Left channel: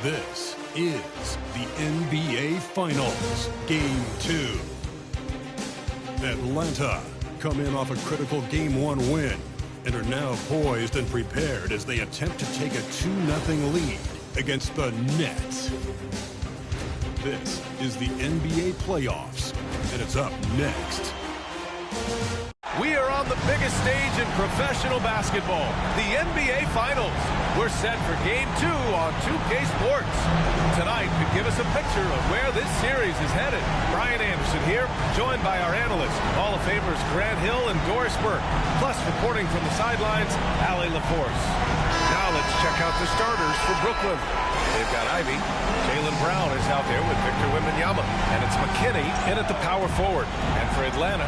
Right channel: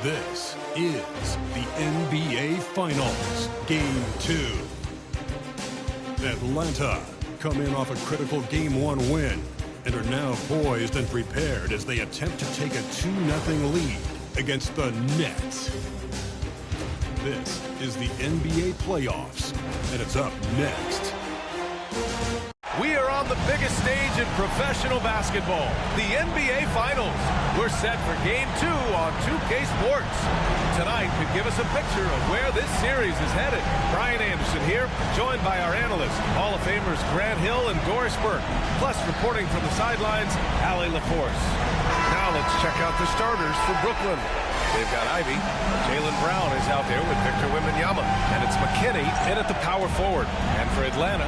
This is the NBA Finals, Game 2. Atlanta come in off a critical Game 1 win and are now poised and prepared as they attempt to take a 2-0 lead against the Nets. This is the NBA playoffs, and it's up next. We are on the biggest stage in professional basketball, the NBA Finals. We're set for Game 2 on 2K Sports. Tonight could give us a picture of where this series is headed. Brian Anderson here, joined by our analysts, Hall of Famers Grant Hill and Doris Burke, plus reporting from the sidelines, Allie LaForce. Now let's check out the starters for Brooklyn. They've got Ivy. Jaylen Brown is out there with Victor Wembanyama. And it's McKinney in at the power forward. And for Atlanta,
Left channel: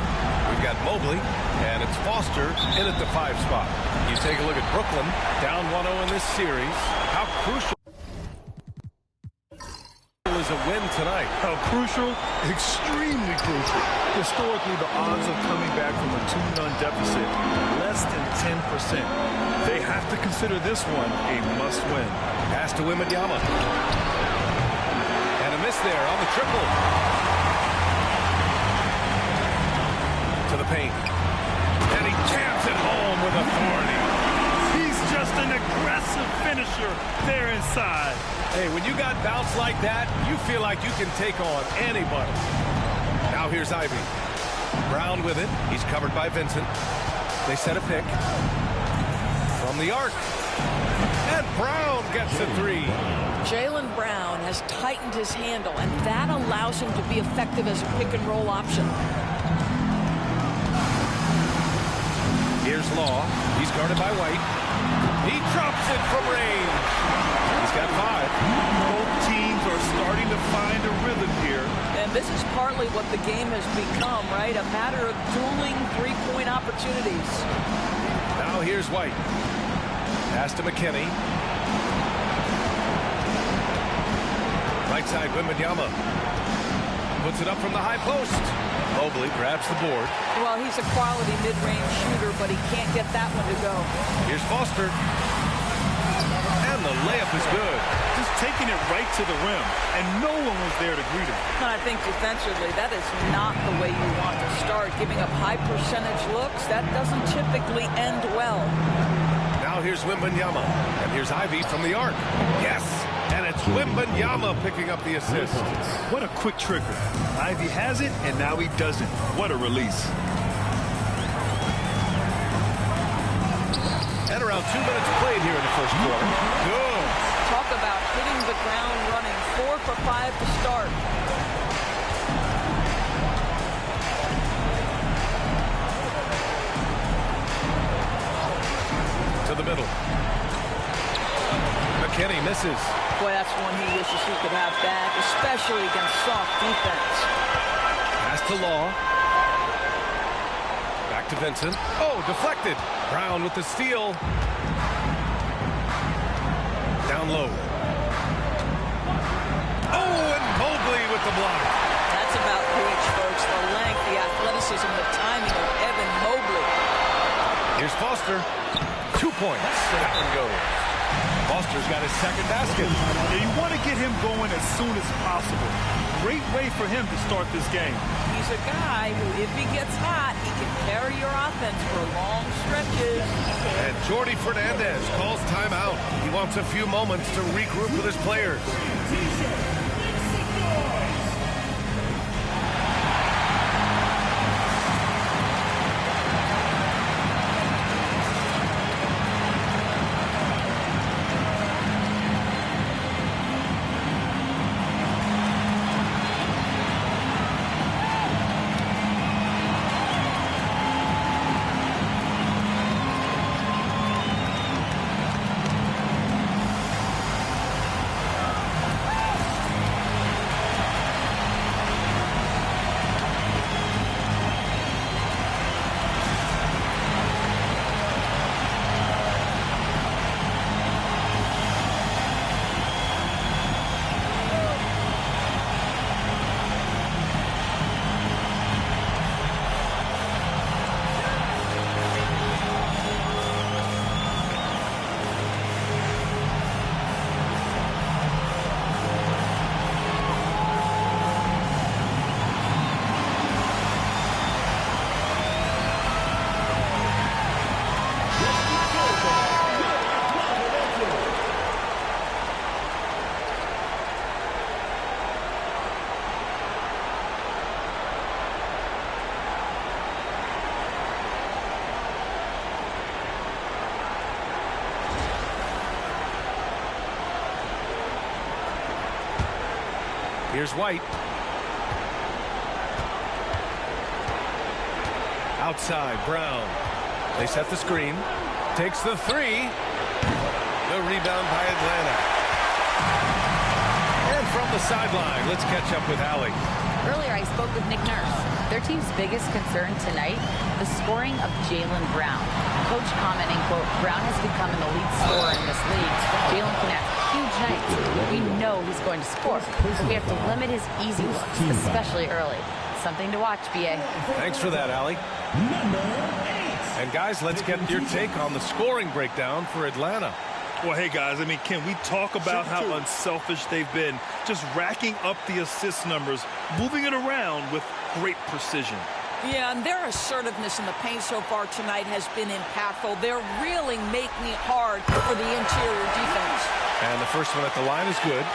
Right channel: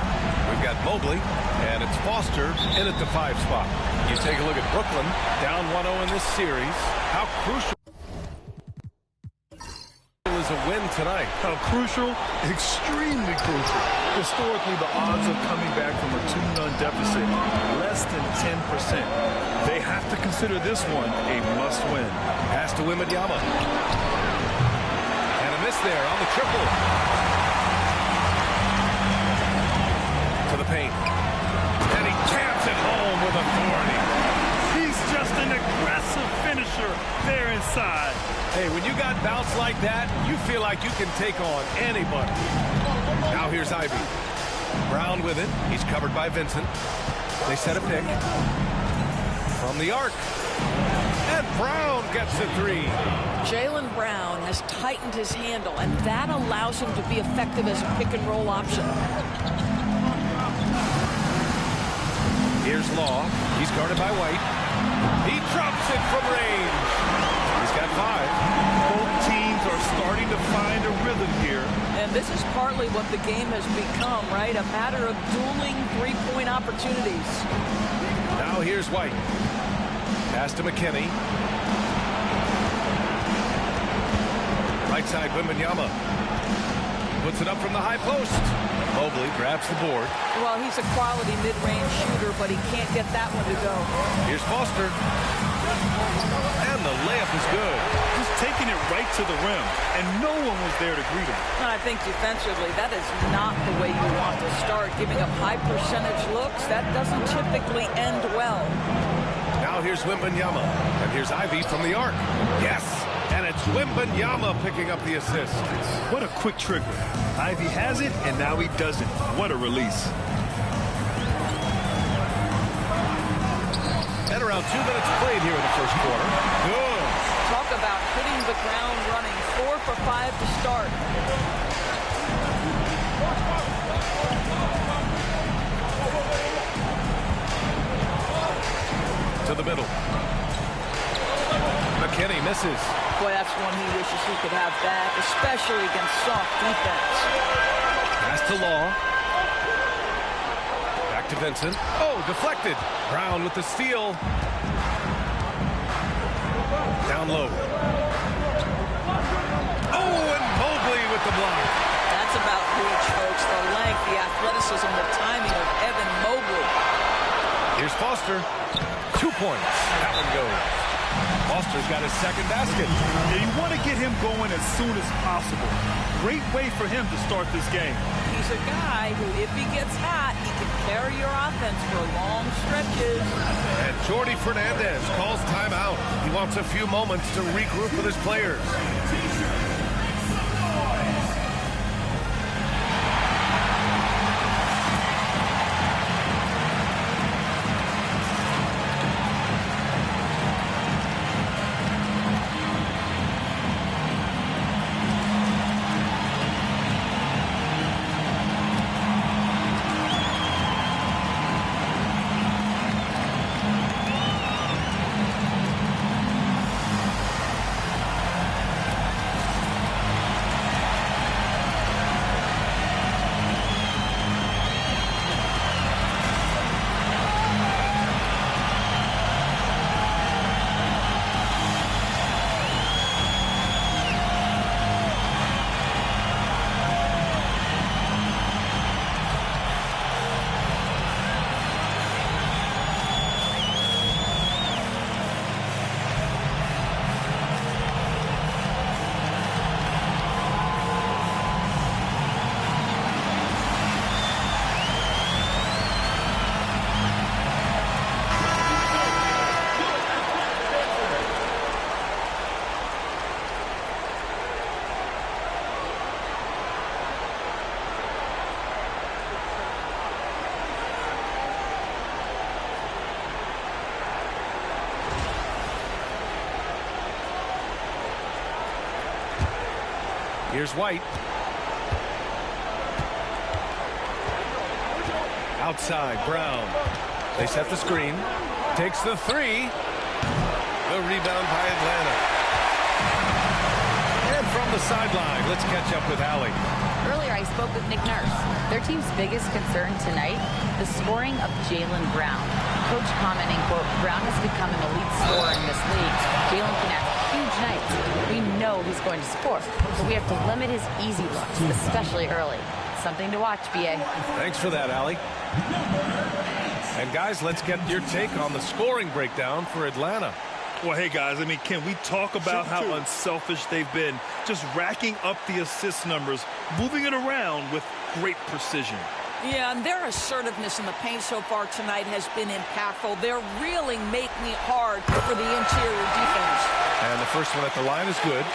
we've got Mobley. And it's Foster in at the 5 spot. You take a look at Brooklyn, down 1-0 in this series. How crucial is a win tonight? How crucial? Extremely crucial. Historically, the odds of coming back from a 2-0 deficit, less than 10%. They have to consider this one a must-win. Pass to Wembanyama. And a miss there on the triple. To the paint. And he jams it home with authority. He's just an aggressive finisher there inside. Hey, when you got bounce like that, you feel like you can take on anybody. Now here's Ivy. Brown with it. He's covered by Vincent. They set a pick. From the arc. And Brown gets the 3. Jaylen Brown has tightened his handle, and that allows him to be effective as a pick-and-roll option. Here's Law. He's guarded by White. He drops it from range. He's got 5. Both teams are starting to find a rhythm here. And this is partly what the game has become, right? A matter of dueling three-point opportunities. Now here's White. Pass to McKinney. Right side, Wembanyama. Puts it up from the high post. Mobley grabs the board. Well, he's a quality mid-range shooter, but he can't get that one to go. Here's Foster. And the layup is good. Just taking it right to the rim, and no one was there to greet him. I think defensively, that is not the way you want to start. Giving up high percentage looks, that doesn't typically end well. Now here's Wembanyama. And here's Ivy from the arc. Yes! And it's Wembanyama picking up the assist. What a quick trigger. Ivy has it, and now he doesn't. What a release. And around 2 minutes played here in the first quarter. Good. Talk about hitting the ground running. 4 for 5 to start. To the middle. McKinney misses. Boy, that's one he wishes he could have back, especially against soft defense. Pass to Law. Back to Vincent. Oh, deflected. Brown with the steal. Down low. Oh, and Mobley with the block. That's about reach, folks. The length, the athleticism, the timing of Evan Mobley. Here's Foster. 2 points. That one goes. Foster's got his second basket. Yeah, you want to get him going as soon as possible. Great way for him to start this game. He's a guy who, if he gets hot, he can carry your offense for long stretches. And Jordi Fernandez calls timeout. He wants a few moments to regroup with his players. Here's White. Outside, Brown. They set the screen. Takes the three. The rebound by Atlanta. And from the sideline, let's catch up with Allie. Earlier, I spoke with Nick Nurse. Their team's biggest concern tonight, the scoring of Jaylen Brown. Coach commenting, quote, Brown has become an elite scorer in this league. Jaylen can have huge nights. We know he's going to score, but we have to limit his easy looks, especially early. Something to watch, B.A. Thanks for that, Allie. And guys, let's get your take on the scoring breakdown for Atlanta. Well, hey, guys, I mean, can we talk about how unselfish they've been? Just racking up the assist numbers, moving it around with great precision. Yeah, and their assertiveness in the paint so far tonight has been impactful. They're really making it hard for the interior defense. And the first one at the line is good.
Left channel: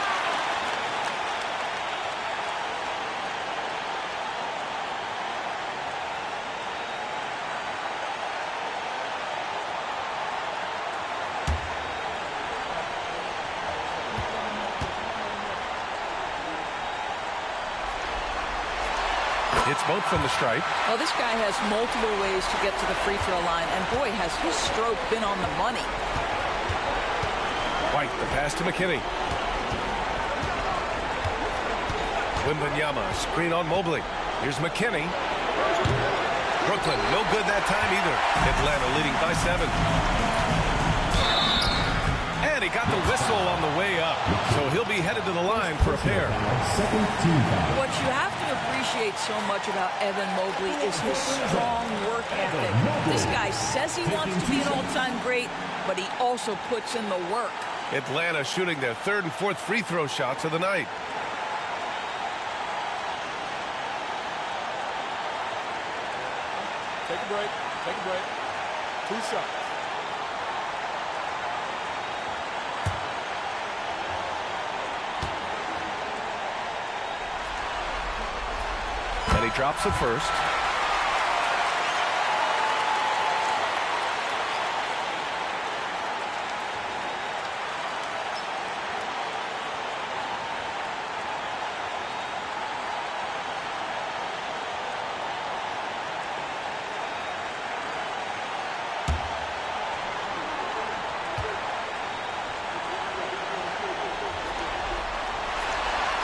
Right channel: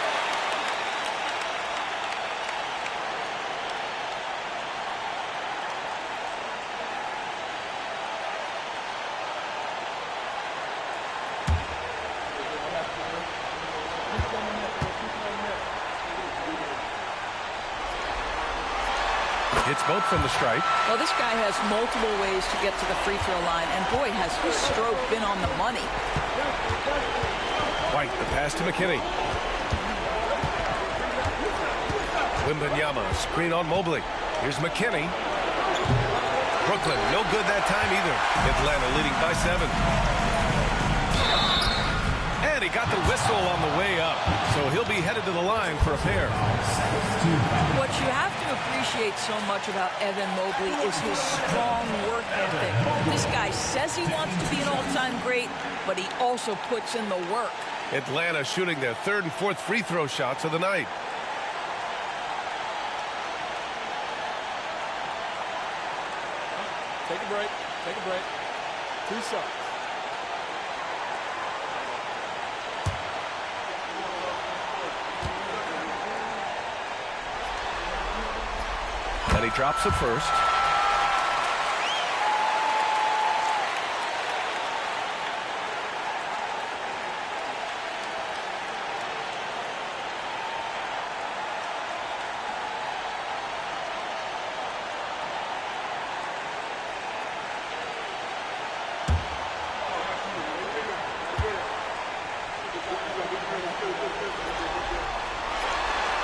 It's both from the stripe. Well, this guy has multiple ways to get to the free throw line, and boy, has his stroke been on the money. White, the pass to McKinney. Wembanyama, screen on Mobley. Here's McKinney. Brooklyn, no good that time either. Atlanta leading by 7. And he got the whistle on the way up, so he'll be headed to the line for a pair. What you have to appreciate so much about Evan Mobley is his strong work ethic. This guy says he wants to be an all-time great, but he also puts in the work. Atlanta shooting their 3rd and 4th free throw shots of the night. Take a break. Take a break. 2 shots. And he drops the first.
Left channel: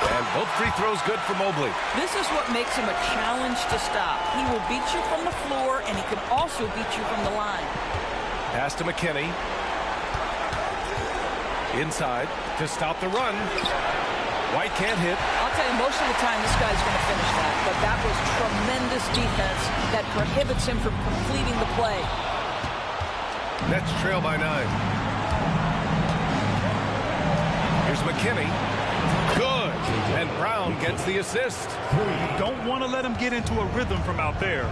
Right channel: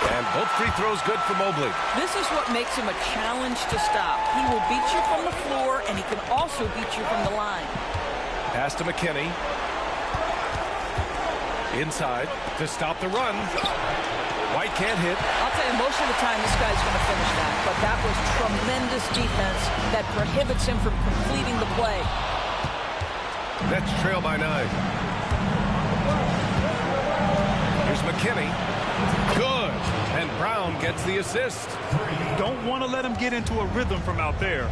And both free throws good for Mobley. This is what makes him a challenge to stop. He will beat you from the floor, and he can also beat you from the line. Pass to McKinney. Inside to stop the run. White can't hit. I'll tell you, most of the time this guy's going to finish that, but that was tremendous defense that prohibits him from completing the play. Nets trail by 9. Here's McKinney. Good. And Brown gets the assist. You don't want to let him get into a rhythm from out there.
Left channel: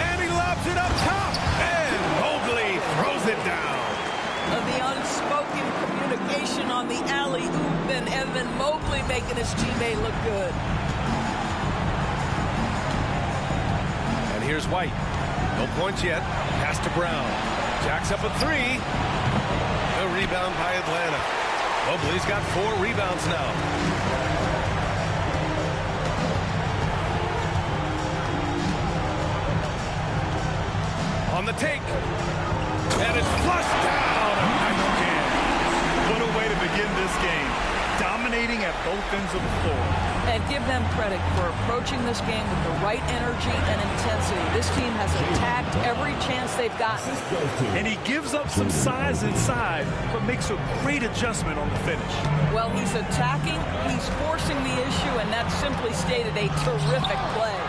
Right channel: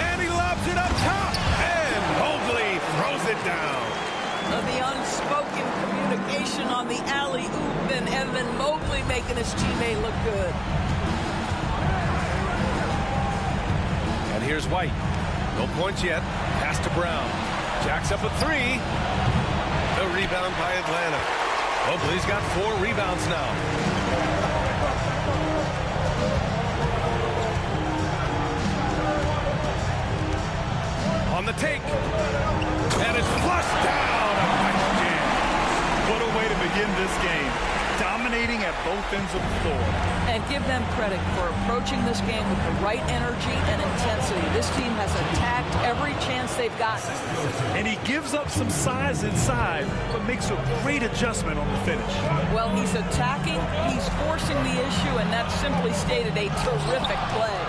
And he lobs it up top. And Mobley throws it down. The unspoken communication on the alley-oop, and Evan Mobley making his teammate look good. And here's White. No points yet. Pass to Brown. Jacks up a 3. The rebound by Atlanta. Mobley's got 4 rebounds now. On the take. And it's flushed down. A nice jam. What a way to begin this game. Dominating at both ends of the floor. And give them credit for approaching this game with the right energy and intensity. This team has attacked every chance they've gotten. And he gives up some size inside, but makes a great adjustment on the finish. Well, he's attacking, he's forcing the issue, and that's simply stated a terrific play.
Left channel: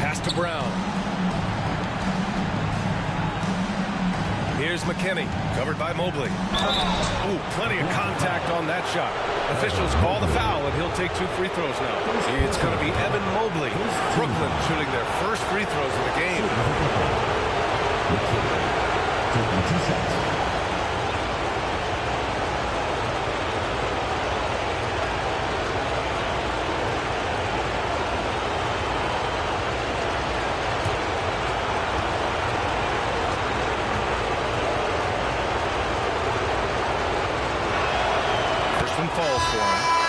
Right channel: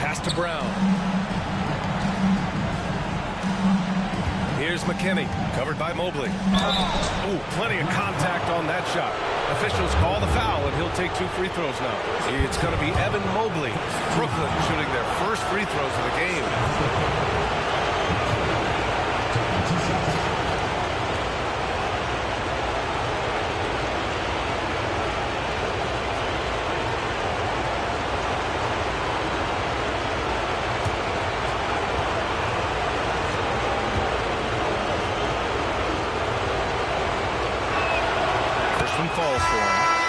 Pass to Brown. Here's McKinney, covered by Mobley. Ooh, plenty of contact on that shot. Officials call the foul, and he'll take 2 free throws now. It's going to be Evan Mobley. Brooklyn shooting their first free throws of the game. First one falls for him.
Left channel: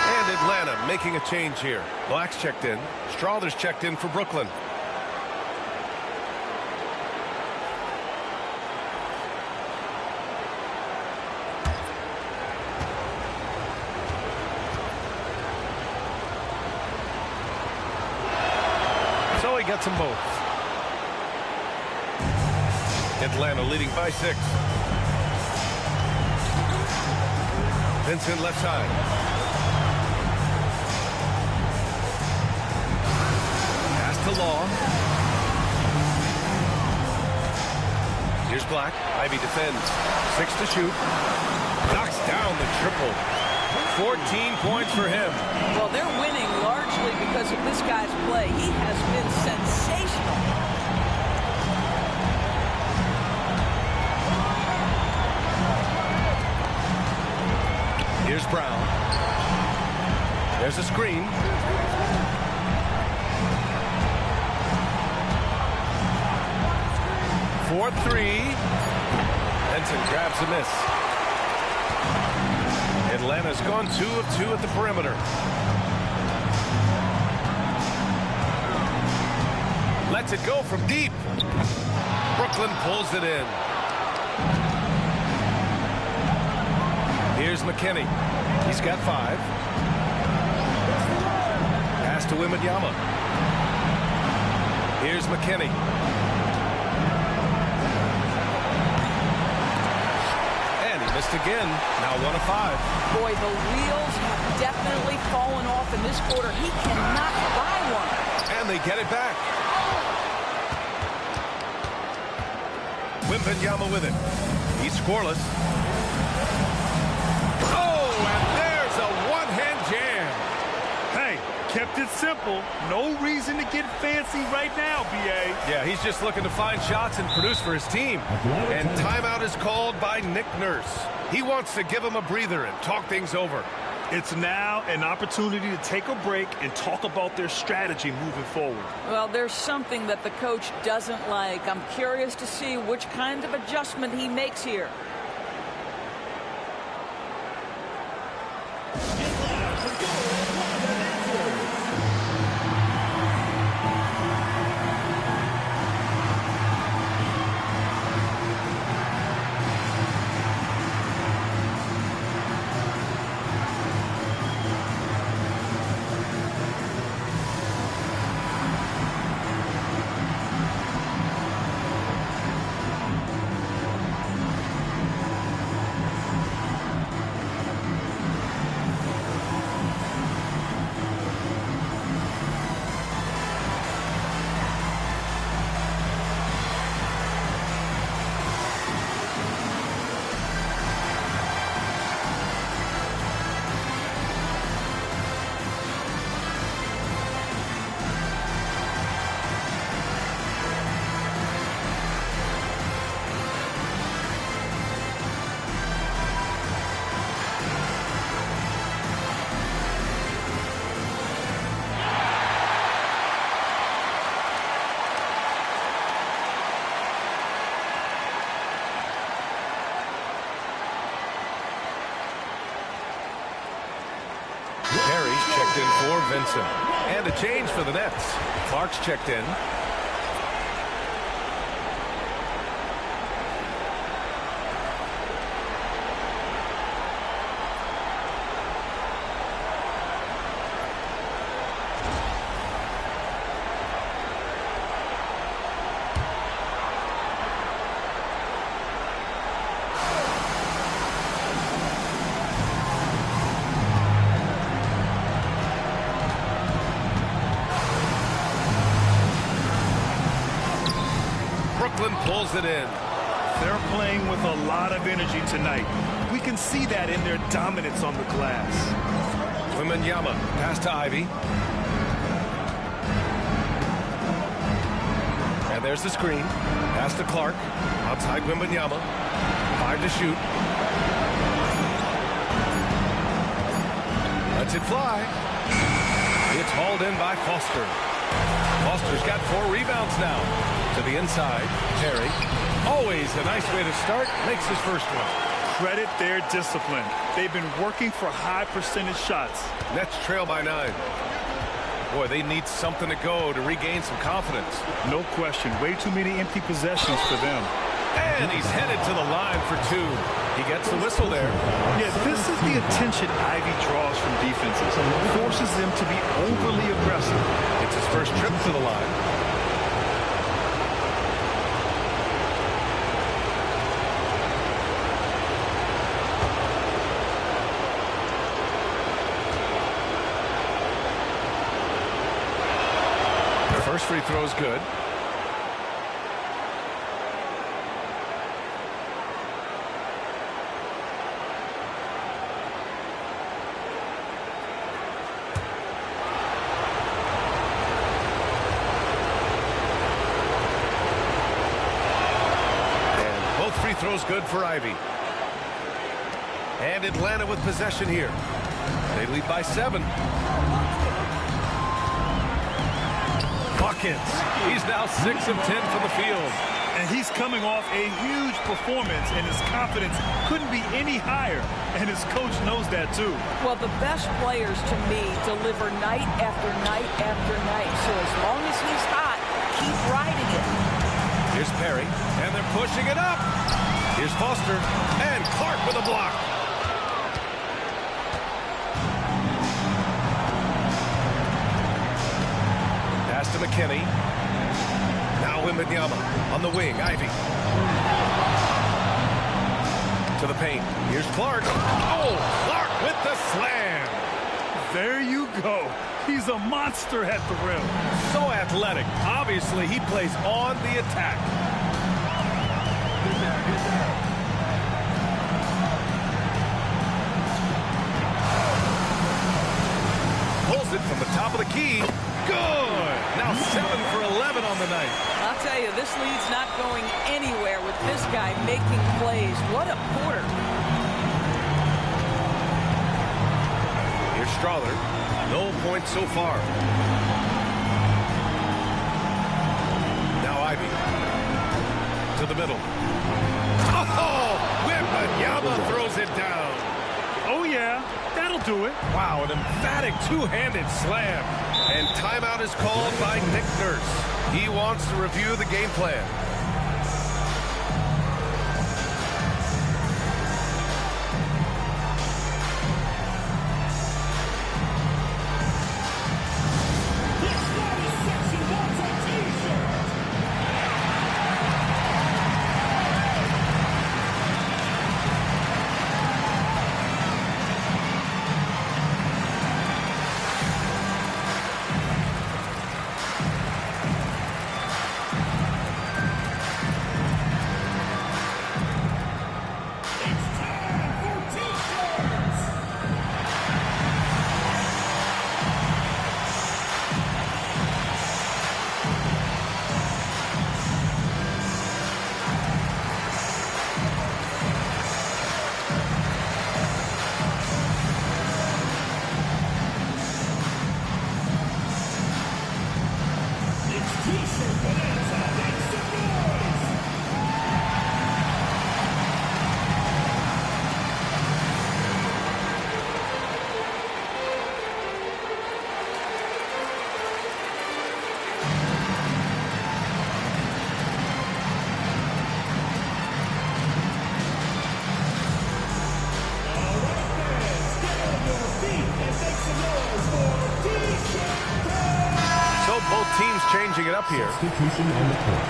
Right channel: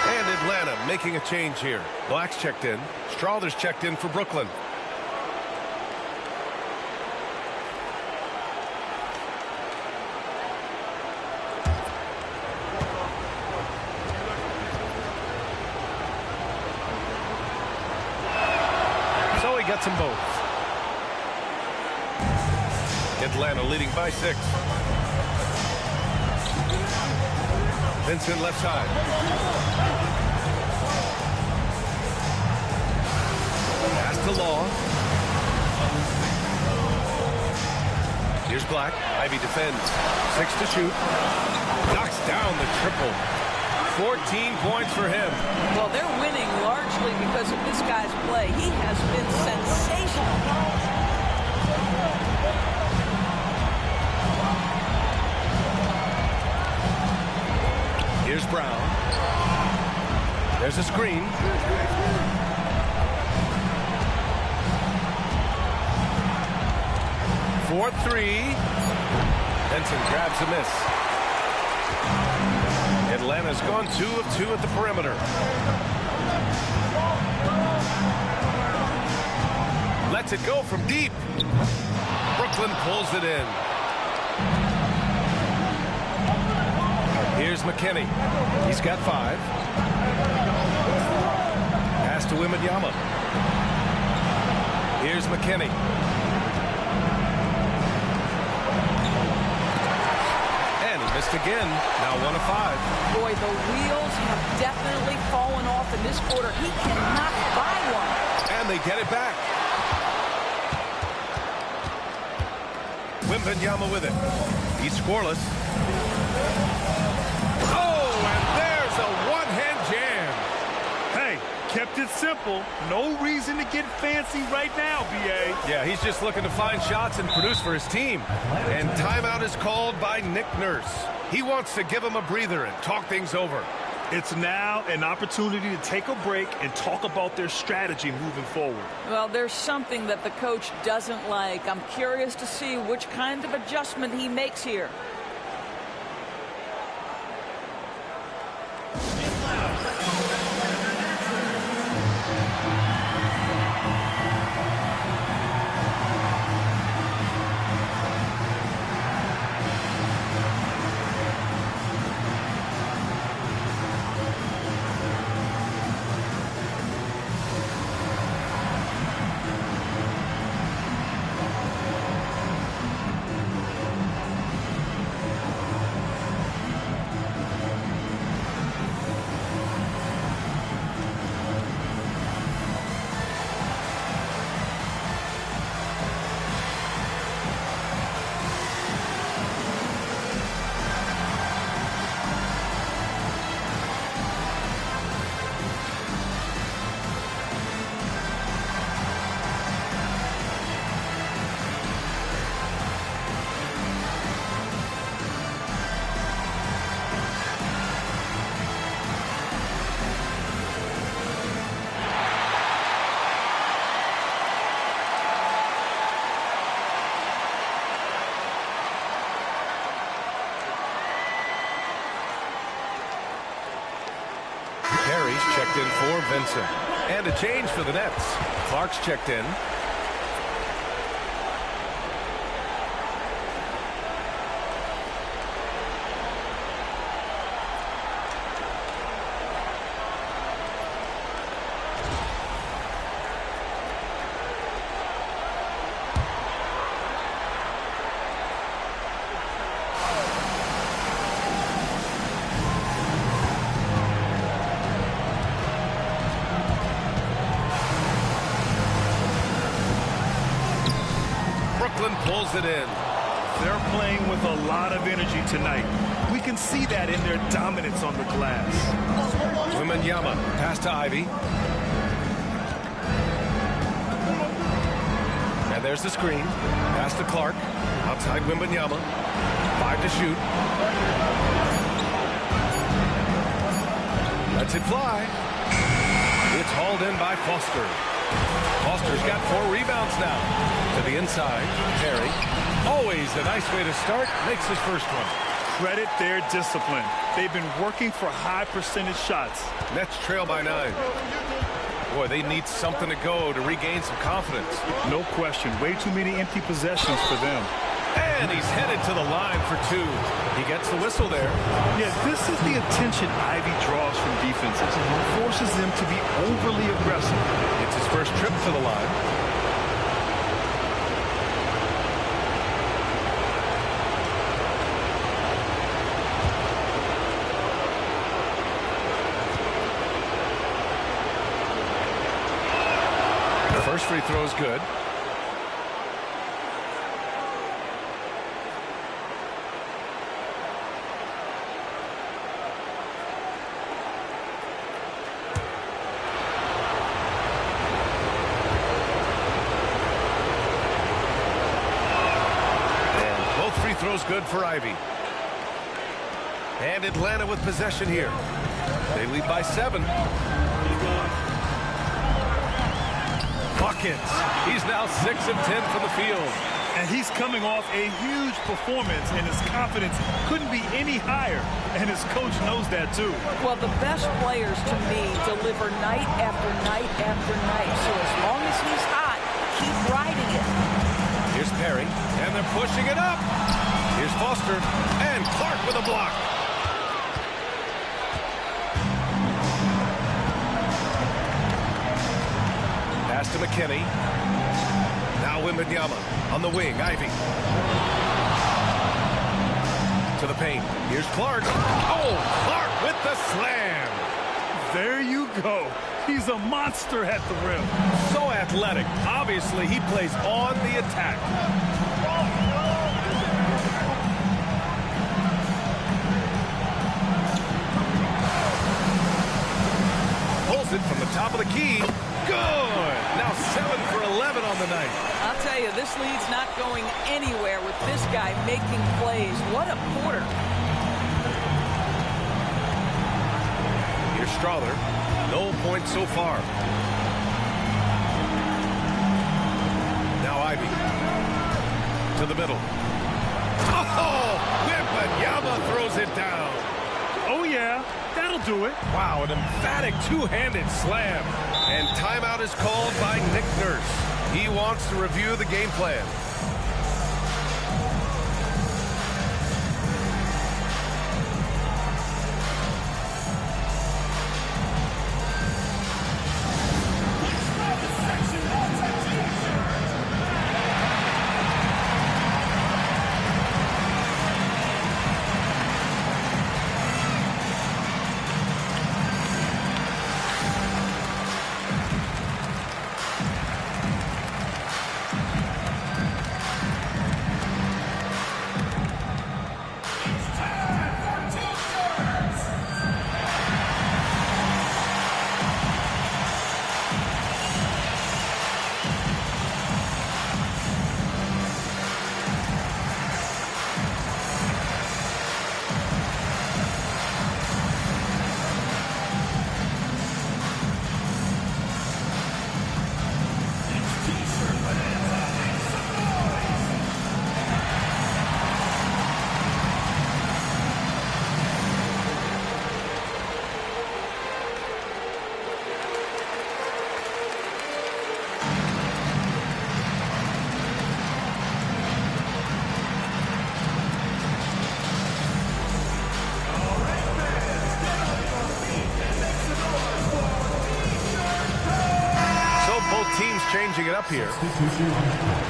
And Atlanta making a change here. Black's checked in. Strawther's checked in for Brooklyn. So he gets them both. Atlanta leading by 6. Vincent left side. Pass to Law. Here's Black. Ivy defends. 6 to shoot. Knocks down the triple. 14 points for him. Well, they're winning largely because of this guy's play. He has been sensational. Here's Brown. There's a screen. For 3. Benson grabs a miss. Atlanta's gone 2 of 2 at the perimeter. Lets it go from deep. Brooklyn pulls it in. Here's McKinney. He's got 5. Pass to Wembanyama. Here's McKinney. And he missed again. Now 1 of 5. Boy, the wheels have definitely fallen off in this quarter. He cannot buy one. And they get it back. Wembanyama with it. He's scoreless. Oh, and there's a one-hand jam. Hey, kept it simple. No reason to get fancy right now, B.A. Yeah, he's just looking to find shots and produce for his team. And timeout is called by Nick Nurse. He wants to give him a breather and talk things over. It's now an opportunity to take a break and talk about their strategy moving forward. Well, there's something that the coach doesn't like. I'm curious to see which kind of adjustment he makes here. Perry's checked in for Vincent. And a change for the Nets. Clark's checked in. Brooklyn pulls it in. They're playing with a lot of energy tonight. We can see that in their dominance on the glass. Wembanyama, pass to Ivy. And there's the screen. Pass to Clark. Outside Wembanyama. 5 to shoot. Lets it fly. It's hauled in by Foster. Foster's got 4 rebounds now. To the inside, Terry. Always a nice way to start. Makes his first one. credit their discipline. They've been working for high percentage shots. Nets trail by 9. Boy, they need something to go to regain some confidence. No question. Way too many empty possessions for them. And he's headed to the line for 2. He gets the whistle there. Yeah, this is the attention Ivy draws from defenses. Forces them to be overly aggressive. It's his first trip to the line. The first free throw is good. Both free throws good for Ivy. And Atlanta with possession here. They lead by 7. Buckets. He's now 6 of 10 from the field. And he's coming off a huge performance, and his confidence couldn't be any higher. And his coach knows that, too. Well, the best players, to me, deliver night after night after night. So as long as he's hot, keep riding it. Here's Perry, and they're pushing it up. Here's Foster, and Clark with a block. Pass to McKinney. Now Wembanyama on the wing. Ivy. To the paint. Here's Clark. Oh, Clark with the slam. There you go. He's a monster at the rim. So athletic. Obviously, he plays on the attack. Pulls it from the top of the key. Good. Now 7 for 11 on the night. I'll tell you, this lead's not going anywhere with this guy making plays. What a quarter. Here's Strother. No points so far. Now Ivy. To the middle. Oh! Wembanyama throws it down. Oh, yeah. That'll do it. Wow, an emphatic two-handed slam. And timeout is called by Nick Nurse. He wants to review the game plan. Both teams changing it up here. Substitution on the court.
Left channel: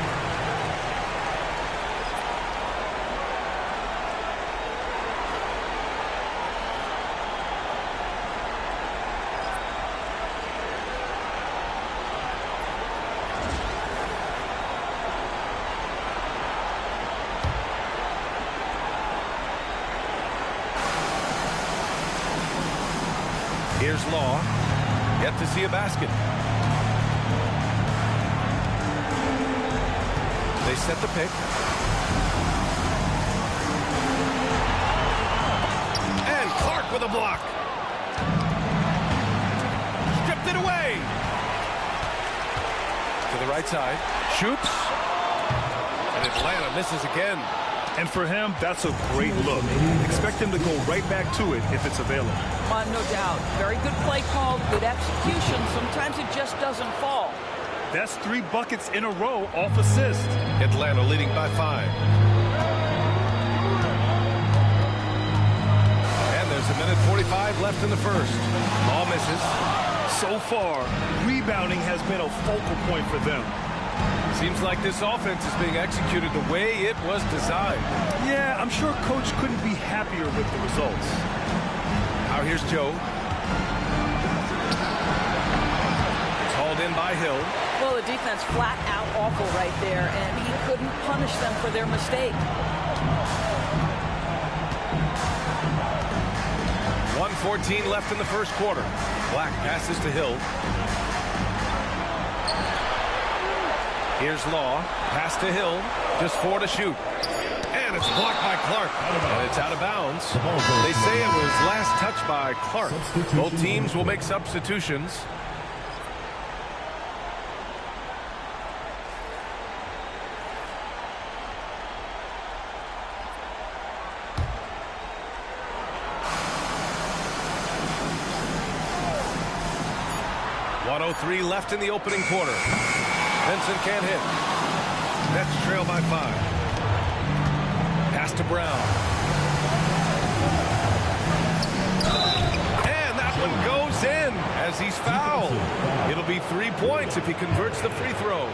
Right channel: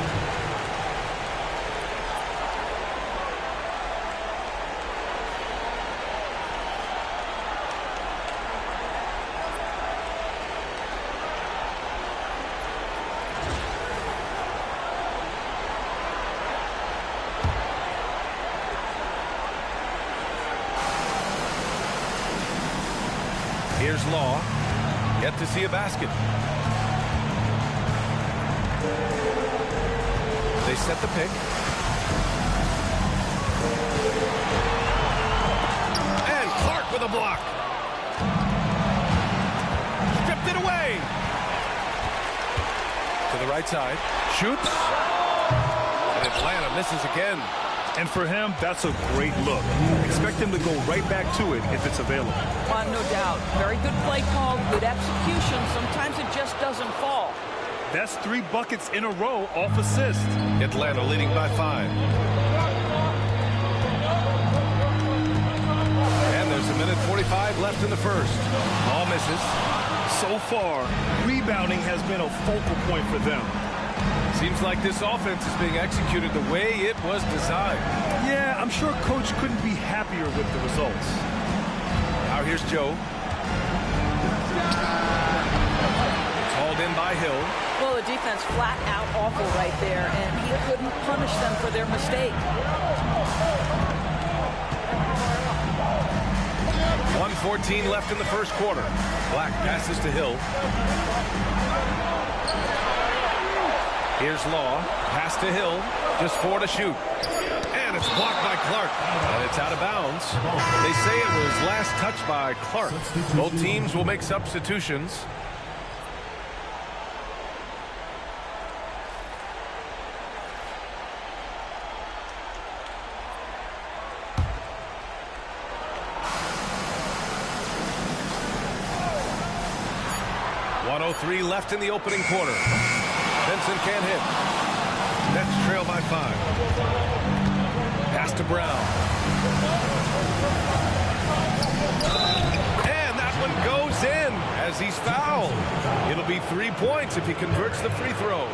Here's Law. Yet to see a basket. They set the pick. And Clark with a block. Stripped it away. To the right side. Shoots. And Atlanta misses again. And for him, that's a great look. Expect him to go right back to it if it's available. No doubt. Very good play call, good execution. Sometimes it just doesn't fall. That's 3 buckets in a row off assist. Atlanta leading by 5. And there's a minute 45 left in the first. Ball misses. So far, rebounding has been a focal point for them. Seems like this offense is being executed the way it was designed. Yeah, I'm sure Coach couldn't be happier with the results. Now here's Joe. It's hauled in by Hill. Well, the defense flat out awful right there, and he couldn't punish them for their mistake. 1:14 left in the first quarter. Black passes to Hill. Here's Law. Pass to Hill. Just 4 to shoot. And it's blocked by Clark. And it's out of bounds. They say it was last touched by Clark. Both teams will make substitutions. .103 left in the opening quarter. Vincent can't hit. Nets trail by 5. Pass to Brown. And that one goes in as he's fouled. It'll be 3 points if he converts the free throw.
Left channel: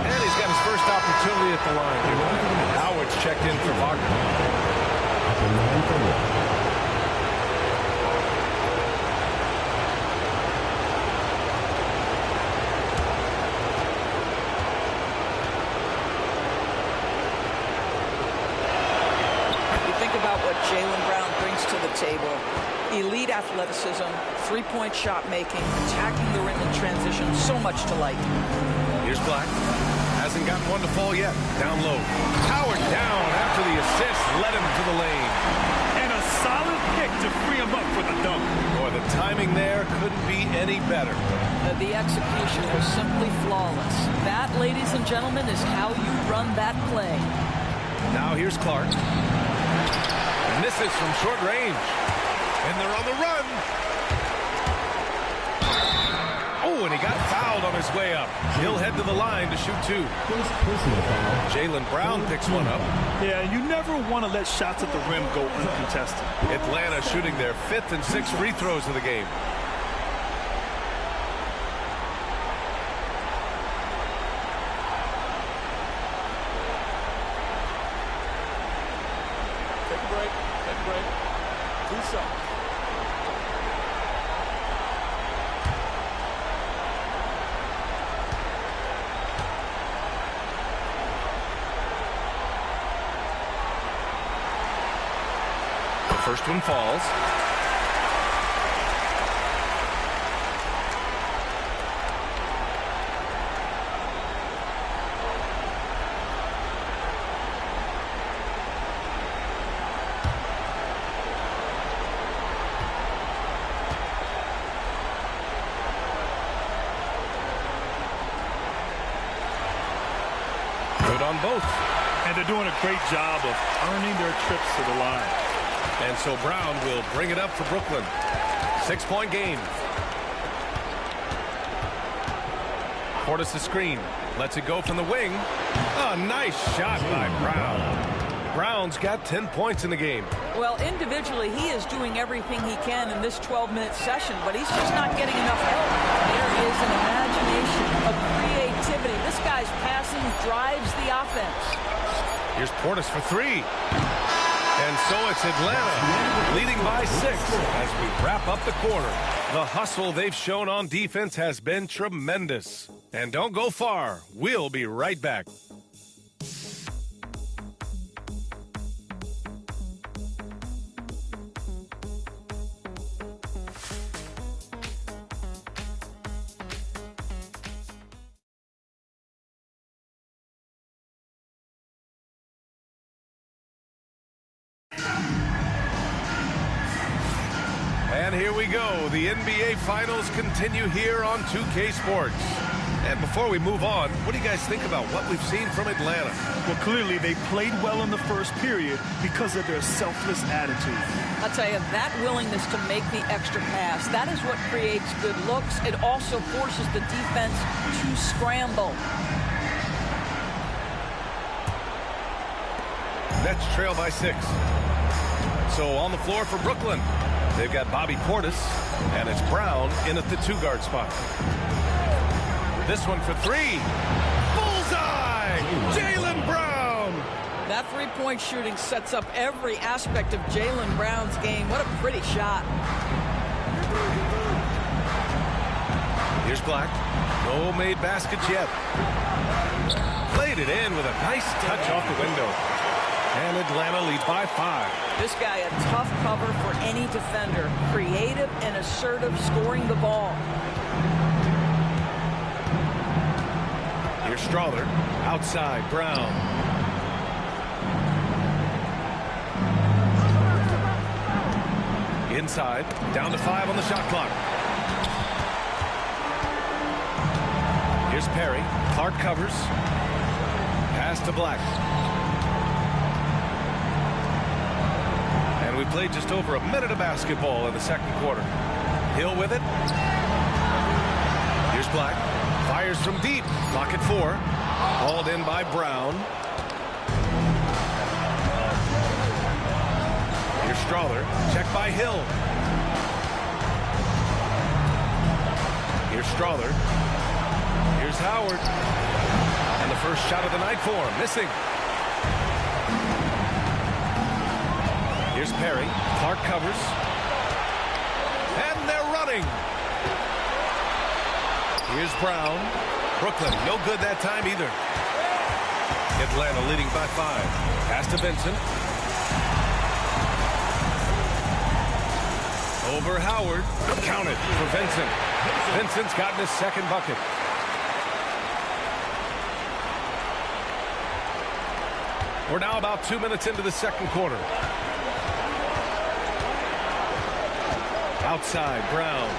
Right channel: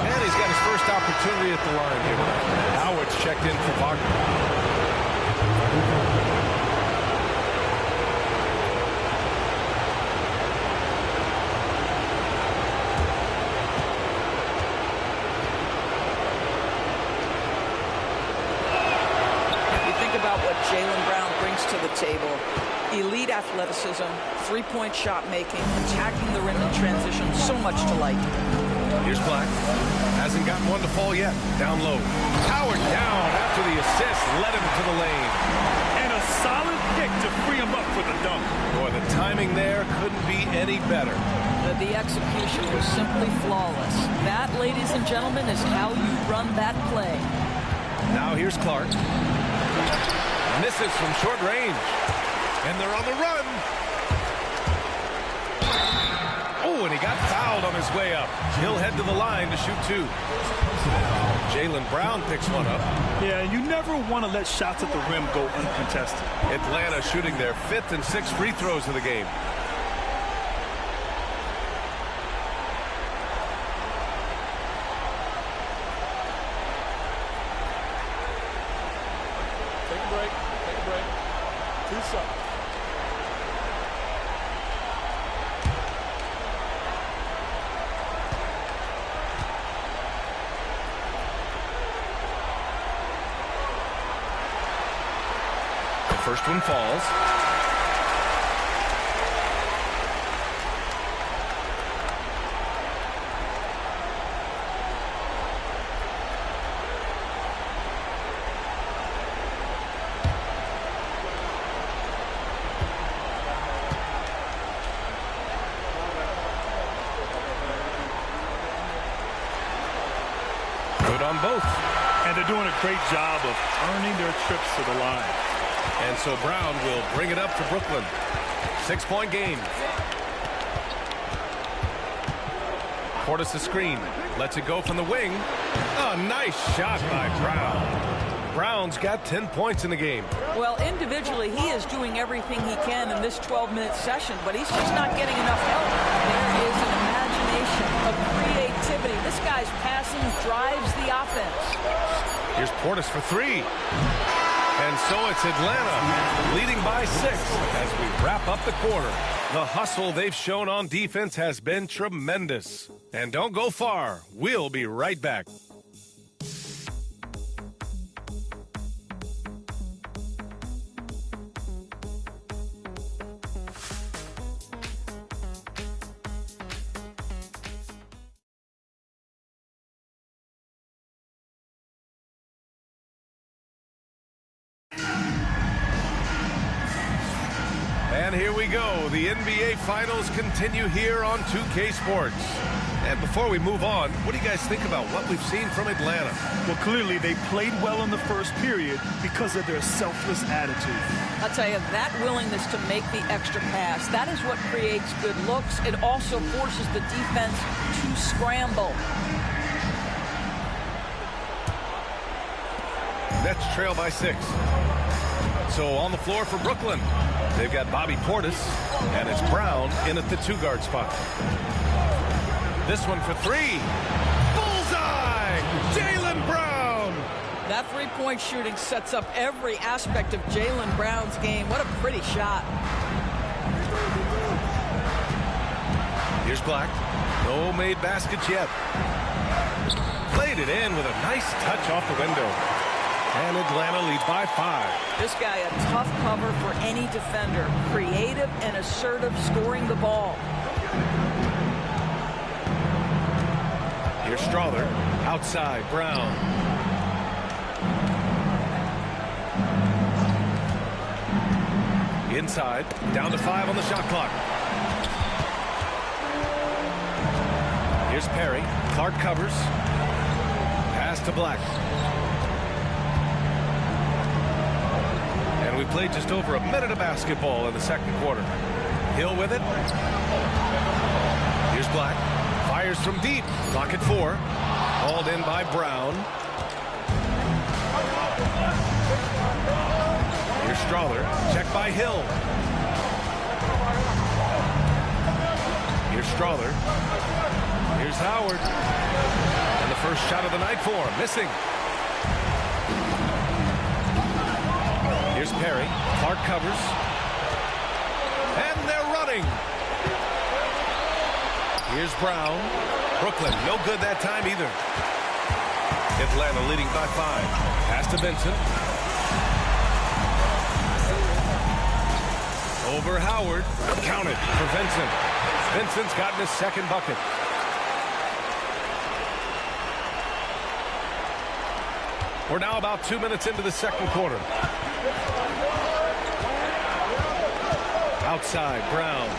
And he's got his first opportunity at the line here tonight. Howard's checked in for Wagner. About what Jaylen Brown brings to the table. Elite athleticism, three-point shot making, attacking the rim in transition, so much to like. Here's Black. Hasn't gotten one to fall yet. Down low. Howard down after the assist led him to the lane. And a solid pick to free him up for the dunk. Boy, the timing there couldn't be any better. The execution was simply flawless. That, ladies and gentlemen, is how you run that play. Now here's Clark. Misses from short range. And they're on the run. Oh, and he got fouled on his way up. He'll head to the line to shoot 2. Jaylen Brown picks one up. Yeah, you never want to let shots at the rim go uncontested. Atlanta shooting their 5th and 6th free throws of the game. Take a break. Take a break. 2 shots. The first one falls. Good on both. And they're doing a great job of earning their trips to the line. And so Brown will bring it up for Brooklyn. 6-point game. Portis a screen. Lets it go from the wing. A nice shot by Brown. Brown's got 10 points in the game. Well, individually, he is doing everything he can in this 12-minute session, but he's just not getting enough help. There is an imagination, a creativity. This guy's passing drives the offense. Here's Portis for 3. And so it's Atlanta leading by 6 as we wrap up the quarter. The hustle they've shown on defense has been tremendous. And don't go far. We'll be right back. And here we go. The NBA Finals continue here on 2K Sports. And before we move on, what do you guys think about what we've seen from Atlanta? Well, clearly they played well in the first period because of their selfless attitude. I'll tell you, that willingness to make the extra pass, that is what creates good looks. It also forces the defense to scramble. Nets trail by 6. So on the floor for Brooklyn, they've got Bobby Portis, and it's Brown in at the 2-guard spot. This one for 3. Bullseye! Jaylen Brown! That three-point shooting sets up every aspect of Jaylen Brown's game. What a pretty shot. Here's Black. No made baskets yet. Played it in with a nice touch off the window. And Atlanta leads by 5. This guy a tough cover for any defender. Creative and assertive scoring the ball. Here's Strawther. Outside, Brown. Inside. Down to 5 on the shot clock. Here's Perry. Clark covers. Pass to Black. And we played just over a minute of basketball in the second quarter. Hill with it. Here's Black. Fires from deep. Clock at 4. Hauled in by Brown. Here's Strawther. Check by Hill. Here's Strawther. Here's Howard. And the first shot of the night for him. Missing. Here's Perry. Clark covers. And they're running. Here's Brown. Brooklyn, no good that time either. Atlanta leading by 5. Pass to Vincent. Over Howard. Counted for Vincent. Vincent's gotten his second bucket. We're now about 2 minutes into the second quarter. Outside, Brown.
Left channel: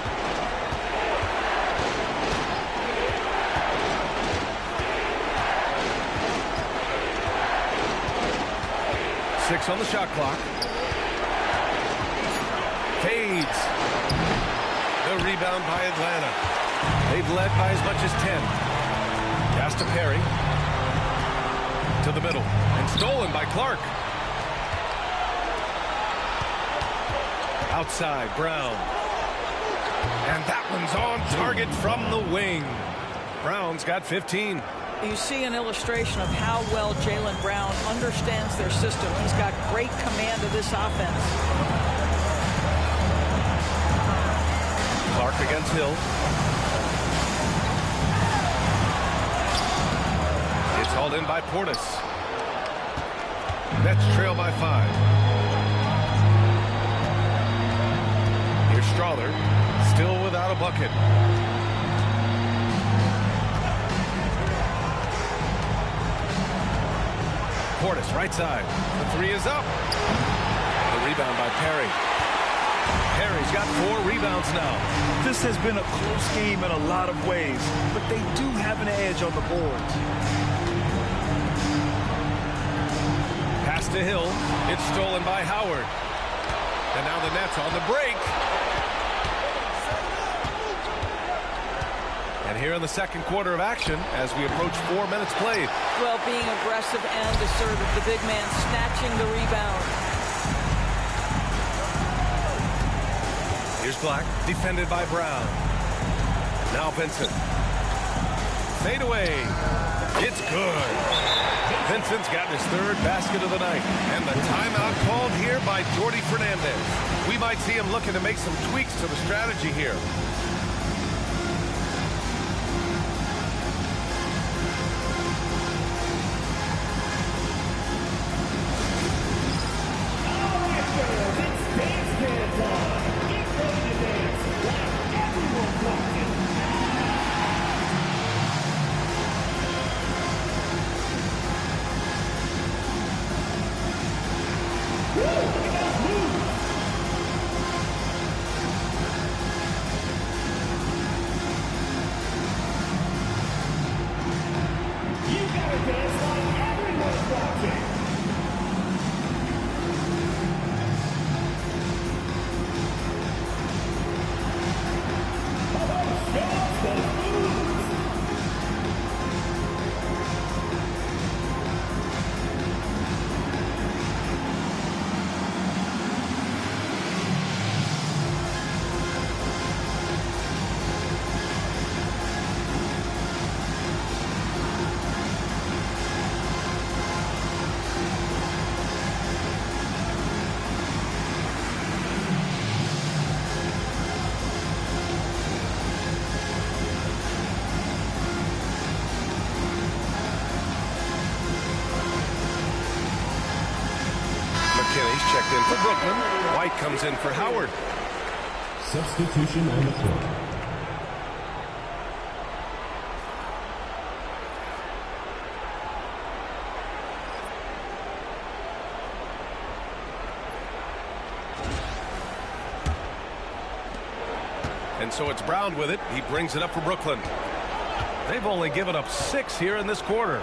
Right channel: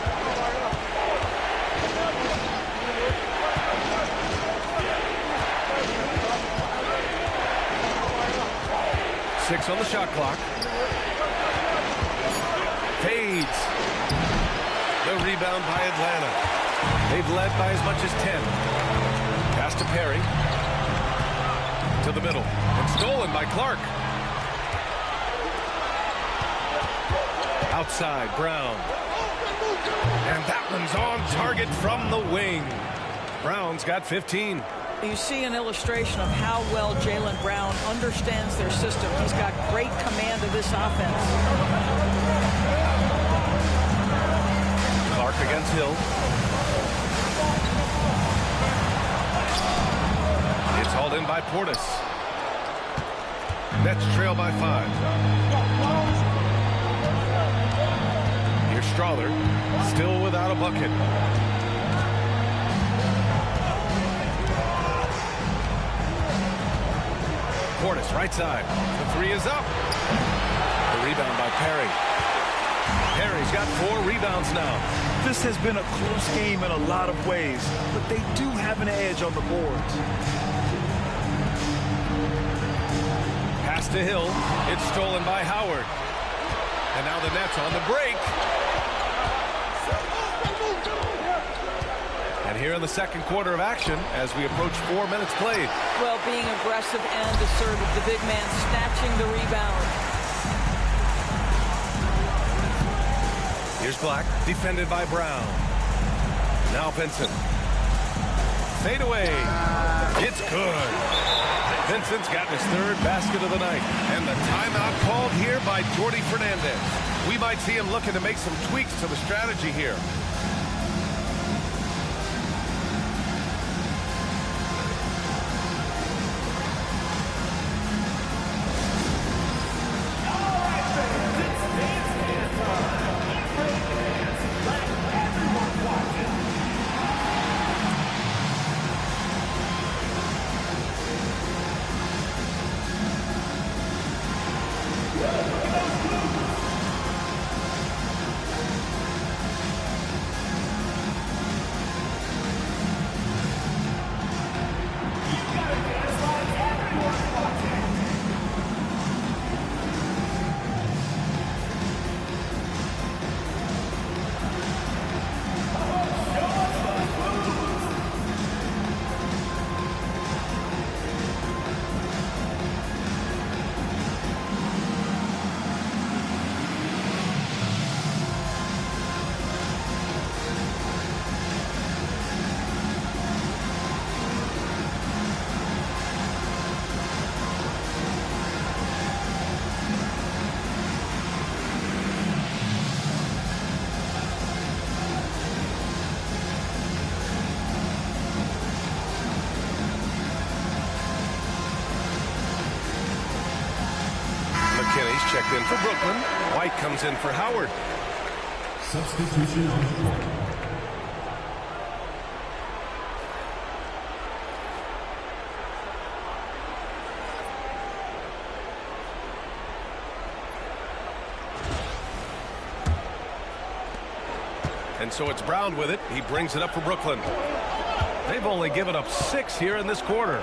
Six on the shot clock. Fades. The rebound by Atlanta. They've led by as much as 10. Pass to Perry. To the middle. And stolen by Clark. Outside, Brown. And that one's on target from the wing. Brown's got 15. You see an illustration of how well Jaylen Brown understands their system. He's got great command of this offense. Clark against Hill. It's hauled in by Portis. Nets trail by 5. Here's Strawther, still without a bucket. Portis, right side. The 3 is up. The rebound by Perry. Perry's got 4 rebounds now. This has been a close game in a lot of ways, but they do have an edge on the boards. Pass to Hill. It's stolen by Howard. And now the Nets on the break. And here in the second quarter of action, as we approach 4 minutes played. Well, being aggressive and assertive, the big man snatching the rebound. Here's Black, defended by Brown. Now Vincent. Fade away. It's good. Vincent's gotten his 3rd basket of the night. And the timeout called here by Jordi Fernandez. We might see him looking to make some tweaks to the strategy here. He's checked in for Brooklyn. White comes in for Howard. Substitution on the court. And so it's Brown with it. He brings it up for Brooklyn. They've only given up 6 here in this quarter.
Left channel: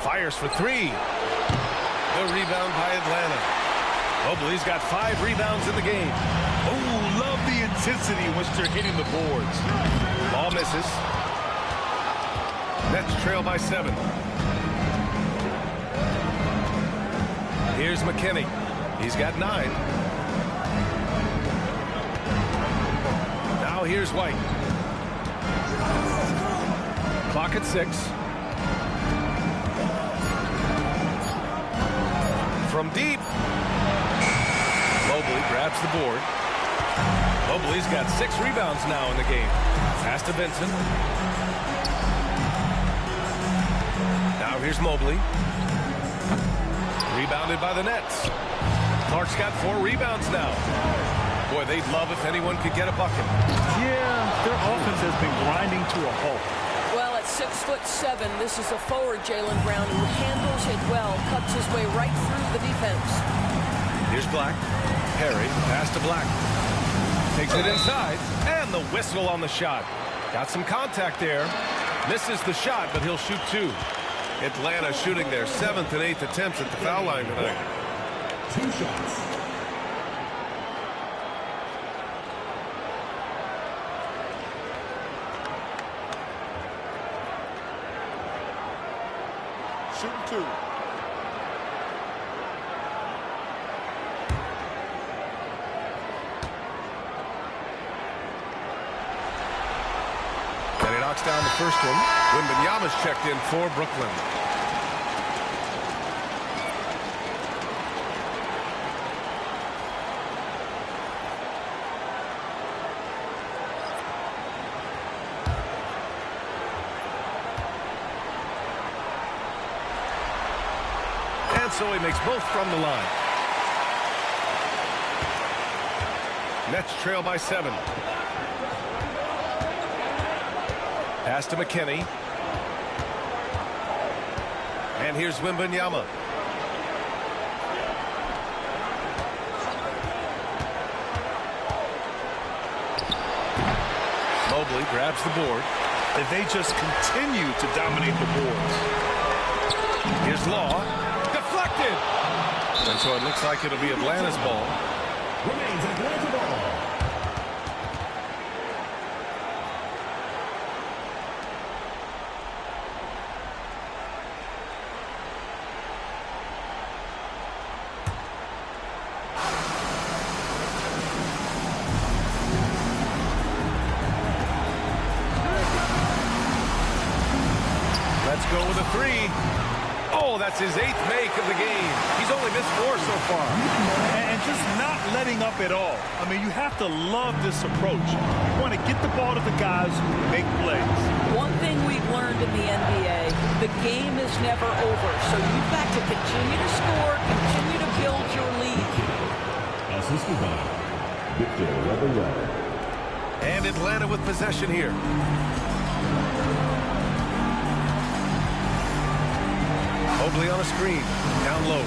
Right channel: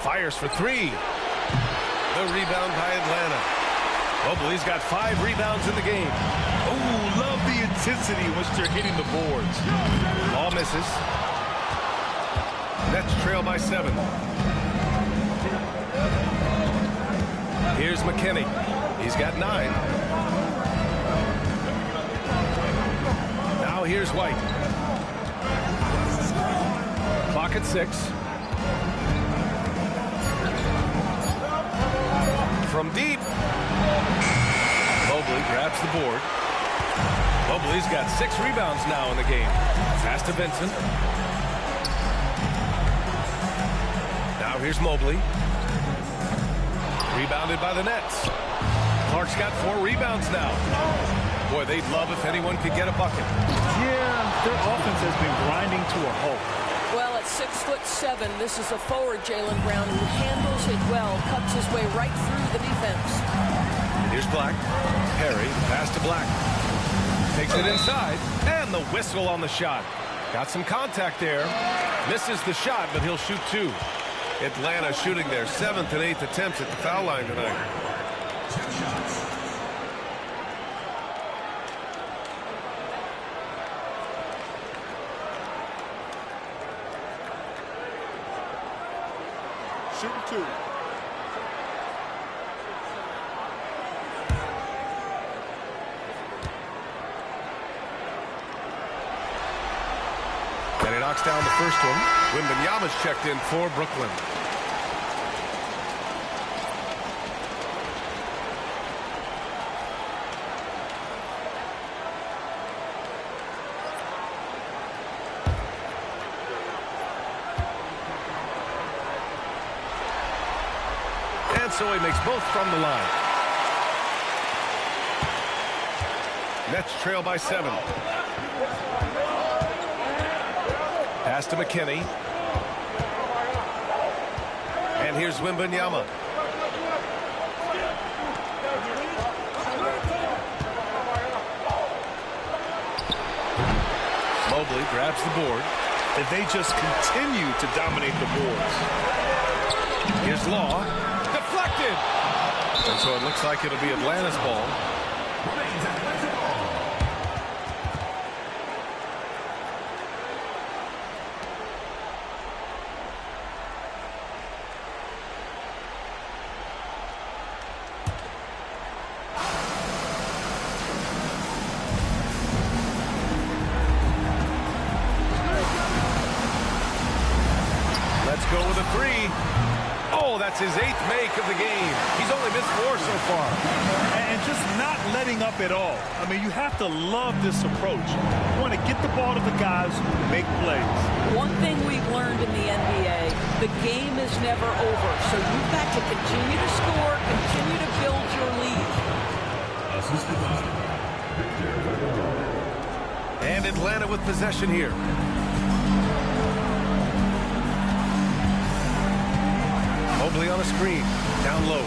Fires for 3. The rebound by Atlanta. Mobley's got 5 rebounds in the game. Oh, love the intensity in which they're hitting the boards. Ball misses. Nets trail by 7. Here's McKinney. He's got 9. Now here's White. Clock at 6. From deep. Mobley grabs the board. Mobley's got 6 rebounds now in the game. Pass to Vincent. Now here's Mobley. Rebounded by the Nets. Clark's got 4 rebounds now. Boy, they'd love if anyone could get a bucket. Yeah, their offense has been grinding to a halt. Well, at 6'7", this is a forward, Jaylen Brown, who handles it well, cuts his way right through the defense. Here's Black. Perry, the pass to Black. Takes it inside, and the whistle on the shot. Got some contact there. Misses the shot, but he'll shoot 2. Atlanta shooting their 7th and 8th attempts at the foul line tonight. 2 shots. Shooting 2. And he knocks down the first one. Wembanyama's checked in for Brooklyn. And so he makes both from the line. Nets trail by 7. Pass to McKinney. And here's Wembanyama. Mobley grabs the board. If they just continue to dominate the boards. Here's Law. Deflected. And so it looks like it'll be Atlanta's ball. Remains Atlanta ball. Let's go with a 3. Oh, that's his 8th make of the game. He's only missed 4 so far. And just not letting up at all. I mean, you have to love this approach. You want to get the ball to the guys who make plays. One thing we've learned in the NBA, the game is never over. So you've got to continue to score, continue to build your lead. Assisted by Victor Wembanyama. And Atlanta with possession here. Mobley on a screen, down low.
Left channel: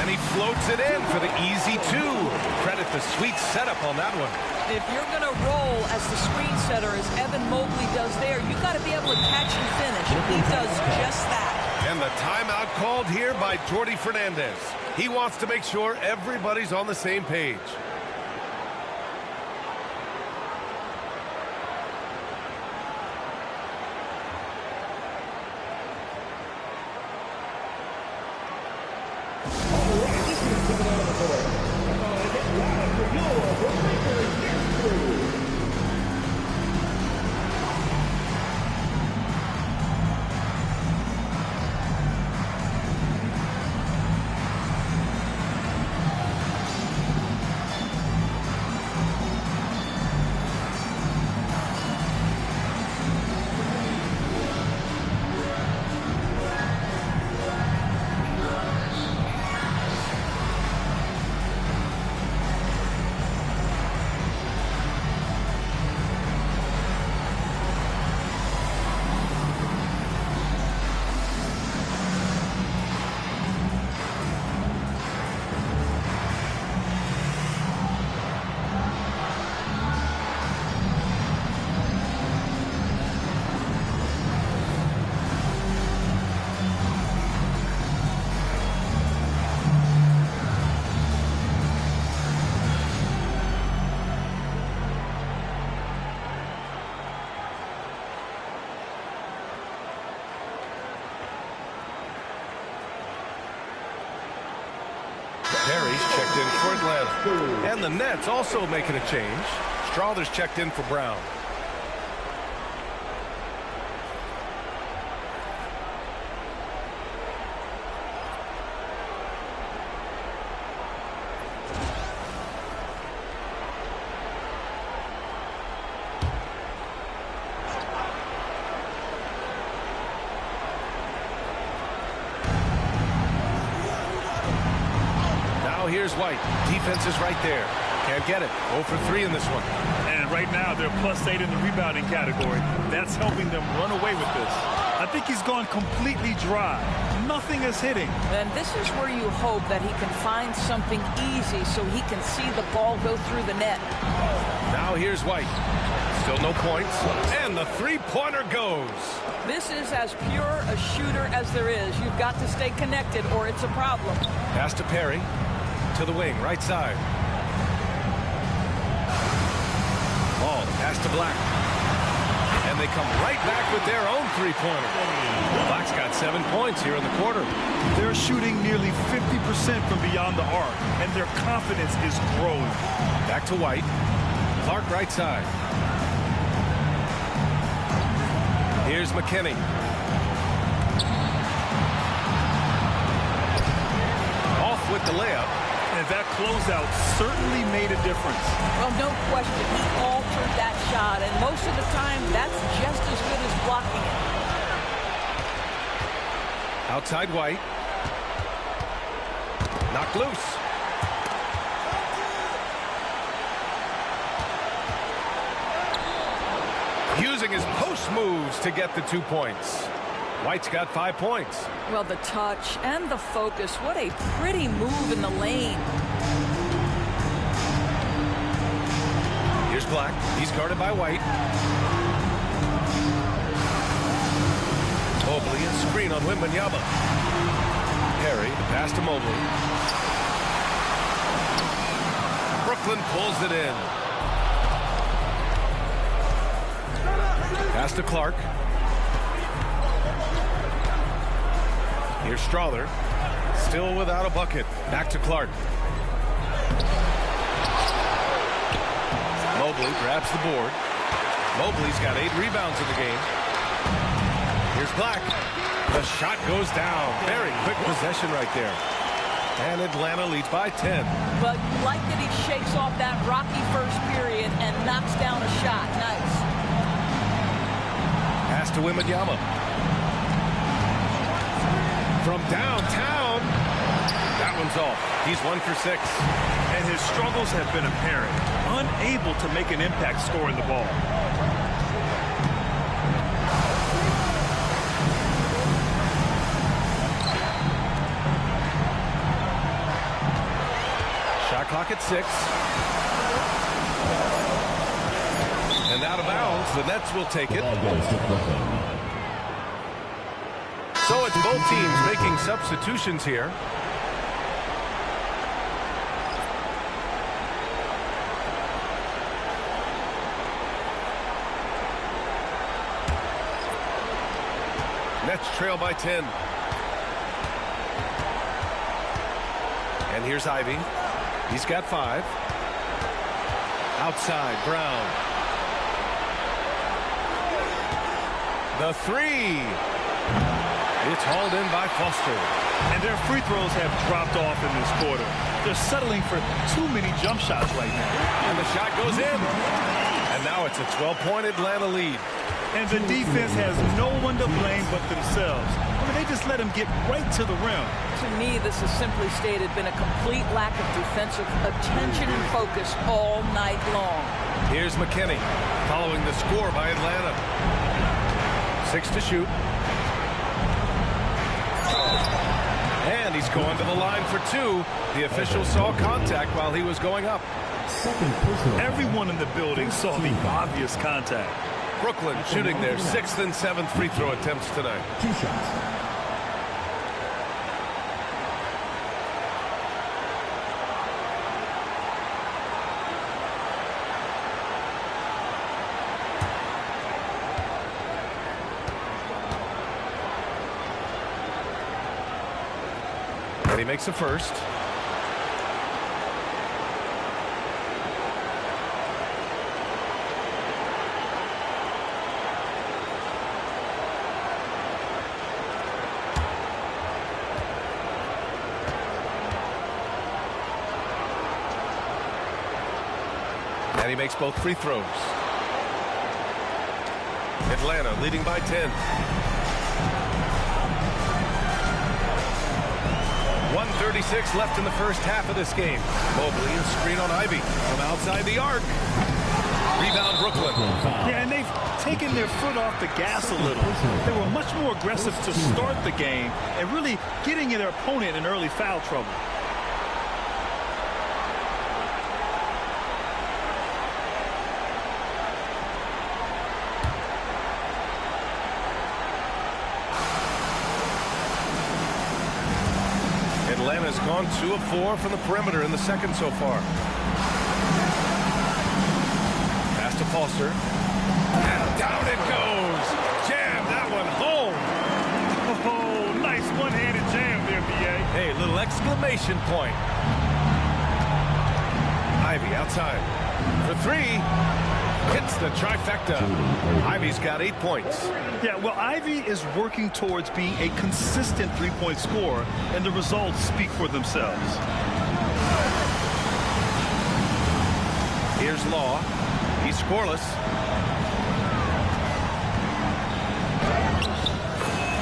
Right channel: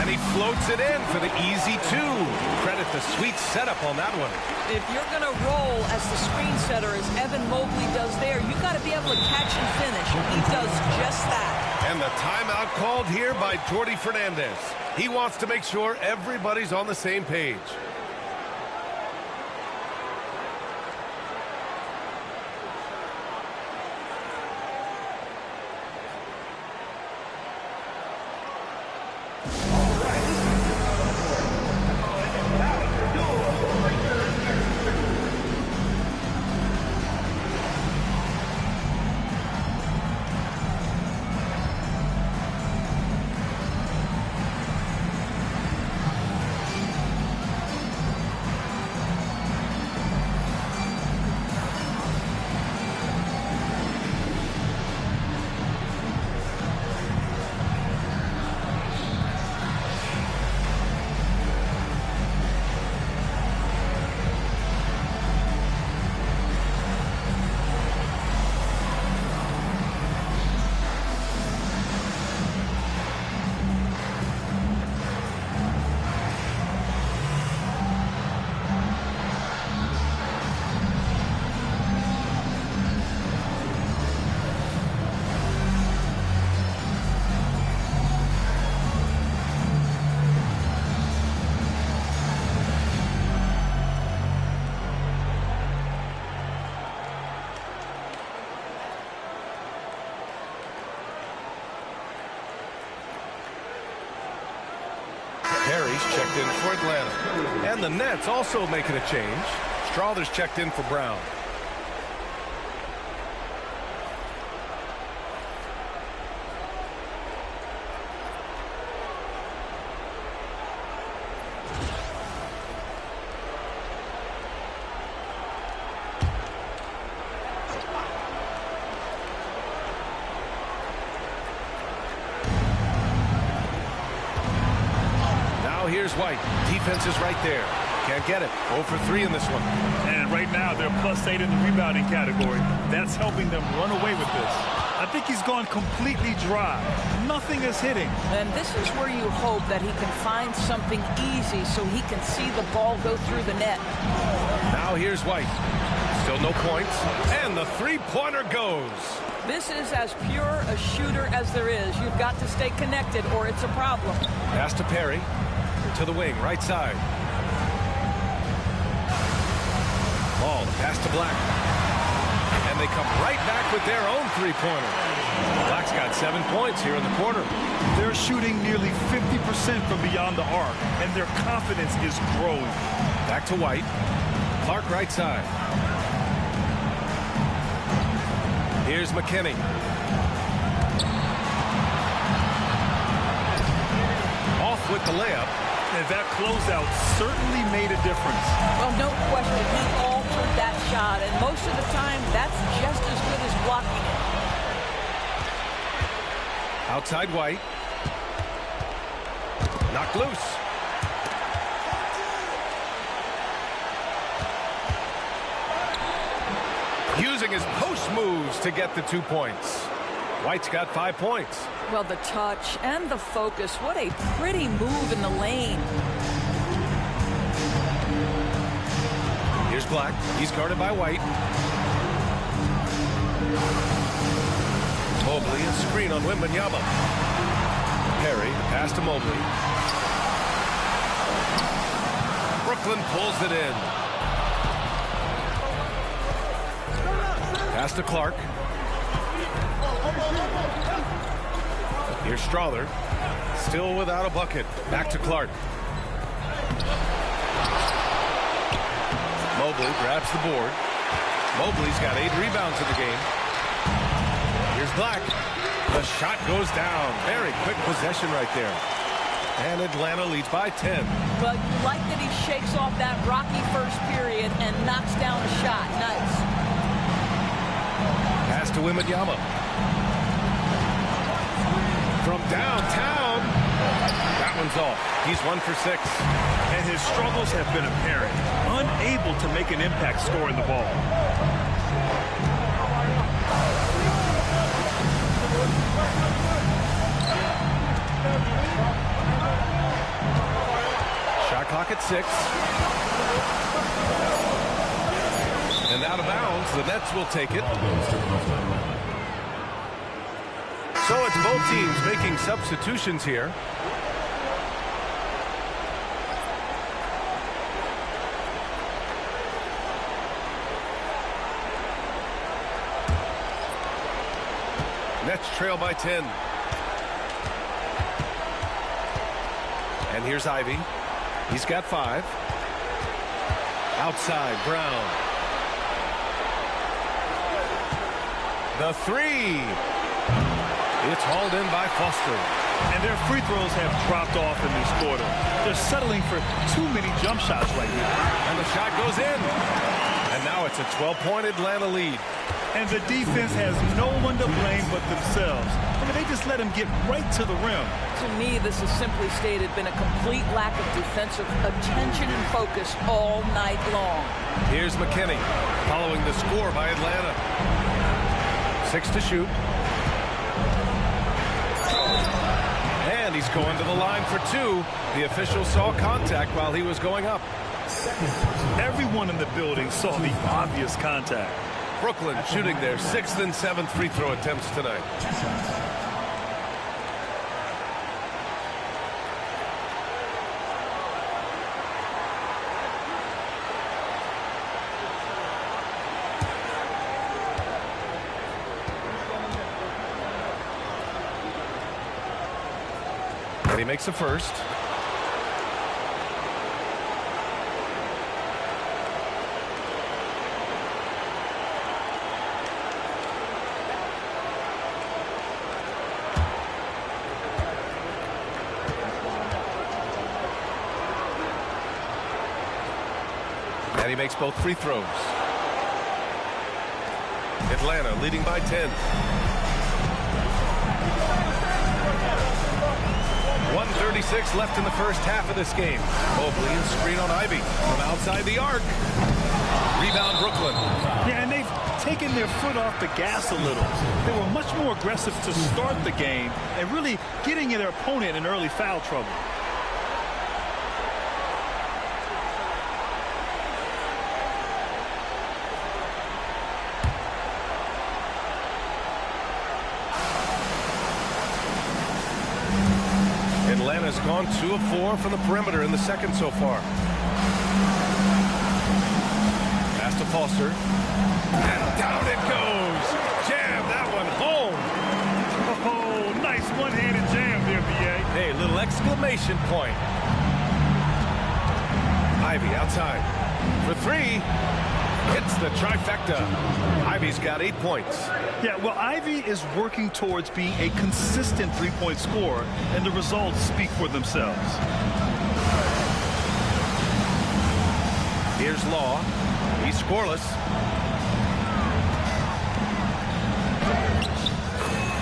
And he floats it in for the easy 2. Credit the sweet setup on that one. If you're going to roll as the screen setter, as Evan Mobley does there, you got to be able to catch and finish. He does just that. And the timeout called here by Jordi Fernandez. He wants to make sure everybody's on the same page. Perry's checked in for Atlanta. And the Nets also making a change. Strawther's checked in for Brown. Now here's White. Defense is right there. Can't get it. 0 for 3 in this one. And right now, they're +8 in the rebounding category. That's helping them run away with this. I think he's gone completely dry. Nothing is hitting. And this is where you hope that he can find something easy so he can see the ball go through the net. Now here's White. Still no points. And the three-pointer goes. This is as pure a shooter as there is. You've got to stay connected or it's a problem. Pass to Perry. To the wing, right side. Ball, the pass to Black. And they come right back with their own three-pointer. Black's got 7 points here in the quarter. They're shooting nearly 50% from beyond the arc, and their confidence is growing. Back to White. Clark right side. Here's McKinney. Off with the layup. And that closeout certainly made a difference. Well, no question. He altered that shot, and most of the time, that's just as good as blocking it. Outside White. Knocked loose. Using his post moves to get the 2 points. White's got 5 points. Well, the touch and the focus. What a pretty move in the lane. Here's Black. He's guarded by White. Mobley, a screen on Wembanyama. Perry, the pass to Mobley. Brooklyn pulls it in. Pass to Clark. Here's Strawther. Still without a bucket. Back to Clark. Mobley grabs the board. Mobley's got 8 rebounds in the game. Here's Black. The shot goes down. Very quick possession right there. And Atlanta leads by 10. Well, you like that he shakes off that rocky first period and knocks down a shot. Nice. Pass to Wembanyama. From downtown. That one's off. He's 1 for 6. And his struggles have been apparent. Unable to make an impact scoring the ball. Shot clock at 6. And out of bounds, the Nets will take it. So it's both teams making substitutions here. Nets trail by 10. And here's Ivy. He's got 5. Outside, Brown. The 3. It's hauled in by Foster. And their free throws have dropped off in this quarter. They're settling for too many jump shots right now. And the shot goes in. And now it's a 12-point Atlanta lead. And the defense has no one to blame but themselves. I mean, they just let him get right to the rim. To me, this has simply stated been a complete lack of defensive attention and focus all night long. Here's McKinney following the score by Atlanta. 6 to shoot. And he's going to the line for 2. The official saw contact while he was going up. Everyone in the building saw the obvious contact. Brooklyn shooting their 6th and 7th free throw attempts tonight. 2 shots. And he makes a first. And he makes both free throws. Atlanta leading by 10. 1:36 left in the first half of this game. Mobley and screen on Ivy from outside the arc. Rebound Brooklyn. Yeah, and they've taken their foot off the gas a little. They were much more aggressive to start the game and really getting their opponent in early foul trouble. Atlanta's gone 2 of 4 from the perimeter in the second so far. Pass to Foster. And down it goes. Jam that one home. Oh, nice one-handed jam there, B.A. Hey, little exclamation point. Ivy outside for 3. Hits the trifecta. Ivy's got 8 points. Yeah, well, Ivy is working towards being a consistent three-point scorer, and the results speak for themselves. Here's Law. He's scoreless.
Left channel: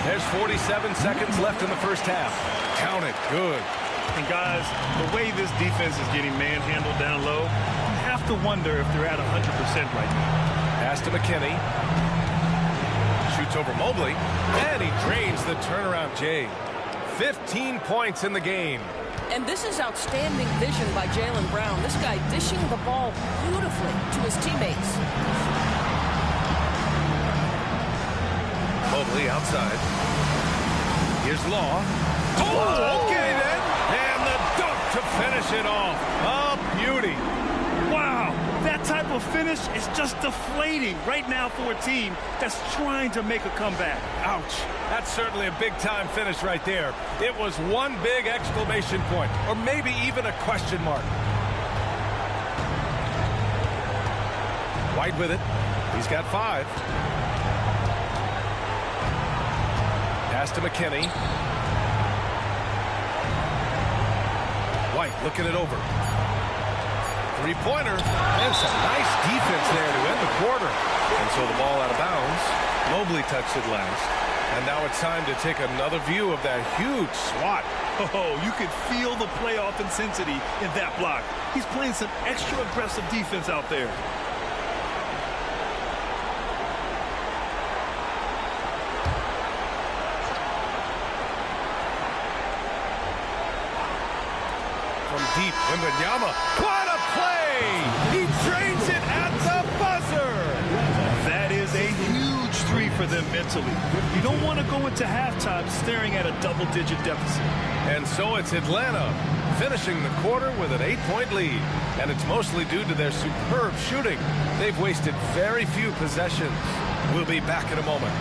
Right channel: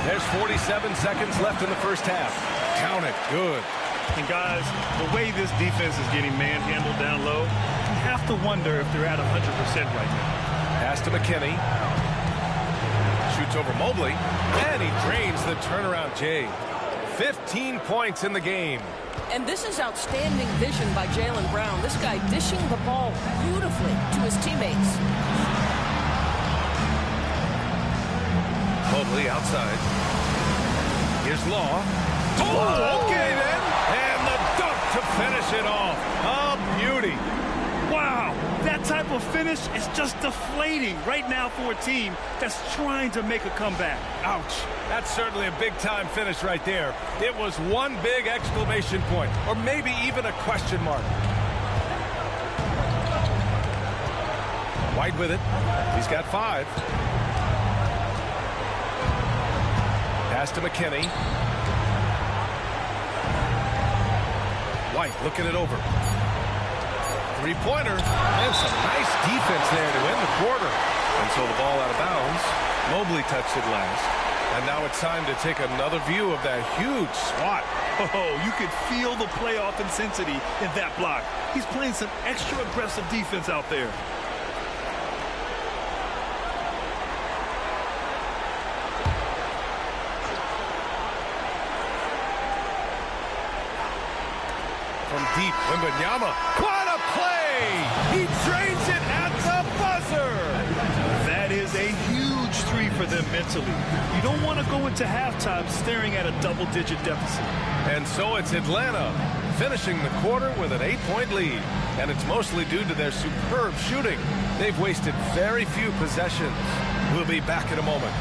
There's 47 seconds left in the first half. Count it. Good. And, guys, the way this defense is getting manhandled down low, you have to wonder if they're at 100% right now. Pass to McKinney. Shoots over Mobley, and he drains the turnaround J. 15 points in the game. And this is outstanding vision by Jaylen Brown. This guy dishing the ball beautifully to his teammates. Mobley outside. Here's Law. Oh, okay then. And the dunk to finish it off. A beauty. Wow, that type of finish is just deflating right now for a team that's trying to make a comeback. Ouch. That's certainly a big-time finish right there. It was one big exclamation point, or maybe even a question mark. White with it. He's got 5. Pass to McKinney. White looking it over. Three-pointer, and some nice defense there to end the quarter. And so the ball out of bounds. Mobley touched it last. And now it's time to take another view of that huge swat. Oh, you could feel the playoff intensity in that block. He's playing some extra aggressive defense out there. From deep, Wembanyama. What a play! He drains it at the buzzer! That is a huge 3 for them mentally. You don't want to go into halftime staring at a double-digit deficit. And so it's Atlanta finishing the quarter with an 8-point lead. And it's mostly due to their superb shooting. They've wasted very few possessions. We'll be back in a moment.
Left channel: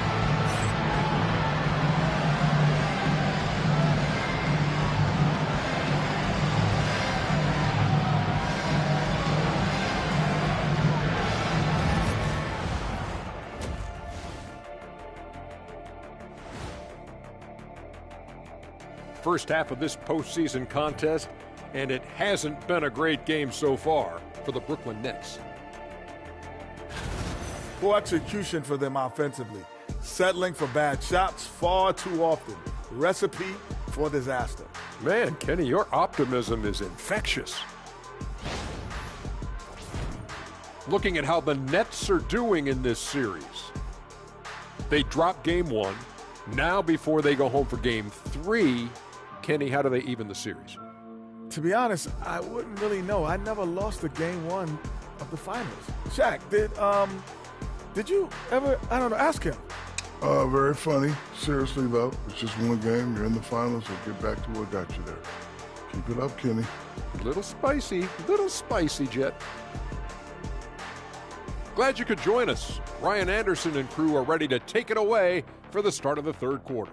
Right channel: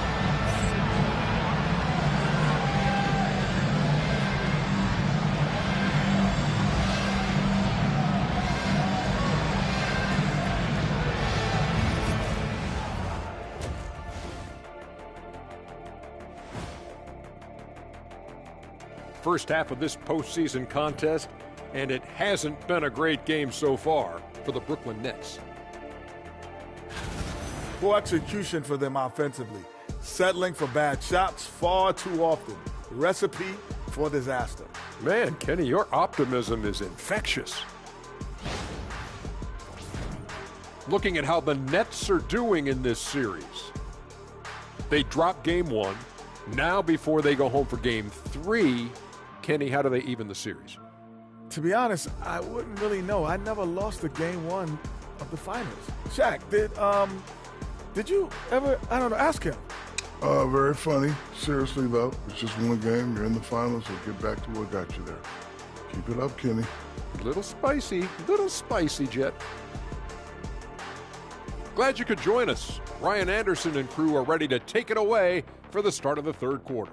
First half of this postseason contest, and it hasn't been a great game so far for the Brooklyn Nets. Poor execution for them offensively. Settling for bad shots far too often. Recipe for disaster. Man, Kenny, your optimism is infectious. Looking at how the Nets are doing in this series. They dropped game 1. Now before they go home for game 3, Kenny, how do they even the series? To be honest, I wouldn't really know. I never lost a game 1 of the finals. Shaq, did you ever, I don't know, ask him? Very funny. Seriously, though, it's just one game. You're in the finals, so get back to what got you there. Keep it up, Kenny. Little spicy, Jet. Glad you could join us. Ryan Anderson and crew are ready to take it away for the start of the third quarter.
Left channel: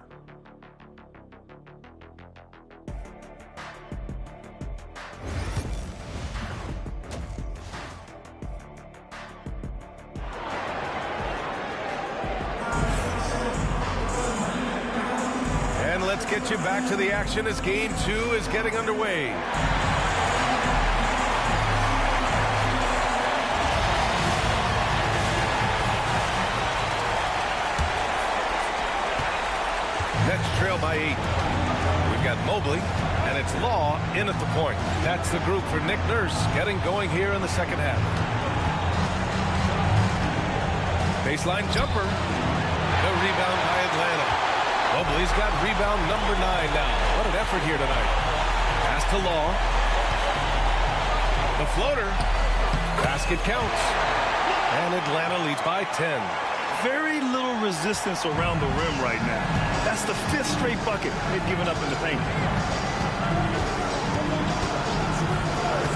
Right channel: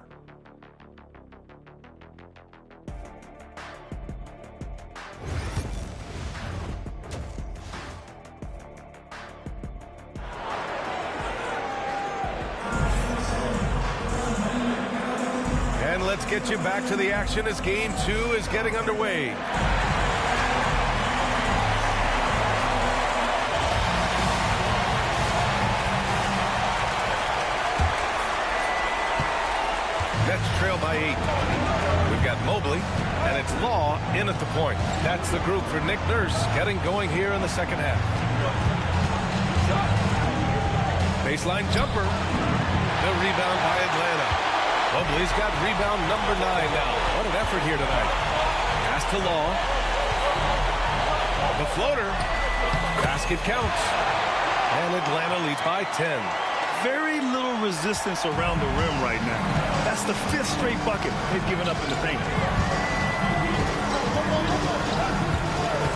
And let's get you back to the action as game 2 is getting underway. Nets trail by 8. We've got Mobley, and it's Law in at the point. That's the group for Nick Nurse getting going here in the second half. Baseline jumper. The rebound by Atlanta. Mobley's got rebound number 9 now. What an effort here tonight. Pass to Law. The floater. Basket counts. And Atlanta leads by 10. Very little resistance around the rim right now. That's the 5th straight bucket they've given up in the paint.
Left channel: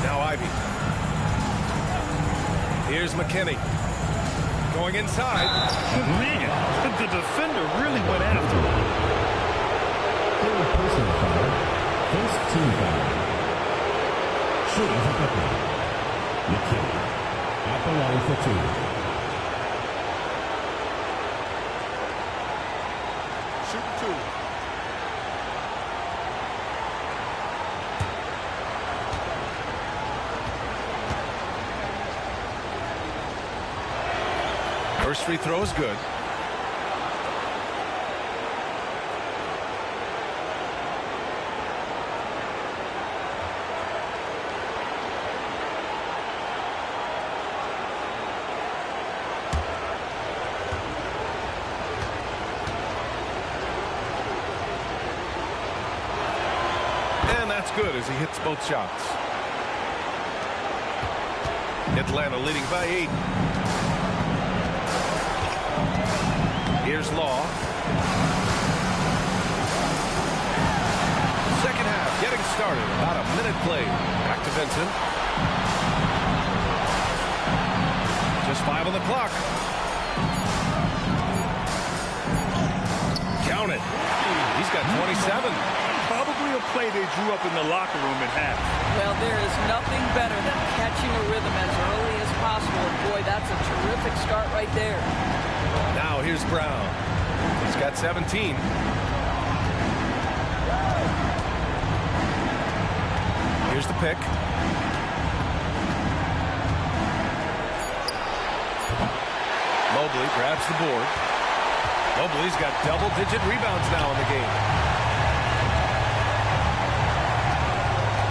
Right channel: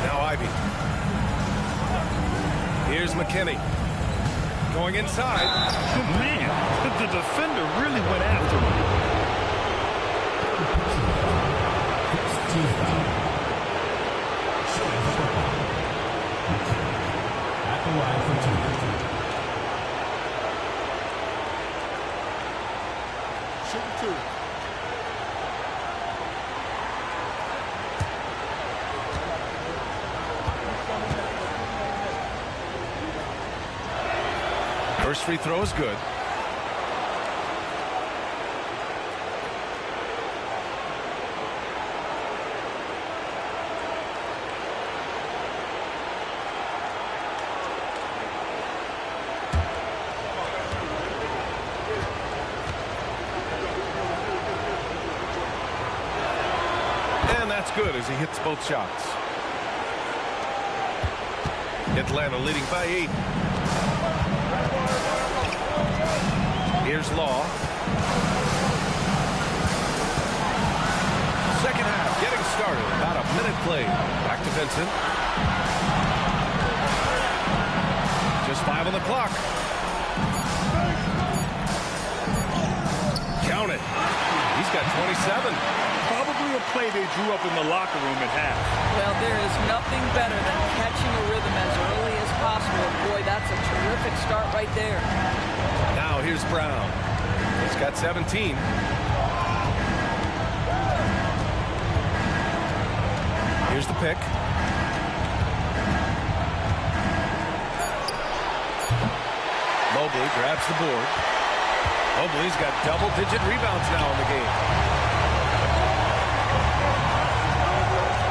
Now Ivy. Here's McKinney. Going inside. Man, the defender really went after him. Personal foul. First team foul. Should have a bucket. McKinney at the line for 2. Shooting 2. First free throw is good. And that's good as he hits both shots. Atlanta leading by 8. Here's Law. Second half getting started. About a minute played. Back to Vincent. Just 5 on the clock. Count it. He's got 27. Probably a play they drew up in the locker room at half. Well, there is nothing better than catching a rhythm as early as possible. And boy, that's a terrific start right there. Now here's Brown. He's got 17. Here's the pick. Mobley grabs the board. Mobley's got double-digit rebounds now in the game.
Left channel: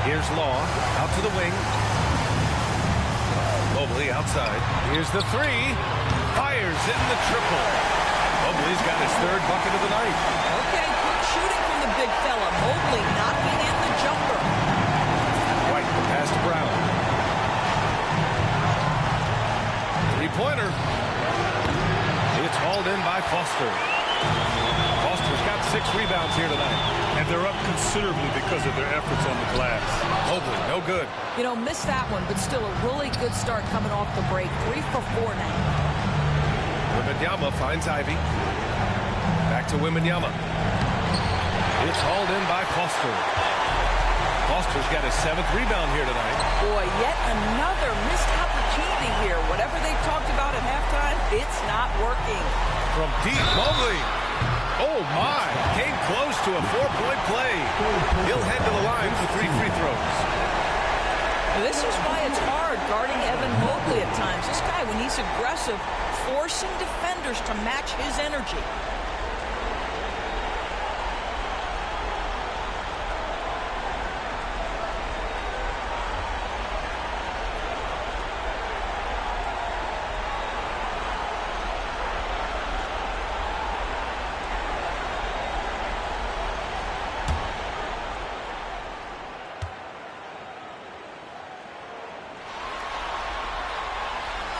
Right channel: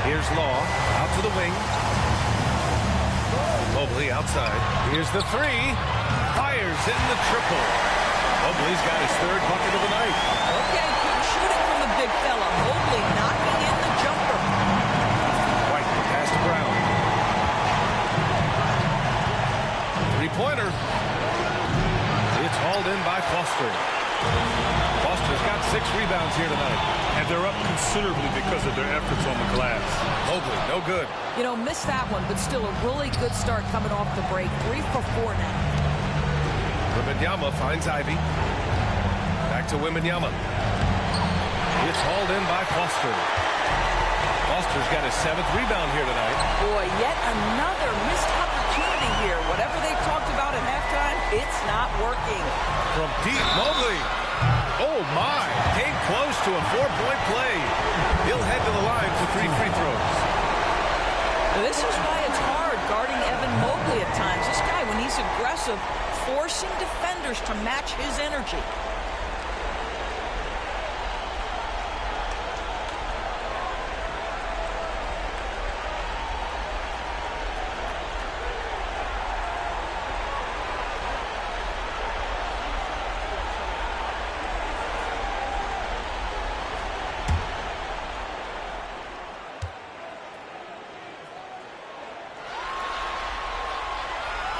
Here's Law out to the wing. Mobley outside. Here's the 3. Fires in the triple. Mobley's got his 3rd bucket of the night. Okay, good shooting from the big fella. Mobley knocking in the jumper. White, the pass to Brown. 3-pointer. It's hauled in by Foster. Foster's got 6 rebounds here tonight. And they're up considerably because of their efforts on the glass. Mobley, no good. You know, missed that one, but still a really good start coming off the break. 3 for 4 now. Wembanyama finds Ivy. Back to Wembanyama. It's hauled in by Foster. Foster's got his 7th rebound here tonight. Boy, yet another missed opportunity here. Whatever they talked about at halftime, it's not working. From deep, Mobley. Oh, my. Came close to a 4-point play. He'll head to the line for 3 free throws. This is why it's hard guarding Evan Mobley at times. This guy, when he's aggressive, forcing defenders to match his energy.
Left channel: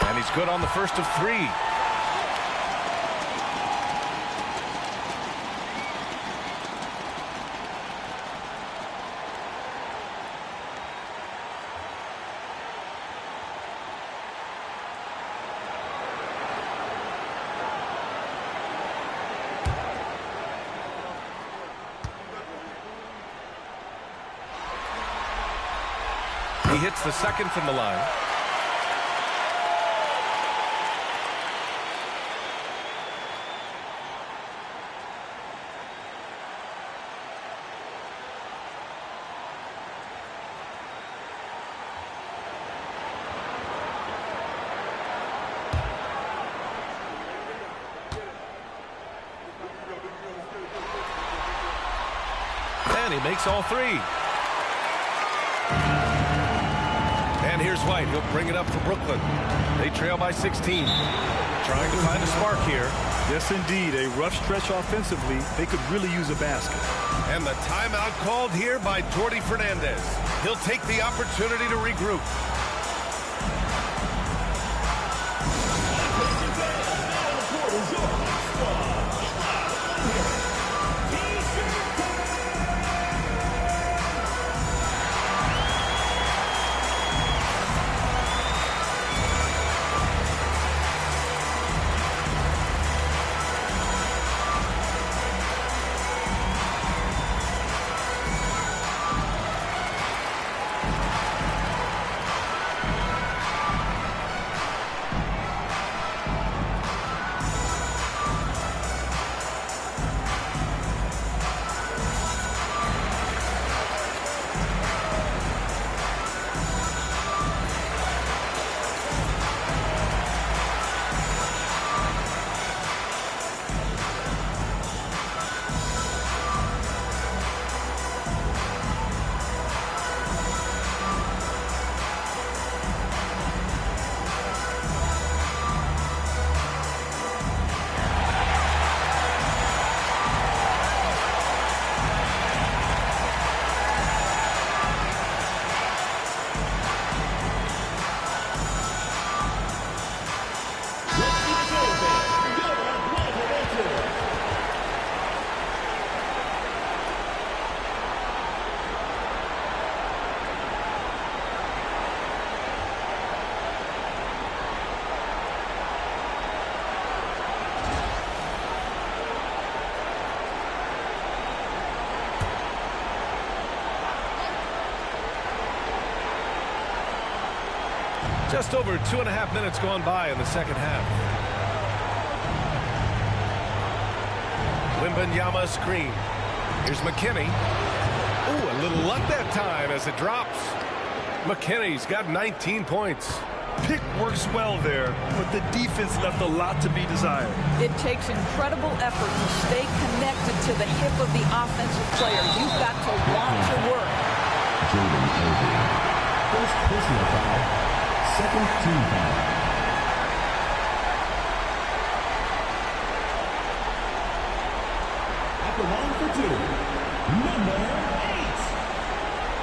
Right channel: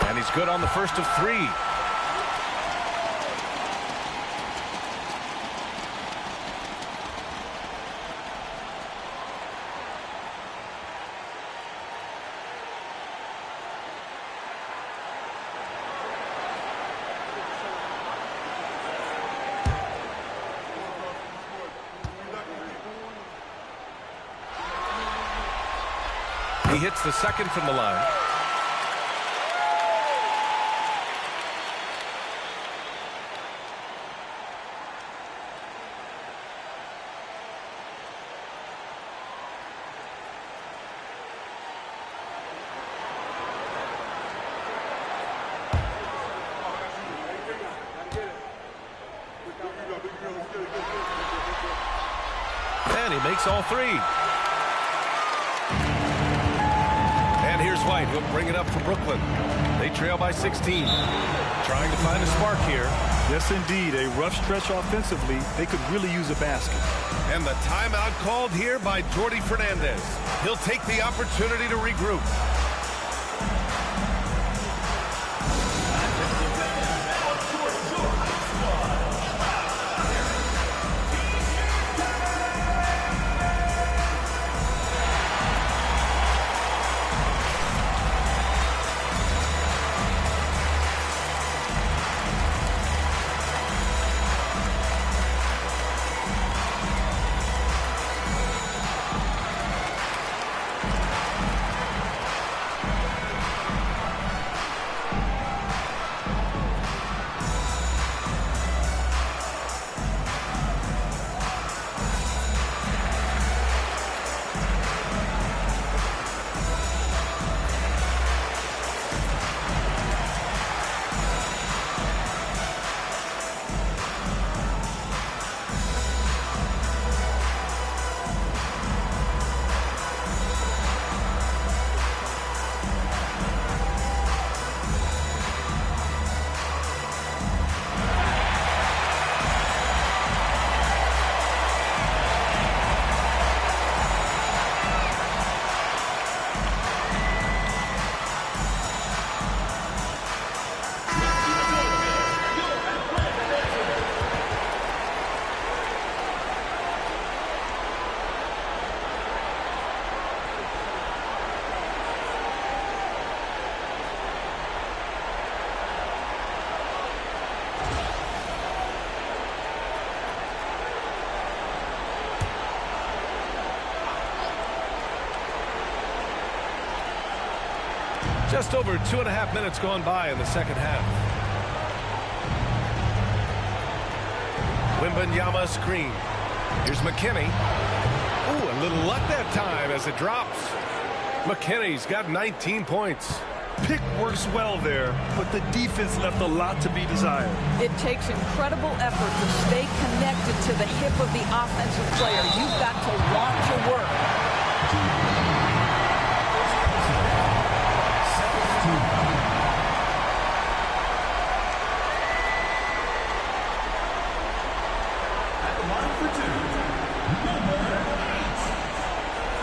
And he's good on the first of 3. He hits the second from the line. And he makes all three. And here's White. He'll bring it up for Brooklyn. They trail by 16. Trying to find a spark here. Yes, indeed. A rough stretch offensively. They could really use a basket. And the timeout called here by Jordi Fernandez. He'll take the opportunity to regroup. Just over 2.5 minutes gone by in the second half. Wembanyama screen. Here's McKinney. Ooh, a little luck that time as it drops. McKinney's got 19 points. Pick works well there, but the defense left a lot to be desired. It takes incredible effort to stay connected to the hip of the offensive player. You've got to want to work. First personal foul. Second team foul. At the line for two, number 8.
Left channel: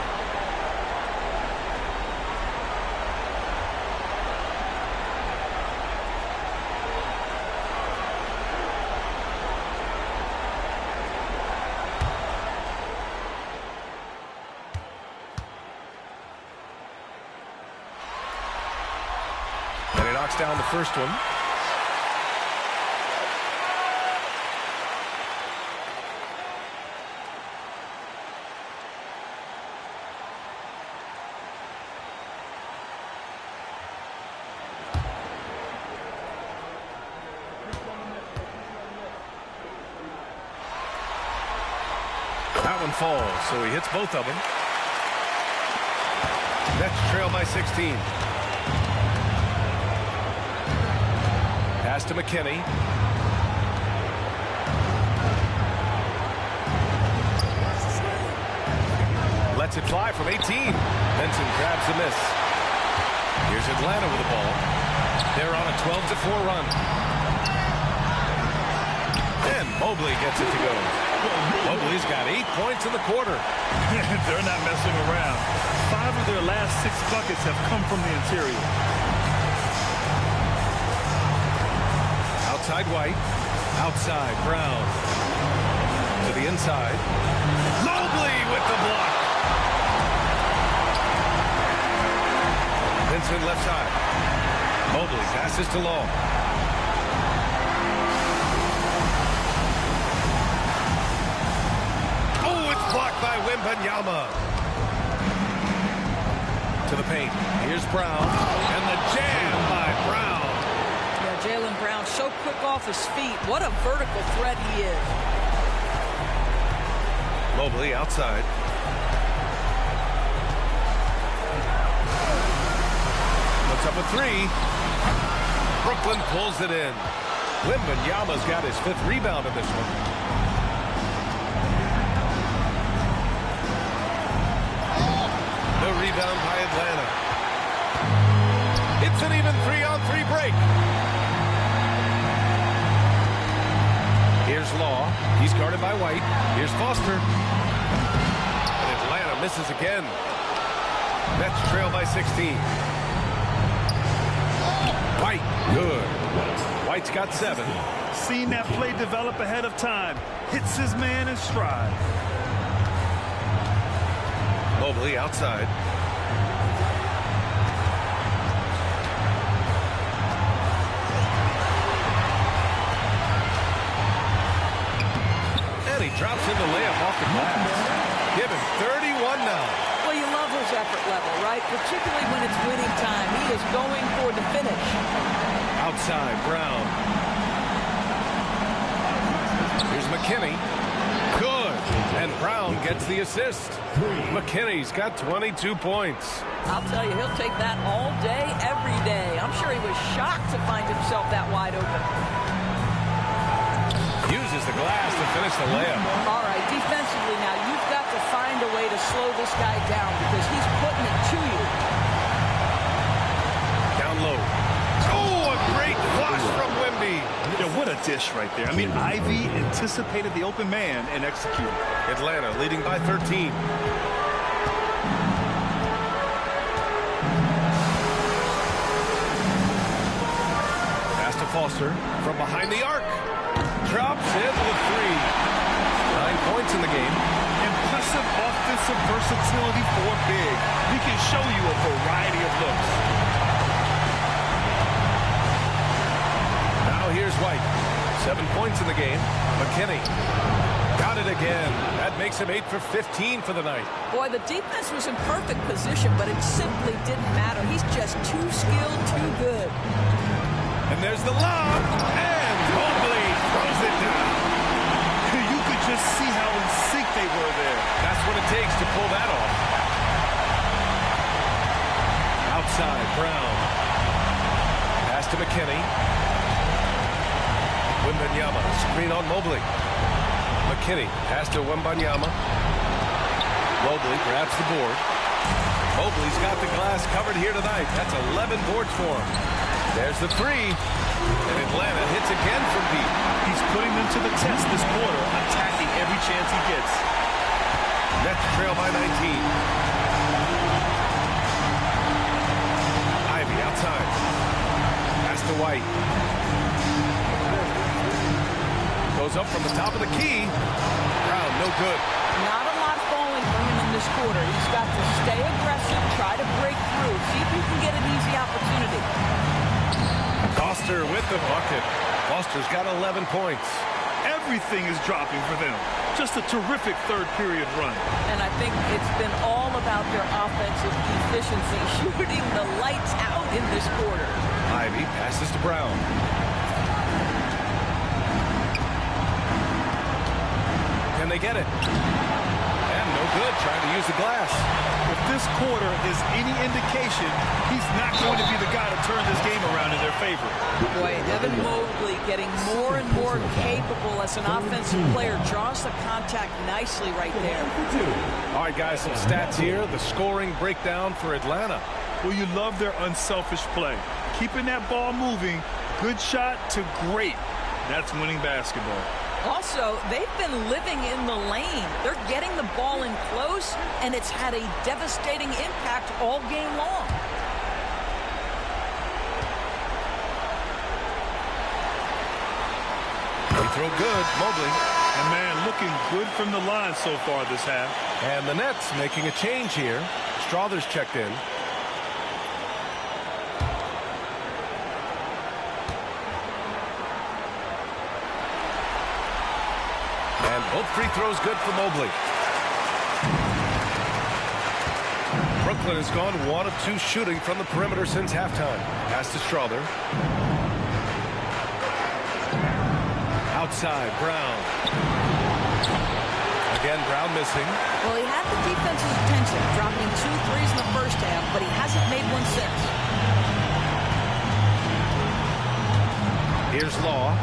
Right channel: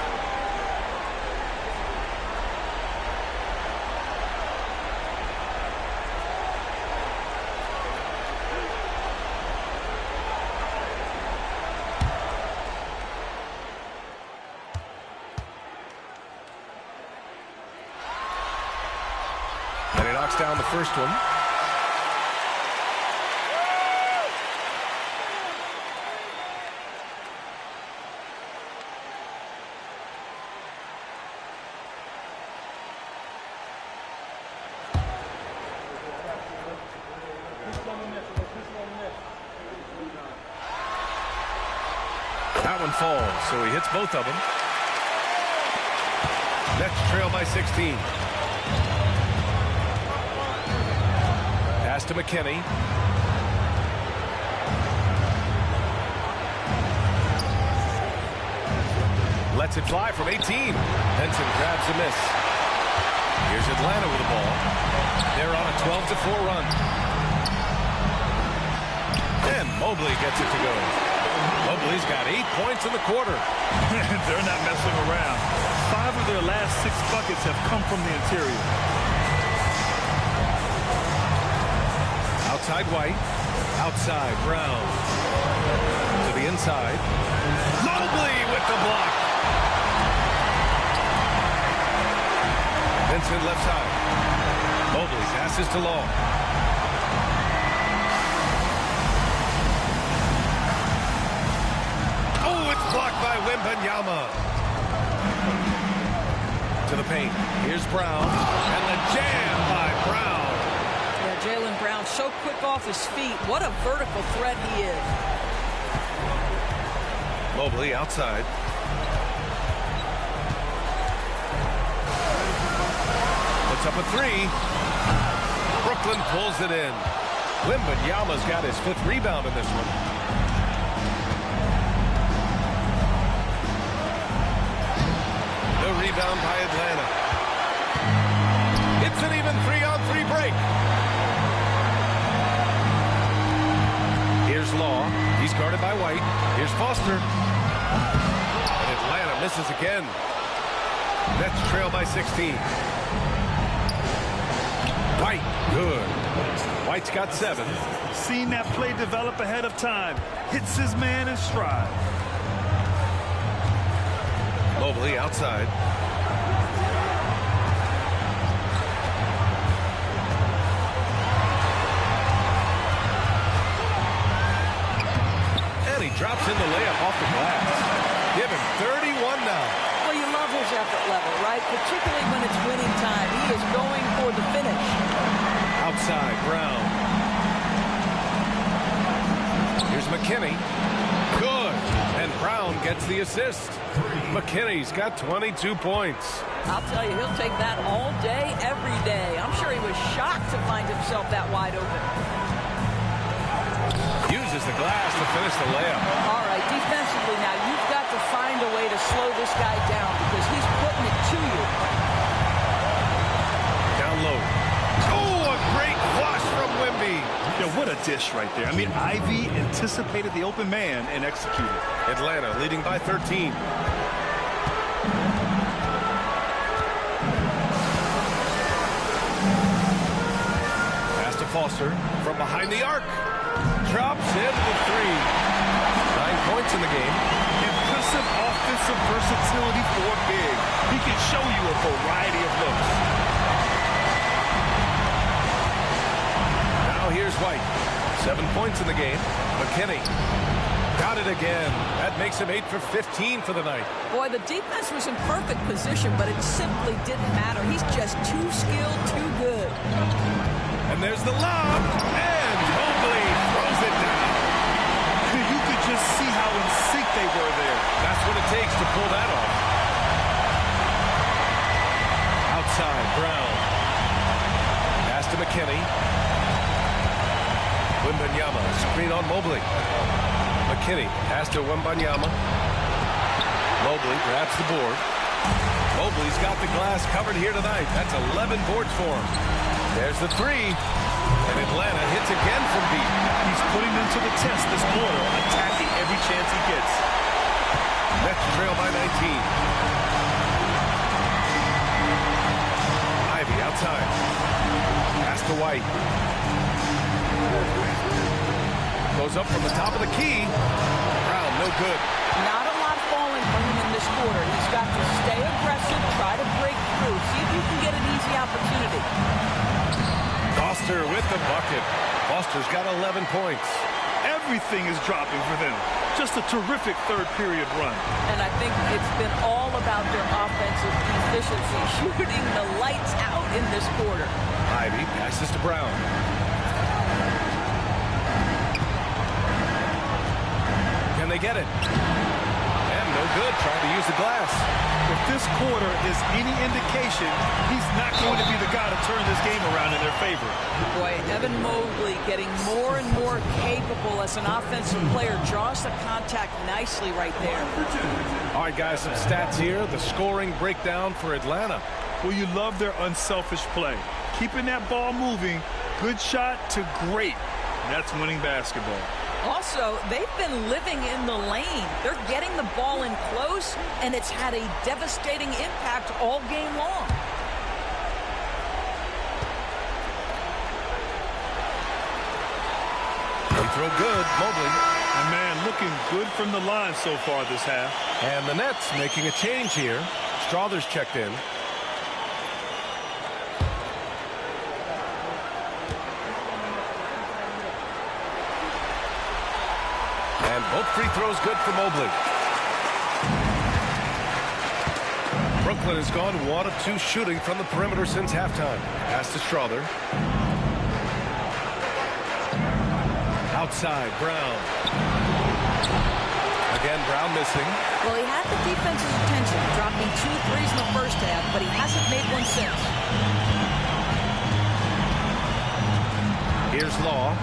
And he knocks down the first one. That one falls, so he hits both of them. Nets trail by 16. Pass to McKinney. Lets it fly from 18. Benson grabs the miss. Here's Atlanta with the ball. They're on a 12-4 run. And Mobley gets it to go. Mobley's got 8 points in the quarter. They're not messing around. 5 of their last 6 buckets have come from the interior. Outside White. Outside Brown. To the inside. Mobley with the block. Vincent left side. Mobley passes to Long. Oh, it's blocked by Wembanyama. To the paint. Here's Brown. And the jam by Brown. Yeah, Jaylen Brown so quick off his feet. What a vertical threat he is. Mobley outside. Puts up a three. Brooklyn pulls it in. Wembanyama's got his 5th rebound in this one. rebound by Atlanta. It's an even 3-on-3 break. Here's Law. He's guarded by White. Here's Foster. And Atlanta misses again. Nets trail by 16. White, good. White's got 7. Seen that play develop ahead of time. Hits his man in stride. Mobley outside. And he drops in the layup off the glass. Give him 31 now. Well, you love his effort level, right? Particularly when it's winning time. He is going for the finish. Outside, Brown. Here's McKinney. Good. And Brown gets the assist. McKinney's got 22 points. I'll tell you, he'll take that all day, every day. I'm sure he was shocked to find himself that wide open. Uses the glass to finish the layup. All right, defensively now, you've got to find a way to slow this guy down because he's putting it to you. Down low. Oh, a great flush from Wemby. Yeah, what a dish right there. I mean, Ivy anticipated the open man and executed. Atlanta leading by 13. Pass to Foster from behind the arc. Drops in the 3. 9 points in the game. Impressive offensive versatility for big. He can show you a variety of looks. Now here's White. 7 points in the game. McKinney. Got it again. That makes him 8 for 15 for the night. Boy, the defense was in perfect position, but it simply didn't matter. He's just too skilled, too good. And there's the lob. And Mobley throws it down. You could just see how in sync they were there. That's what it takes to pull that off. Outside, Brown. Pass to McKinney. Wembanyama, screen on Mobley. McKinney, pass to Wembanyama. Mobley grabs the board. Mobley's got the glass covered here tonight. That's 11 boards for him. There's the 3. And Atlanta hits again from deep. He's putting them to the test this quarter, attacking every chance he gets. Nets trail by 19. Ivy outside. Pass to White. Goes up from the top of the key. Brown, no good. Not a lot falling for him in this quarter. He's got to stay aggressive, try to break through, see if you can get an easy opportunity. Foster with the bucket. Foster's got 11 points. Everything is dropping for them. Just a terrific third period run. And I think it's been all about their offensive efficiency, shooting the lights out in this quarter. Ivy passes to Brown. Can they get it? And no good, trying to use the glass. If this quarter is any indication, he's not going to be the guy to turn this game around in their favor. Boy, Evan Mobley getting more and more capable as an offensive player. Draws the contact nicely right there. All right, guys, some stats here. The scoring breakdown for Atlanta. Well, you love their unselfish play. Keeping that ball moving, good shot to great. That's winning basketball. Also, they've been living in the lane. They're getting the ball in close, and it's had a devastating impact all game long. Free throw good, Mobley. And man, looking good from the line so far this half. And the Nets making a change here. Strother's checked in. And both free throws good for Mobley. Brooklyn has gone 1 of 2 shooting from the perimeter since halftime. Pass to Strother. Outside, Brown. Again, Brown missing. Well, he had the defense's attention, dropping 2 threes in the first half, but he hasn't made one since. Here's Law.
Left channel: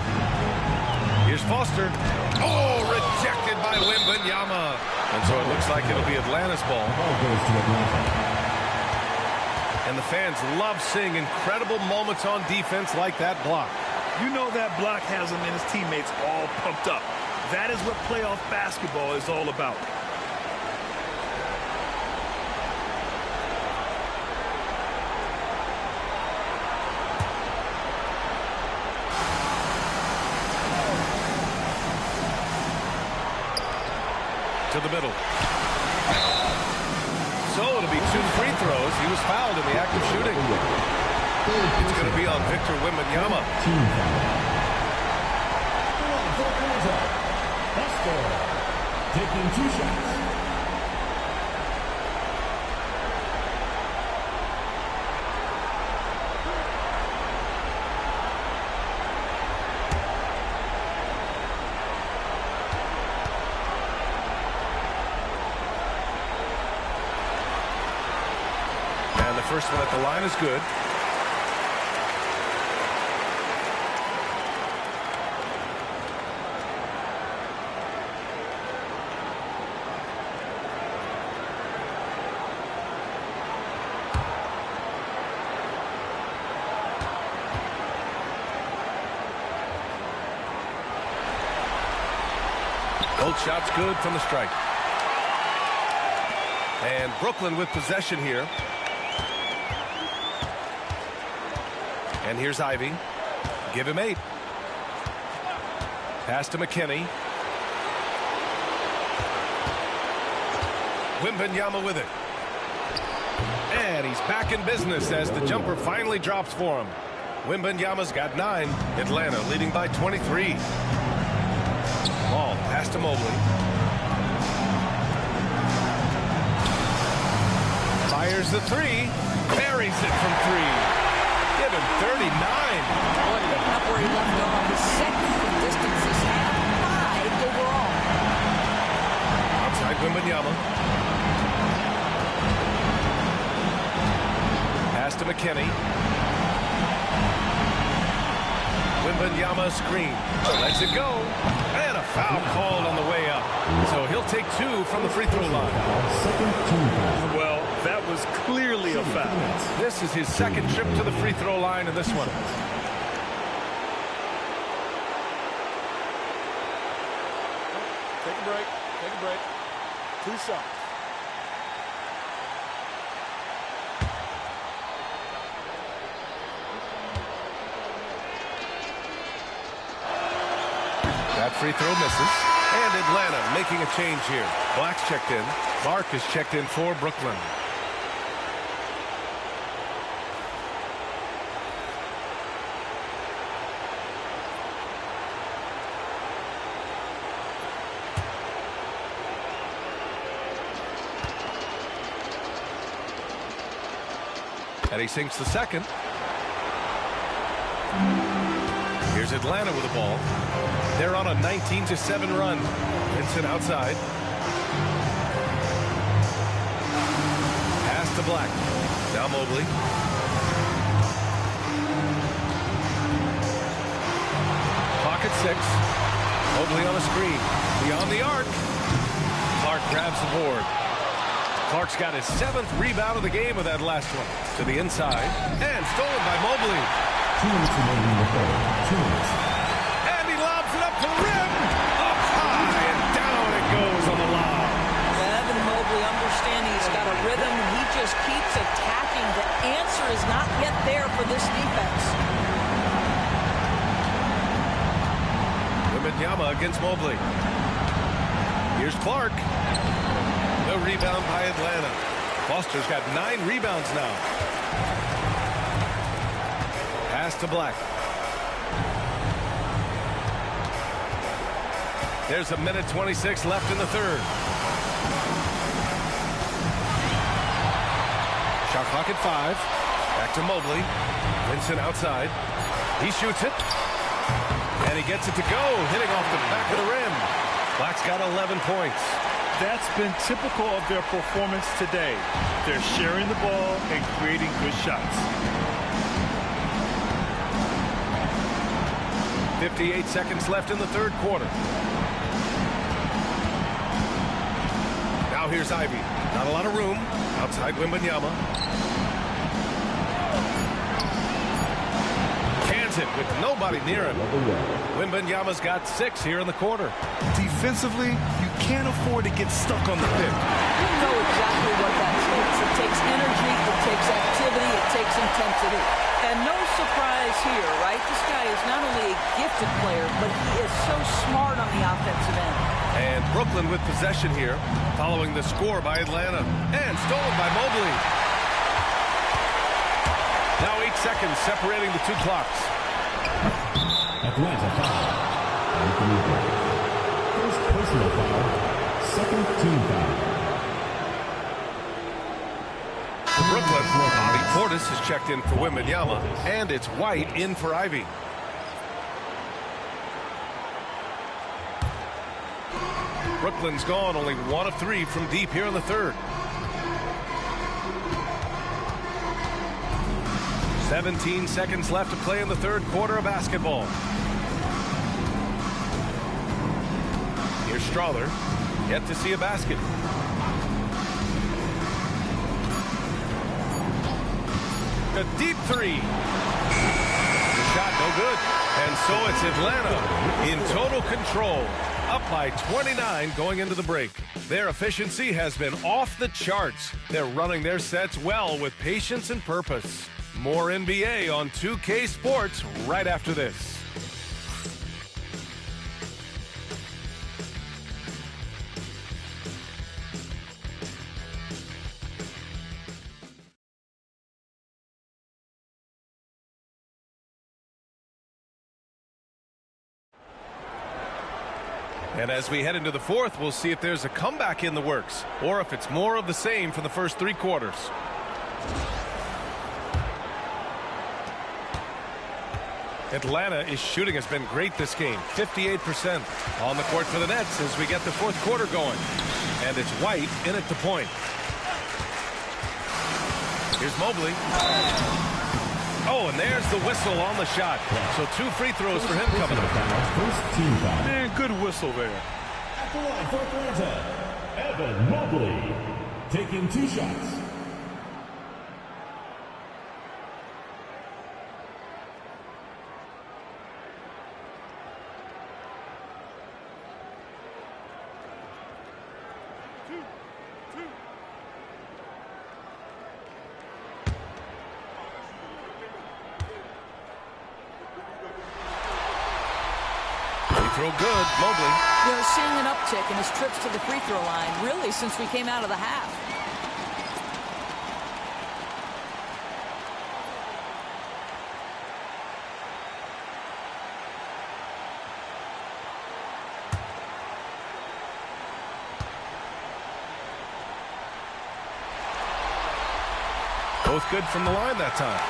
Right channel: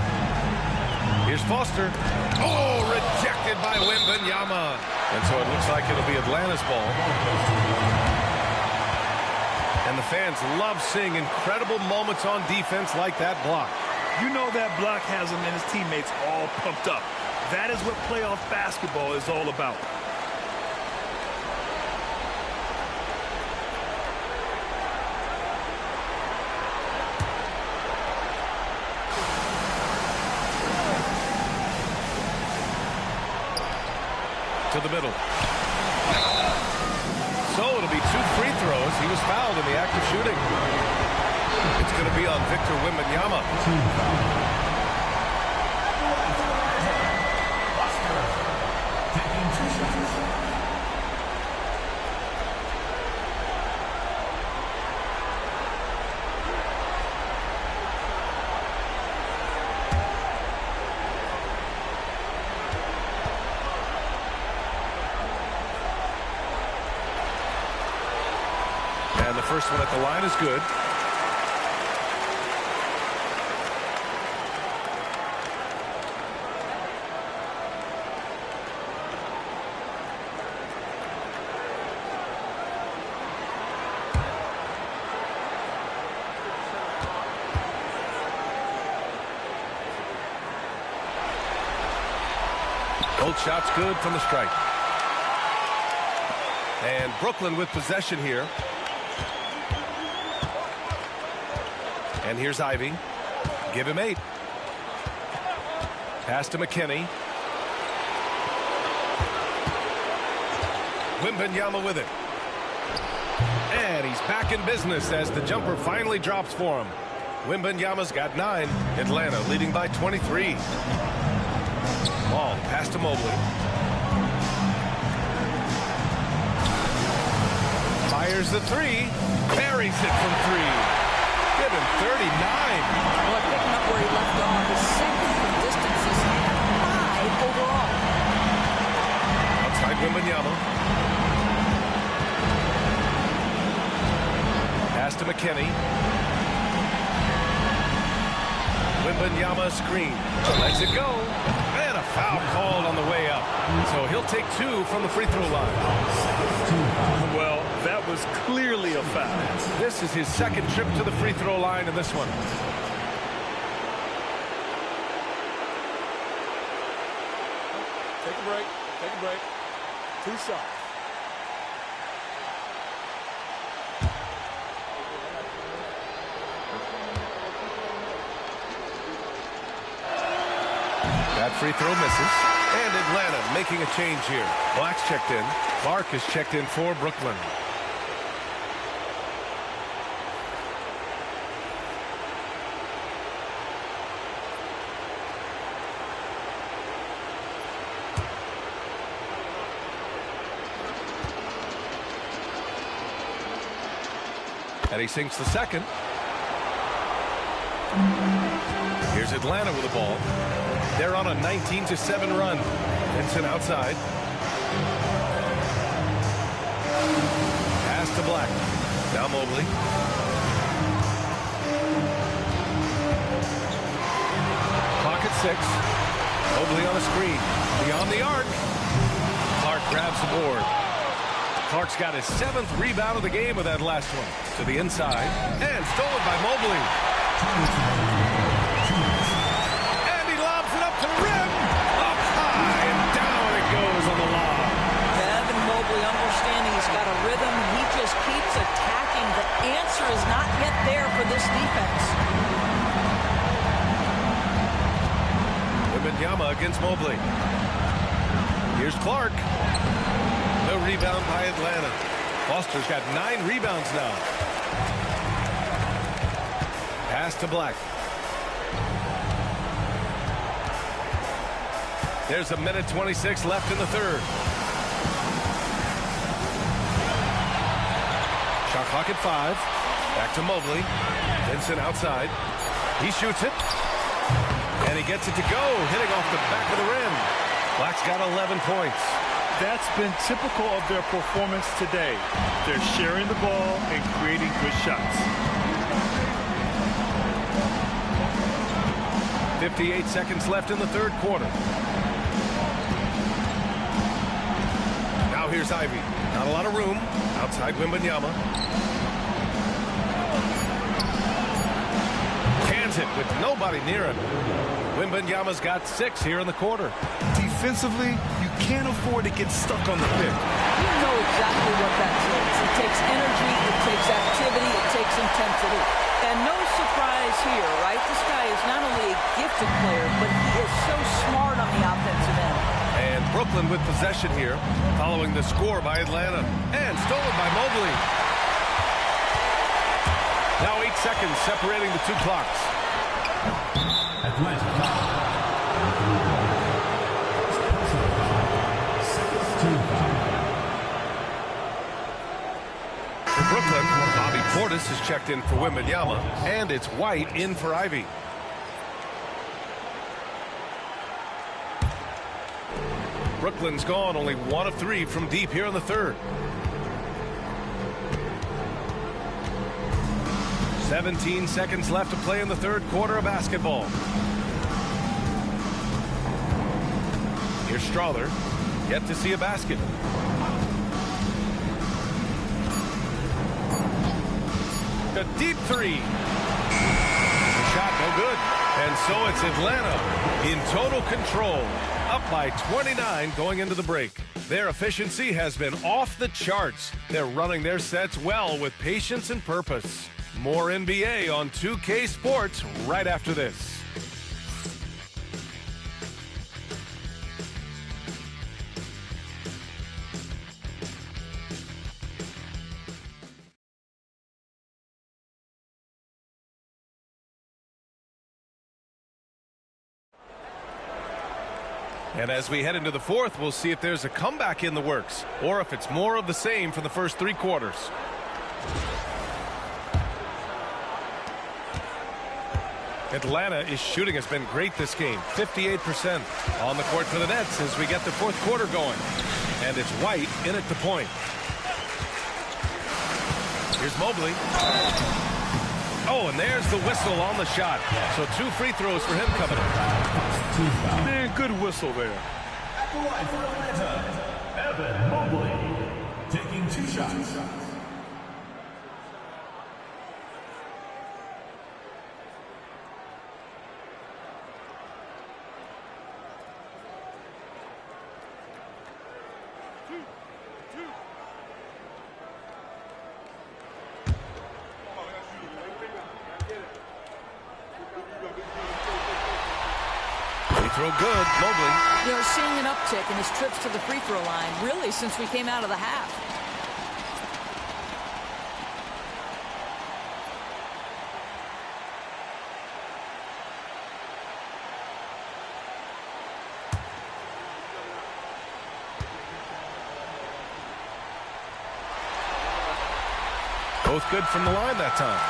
Here's Foster. Oh, rejected by Wembanyama. And so it looks like it'll be Atlanta's ball. And the fans love seeing incredible moments on defense like that block. You know that block has him and his teammates all pumped up. That is what playoff basketball is all about. To the middle. So it'll be 2 free throws. He was fouled in the act of shooting. It's going to be on Victor Wembanyama. Team foul. At the line for Atlanta, Buster taking 2 shots. And the first one at the line is good. Both shots good from the strike. And Brooklyn with possession here. And here's Ivy. Give him 8. Pass to McKinney. Wembanyama with it. And he's back in business as the jumper finally drops for him. Wembanyama's got 9. Atlanta leading by 23. Ball pass to Mobley. Fires the 3. Buries it from 3. Give him 39. Boy, picking up where he left off. His second from distance. He's had 5 overall. Outside Wembanyama. Pass to McKinney. Wembanyama screen. Lets it go. And a foul called on the way up. So he'll take 2 from the free throw line. Well, that was clearly a foul. This is his second trip to the free throw line in this one. Take a break. Take a break. 2 shots. That free throw misses. And Atlanta making a change here. Black's checked in. Clark is checked in for Brooklyn. And he sinks the second. Here's Atlanta with the ball. They're on a 19-7 run. Vincent outside. Pass to Black. Now Mobley. Pocket 6. Mobley on the screen. Beyond the arc. Clark grabs the board. Clark's got his 7th rebound of the game with that last one. To the inside. And stolen by Mobley. 2 minutes remaining in the quarter. 2 minutes. And he lobs it up to the rim. Up high and down it goes on the lob. Evan Mobley understanding he's got a rhythm and he just keeps attacking. The answer is not yet there for this defense. Wembanyama against Mobley. Here's Clark. The rebound by Atlanta. Foster's got 9 rebounds now. Pass to Black. There's a minute 26 left in the third. Shot clock at 5. Back to Mobley. Vincent outside. He shoots it. And he gets it to go, hitting off the back of the rim. Black's got 11 points. That's been typical of their performance today. They're sharing the ball and creating good shots. 58 seconds left in the third quarter. Now here's Ivy. Not a lot of room. Outside Wembanyama. wins it with nobody near him. Wembanyama's got 6 here in the quarter. Defensively, you can't afford to get stuck on the pick. You know exactly what that takes. It takes energy, it takes activity, it takes intensity. And no surprise here, right? This guy is not only a gifted player, but he is so smart on the offensive end. And Brooklyn with possession here, following the score by Atlanta. And stolen by Mobley. Now 8 seconds separating the 2 clocks. Atlanta foul. Anthony Davis. First personal foul. Second team foul. For Brooklyn, Bobby Portis has checked in for Wembanyama, and it's White in for Ivy. Brooklyn's gone only 1 of 3 from deep here in the third. 17 seconds left to play in the third quarter of basketball. Here's Strawther, yet to see a basket. A deep 3. The shot no good. And so it's Atlanta in total control, up by 29 going into the break. Their efficiency has been off the charts. They're running their sets well with patience and purpose. More NBA on 2K Sports right after this. And as we head into the fourth, we'll see if there's a comeback in the works or if it's more of the same for the first 3 quarters. Atlanta's shooting has been great this game, 58%. On the court for the Nets as we get the fourth quarter going. And it's White in at the point. Here's Mobley. Oh, and there's the whistle on the shot. So 2 free throws for him coming up. First team foul. Man, good whistle there. At the line for Atlanta, Evan Mobley taking 2 shots. Throw good, Mobley. You know, seeing an uptick in his trips to the free throw line, really, since we came out of the half. Both good from the line that time.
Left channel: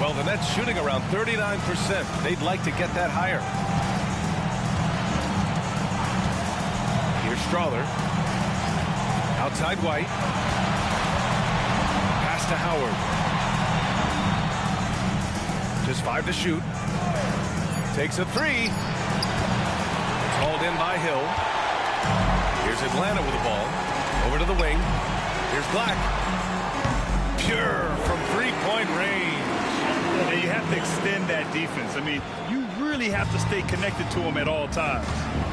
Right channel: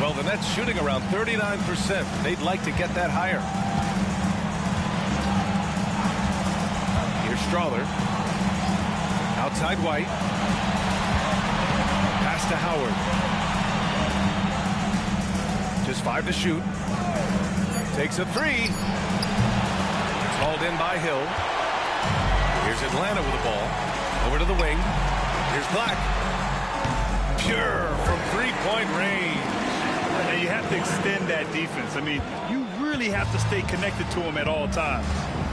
Well, the Nets shooting around 39%. They'd like to get that higher. Here's Strawther. Outside White. Pass to Howard. Just 5 to shoot. Takes a 3. It's hauled in by Hill. Here's Atlanta with the ball. Over to the wing. Here's Black. Pure from 3-point range. And you have to extend that defense. I mean, you really have to stay connected to him at all times.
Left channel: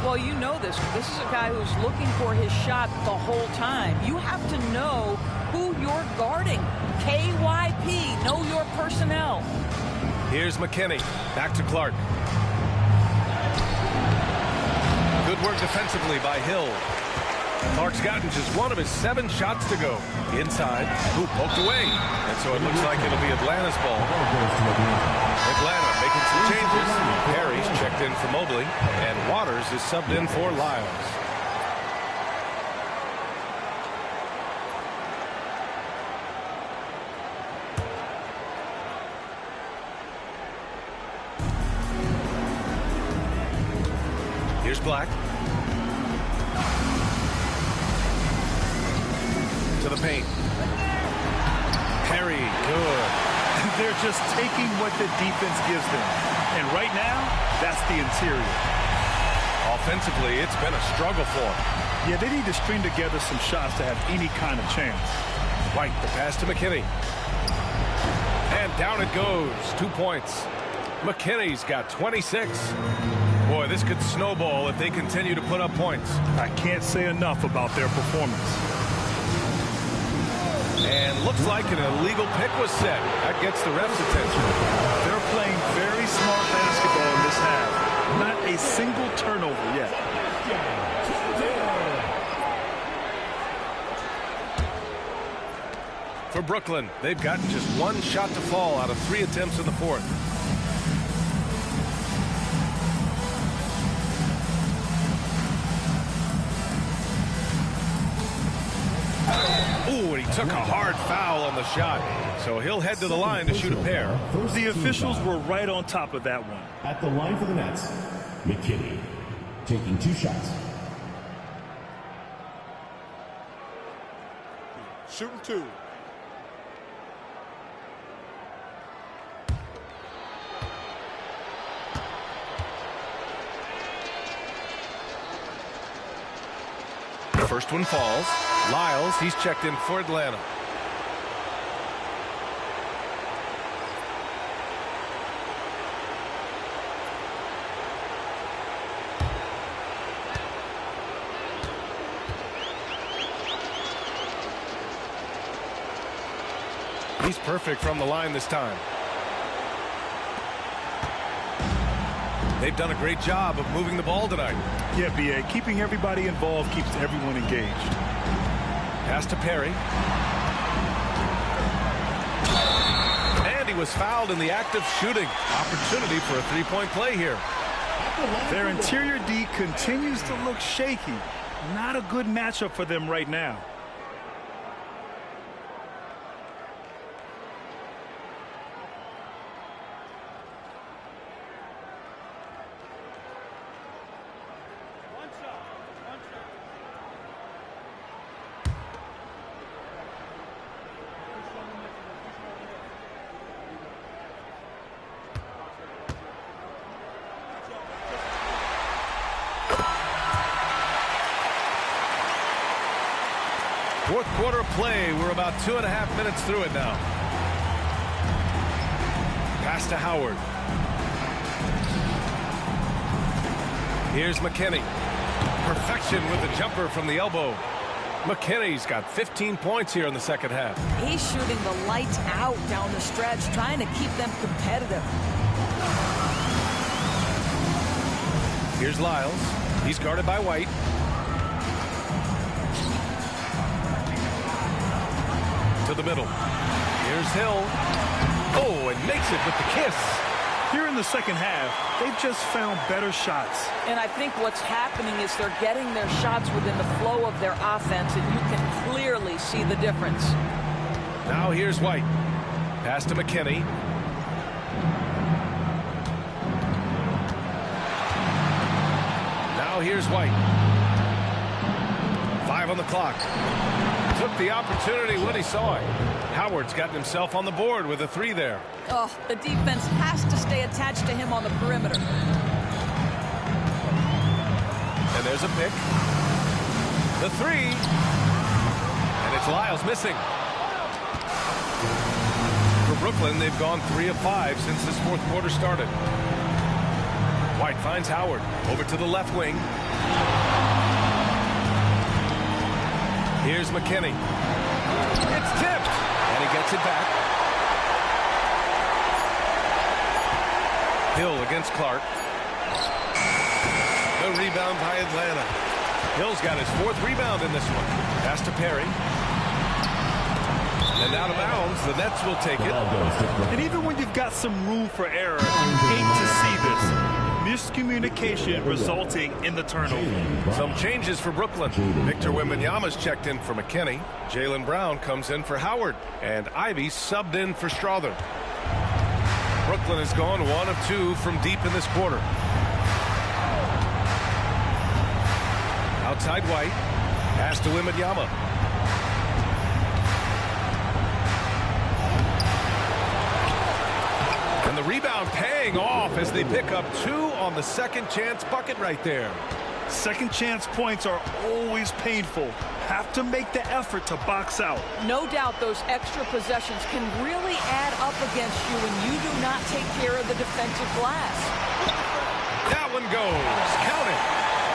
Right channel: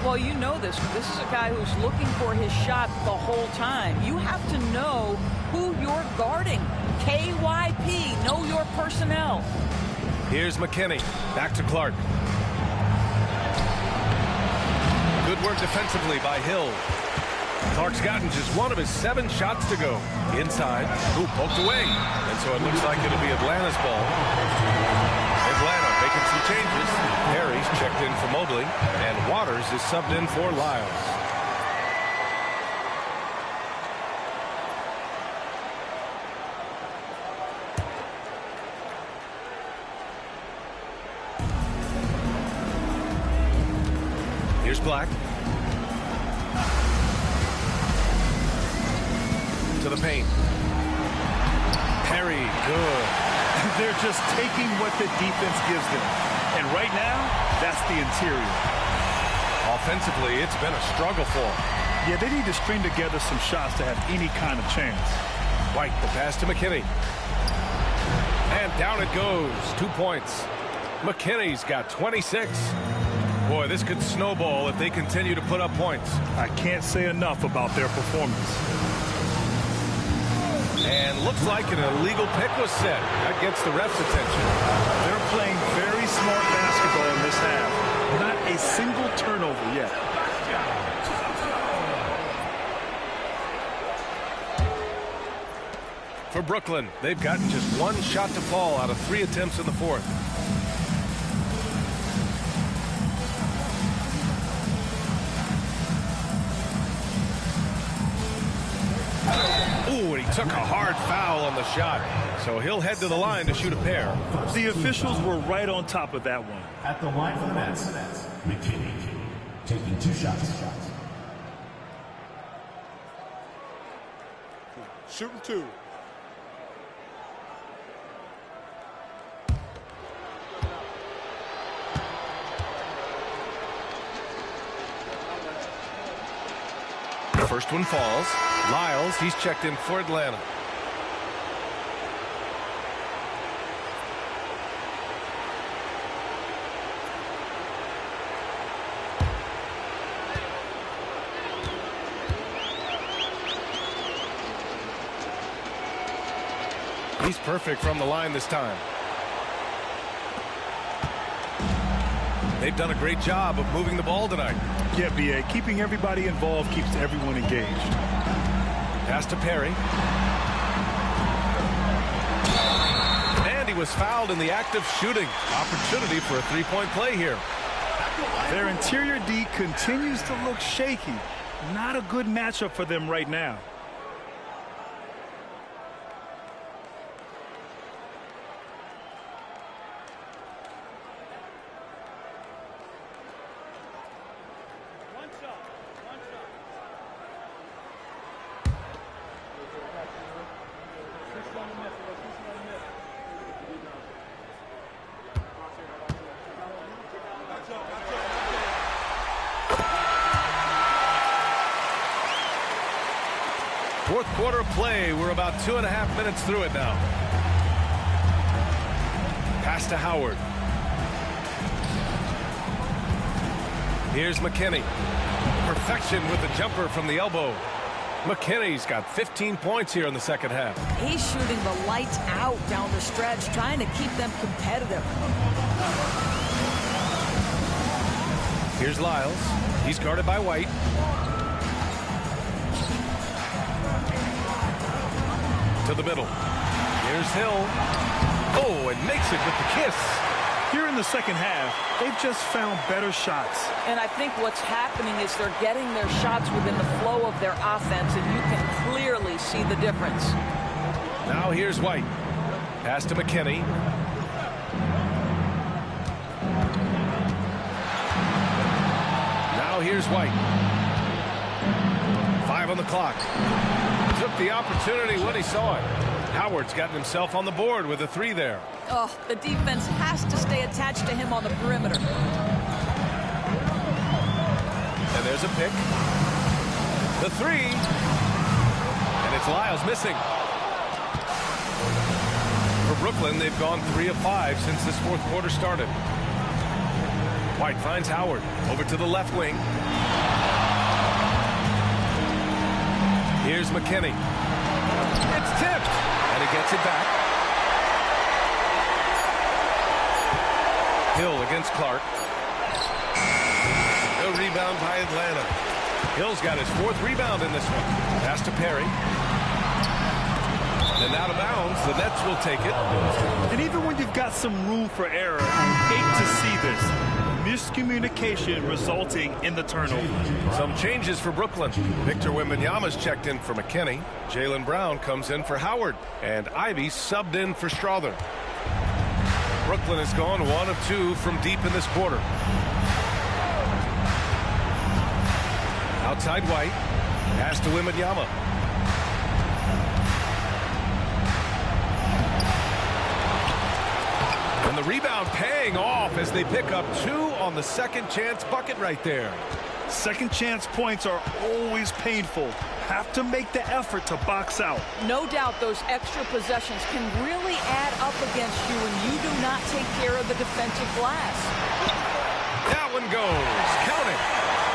Well, you know this. This is a guy who's looking for his shot the whole time. You have to know who you're guarding. KYP, know your personnel. Here's McKinney. Back to Clark. Good work defensively by Hill. Clark's gotten just 1 of his 7 shots to go. Inside, who poked away. And so it looks like it'll be Atlanta's ball. Atlanta making some changes. Harry's checked in for Mobley. And Waters is subbed in for Lyles. Here's Black. To the paint. Perry, good. They're just taking what the defense gives them. And right now, that's the interior. Offensively, it's been a struggle for them. Yeah, they need to string together some shots to have any kind of chance. White, the pass to McKinney. And down it goes. 2 points. McKinney's got 26. Boy, this could snowball if they continue to put up points. I can't say enough about their performance. And looks like an illegal pick was set. That gets the ref's attention. They're playing very smart basketball in this half. Not a single turnover yet. For Brooklyn, they've gotten just 1 shot to fall out of 3 attempts in the fourth. Ooh, and he took a hard foul on the shot. So he'll head to the line to shoot a pair. The officials were right on top of that one. At the line for the Nets, McKinney taking 2 shots. Shooting 2. First one falls. Lyles, he's checked in for Atlanta. He's perfect from the line this time. They've done a great job of moving the ball tonight. Yeah, B.A. Keeping everybody involved keeps everyone engaged. Pass to Perry. And he was fouled in the act of shooting. Opportunity for a 3-point play here. Their interior D continues to look shaky. Not a good matchup for them right now. Fourth quarter play. We're about 2.5 minutes through it now. Pass to Howard. Here's McKinney. Perfection with the jumper from the elbow. McKinney's got 15 points here in the second half. He's shooting the lights out down the stretch, trying to keep them competitive. Here's Lyles. He's guarded by White. To the middle. Here's Hill. Oh, and makes it with the kiss. Here in the second half, they've just found better shots. And I think what's happening is they're getting their shots within the flow of their offense, and you can clearly see the difference. Now here's White. Pass to McKinney. Now here's White. 5 on the clock. Took the opportunity when he saw it. Howard's gotten himself on the board with a 3 there. Oh, the defense has to stay attached to him on the perimeter. And there's a pick. The 3. And it's Lyles missing. For Brooklyn, they've gone 3 of 5 since this fourth quarter started. White finds Howard. Over to the left wing. Here's McKinney. It's tipped. And he gets it back. Hill against Clark. The rebound by Atlanta. Hill's got his 4th rebound in this one. Pass to Perry. And out of bounds, the Nets will take it. And even when you've got some room for error, you hate to see this. Miscommunication resulting in the turnover. Some changes for Brooklyn. Victor Wembanyama's checked in for McKinney. Jaylen Brown comes in for Howard. And Ivy subbed in for Strother. Brooklyn has gone 1 of 2 from deep in this quarter. Outside White. Pass to Wembanyama. And the rebound paying off as they pick up 2 on the second chance bucket right there. Second chance points are always painful. have to make the effort to box out. No doubt those extra possessions can really add up against you when you do not take care of the defensive glass. That one goes. Count it.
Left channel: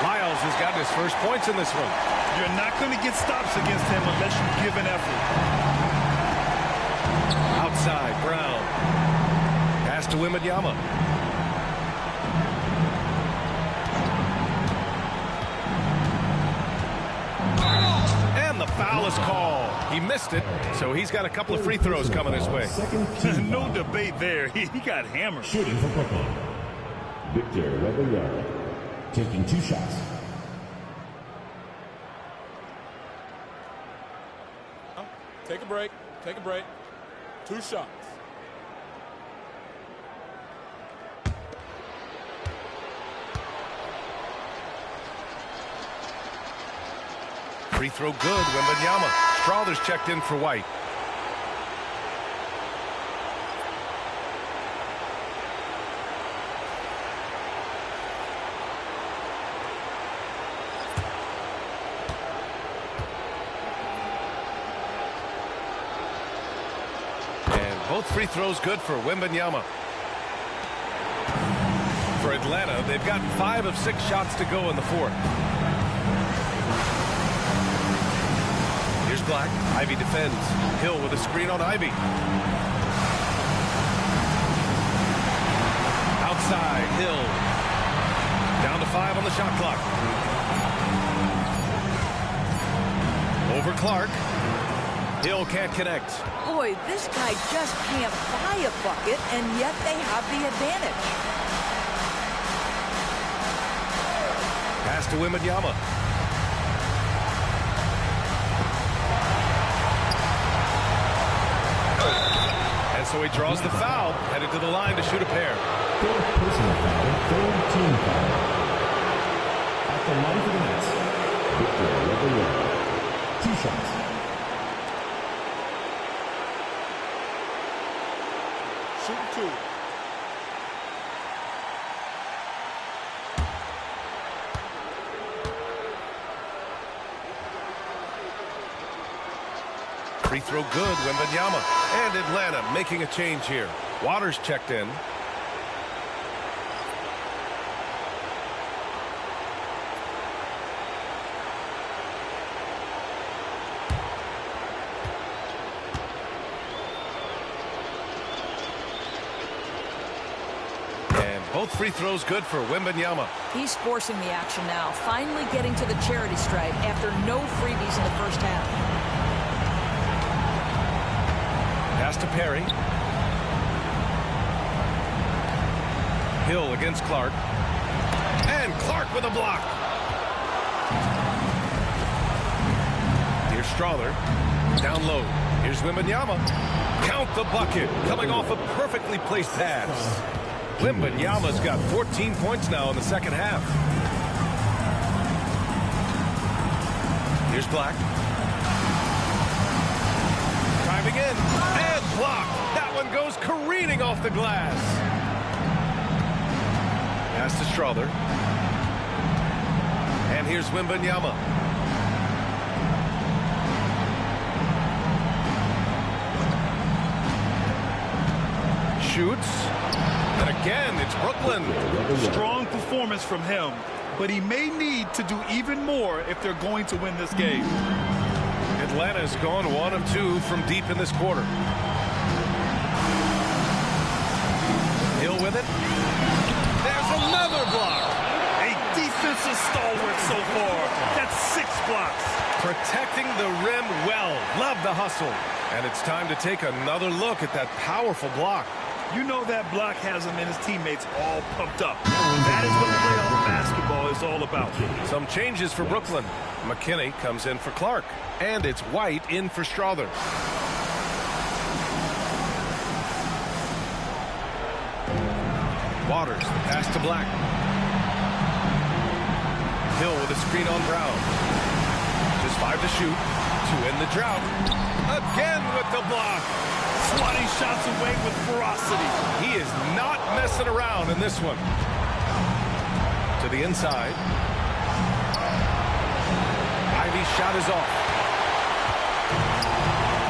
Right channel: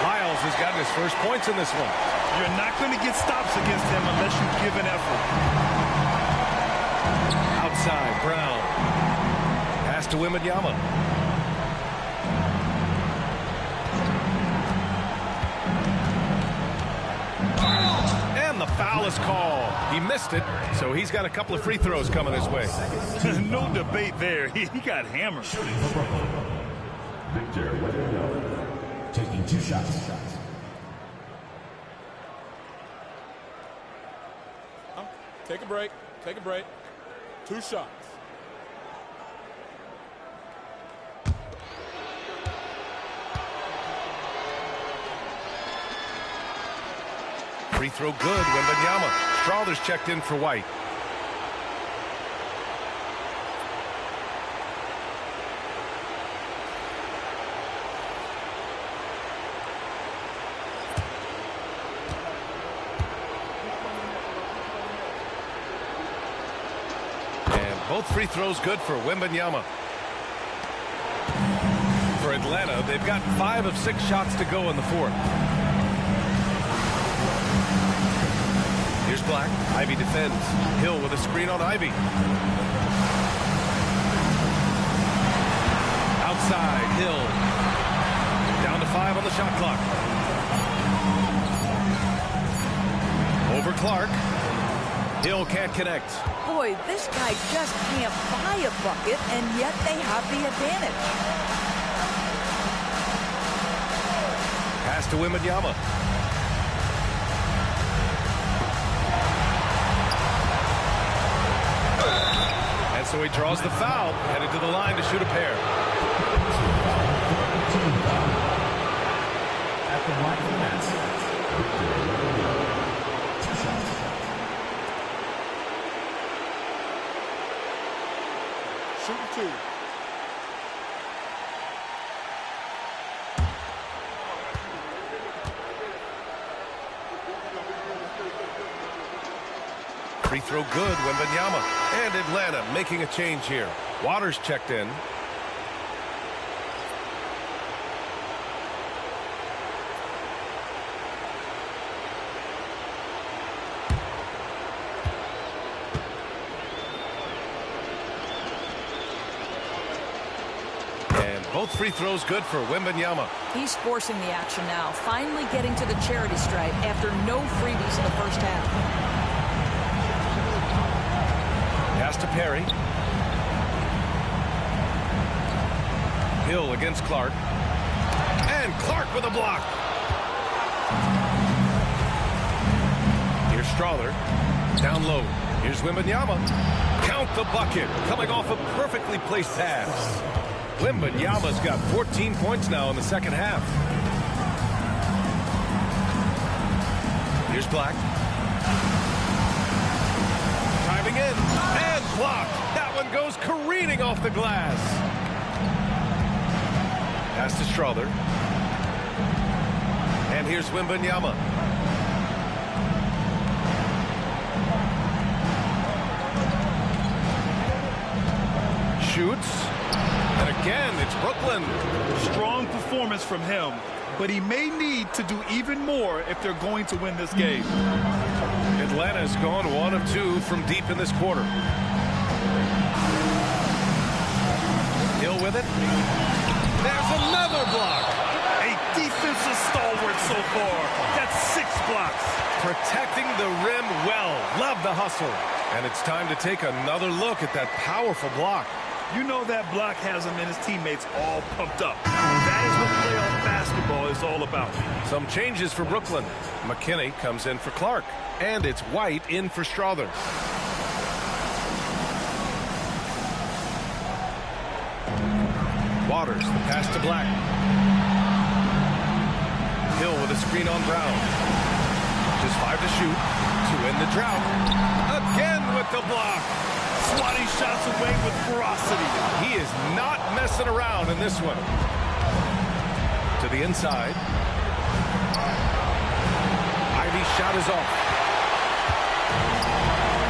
Lyles has gotten his first points in this one. You're not going to get stops against him unless you give an effort. Outside, Brown. Pass to Wembanyama. And the foul is called. He missed it, so he's got a couple of free throws coming his way. No debate there. He got hammered. Shooting for Brooklyn. Victor Wembanyama taking 2 shots. Take a break. Take a break. 2 shots. Free throw good, Wembanyama. Strawther's checked in for White. And both free throws good for Wembanyama. For Atlanta, they've gotten 5 of 6 shots to go in the fourth. Here's Black. Ivy defends. Hill with a screen on Ivy. Outside, Hill. Down to 5 on the shot clock. Over Clark. Hill can't connect. Boy, this guy just can't buy a bucket, and yet they have the advantage. Pass to Wembanyama. And so he draws the foul, headed to the line to shoot a pair. Personal foul, 4-team foul. At the line for the Nets, Victor Wembanyama. 2 shots. Shooting 2. Free throw good, Wembanyama. And Atlanta making a change here. Waters checked in. And both free throws good for Wembanyama. He's forcing the action now, finally getting to the charity stripe after no freebies in the first half. Pass to Perry. Hill against Clark. And Clark with a block. Here's Strawther. Down low. Here's Wembanyama. Count the bucket. Coming off a perfectly placed pass. Wembanyama's got 14 points now in the second half. Here's Black. Driving in and blocked. That one goes careening off the glass. Pass to Strawther. And here's Wembanyama. Shoots. And again, it's Brooklyn. Strong performance from him, but he may need to do even more if they're going to win this game. Atlanta's gone 1 of 2 from deep in this quarter. Hill with it. There's another block. A defensive stalwart so far. That's 6 blocks. Protecting the rim well. Love the hustle. And it's time to take another look at that powerful block. You know that block has him and his teammates all pumped up. That is what playoff basketball is all about. Some changes for Brooklyn. McKinney comes in for Clark. And it's White in for Strawther. Waters, the pass to Black. Hill with a screen on Brown. Just 5 to shoot to end the drought. Again with the block. Swatting shots away with ferocity. He is not messing around in this one. To the inside. Ivy Ivy's shot is off.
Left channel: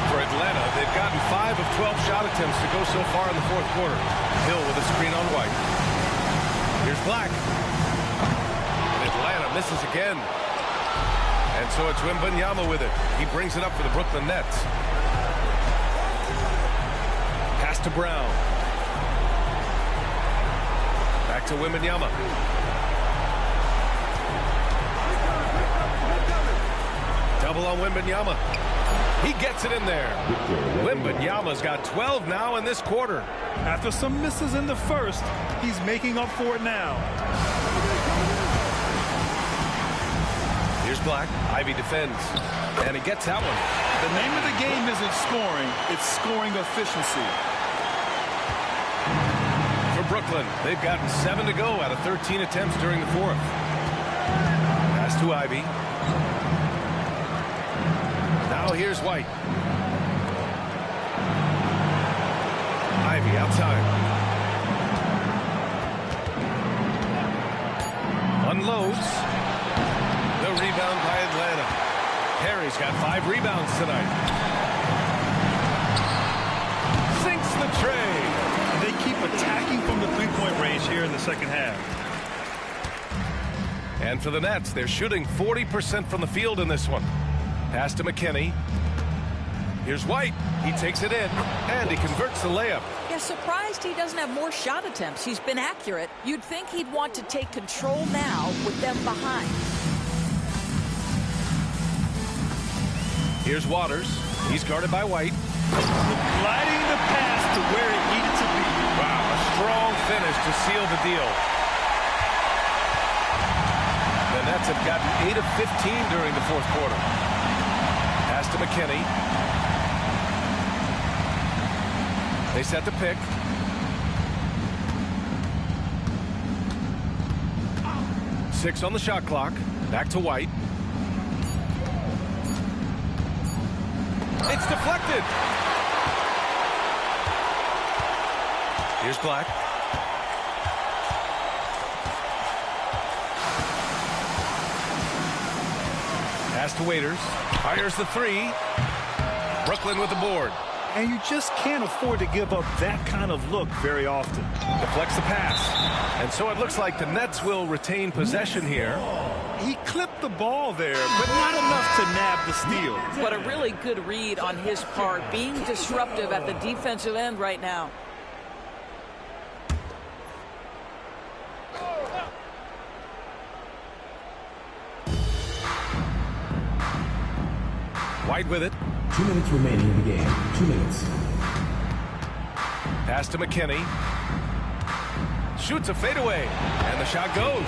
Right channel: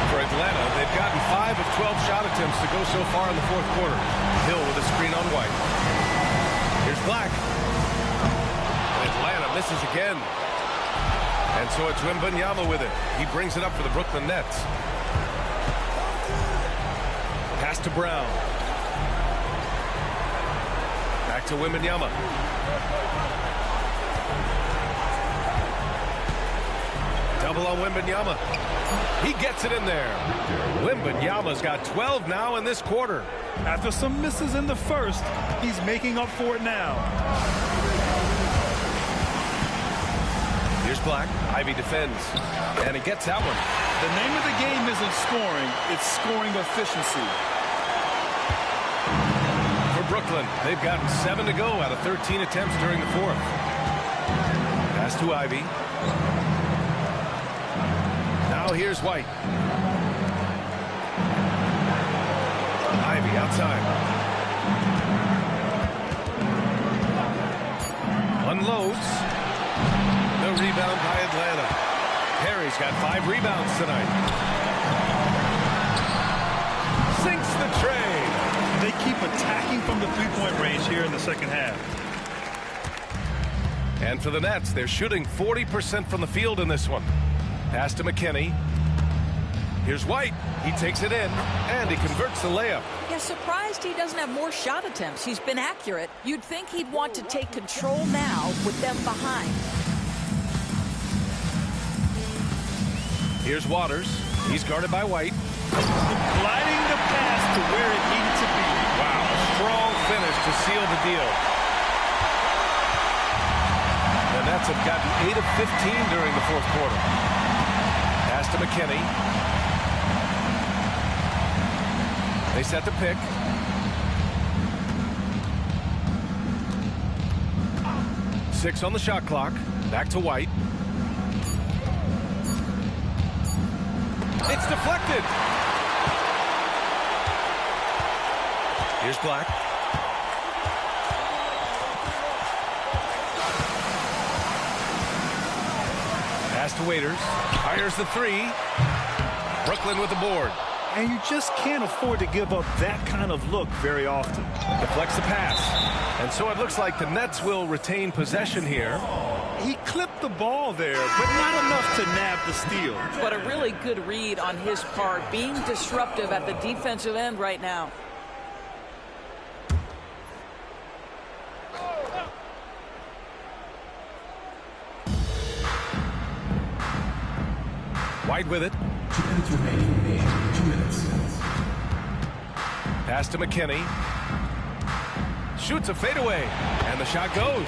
For Atlanta, they've gotten 5 of 12 shot attempts to go so far in the fourth quarter. Hill with a screen on White. Here's Black. And Atlanta misses again. And so it's Wembanyama with it. He brings it up for the Brooklyn Nets. Pass to Brown. Back to Wembanyama. Double on Wembanyama. He gets it in there. Wembanyama's got 12 now in this quarter. After some misses in the first, he's making up for it now. Here's Black. Ivy defends. And he gets that one. The name of the game isn't scoring, it's scoring efficiency. For Brooklyn, they've gotten 7 to go out of 13 attempts during the fourth. Pass to Ivy. Now here's White. Ivy outside. Unloads. The rebound by Atlanta. Harry's got 5 rebounds tonight. Sinks the tray. They keep attacking from the three-point range here in the second half. And for the Nets, they're shooting 40% from the field in this one. Pass to McKinney. Here's White. He takes it in, and he converts the layup. Yeah, surprised he doesn't have more shot attempts. He's been accurate. You'd think he'd want to take control now with them behind. Here's Waters. He's guarded by White. Gliding the pass to where it needed to be. Wow, a strong finish to seal the deal. The Nets have gotten 8 of 15 during the fourth quarter. Pass to McKinney. They set the pick. Six on the shot clock. Back to White. It's deflected. Here's Black. Pass to Waiters. Fires the three. Brooklyn with the board. And you just can't afford to give up that kind of look very often. Deflects the pass. And so it looks like the Nets will retain possession here. He clipped the ball there, but not enough to nab the steal. But a really good read on his part, being disruptive at the defensive end right now. White with it. 2 minutes remaining in the game. 2 minutes. Pass to McKinney. Shoots a fadeaway. And the shot goes.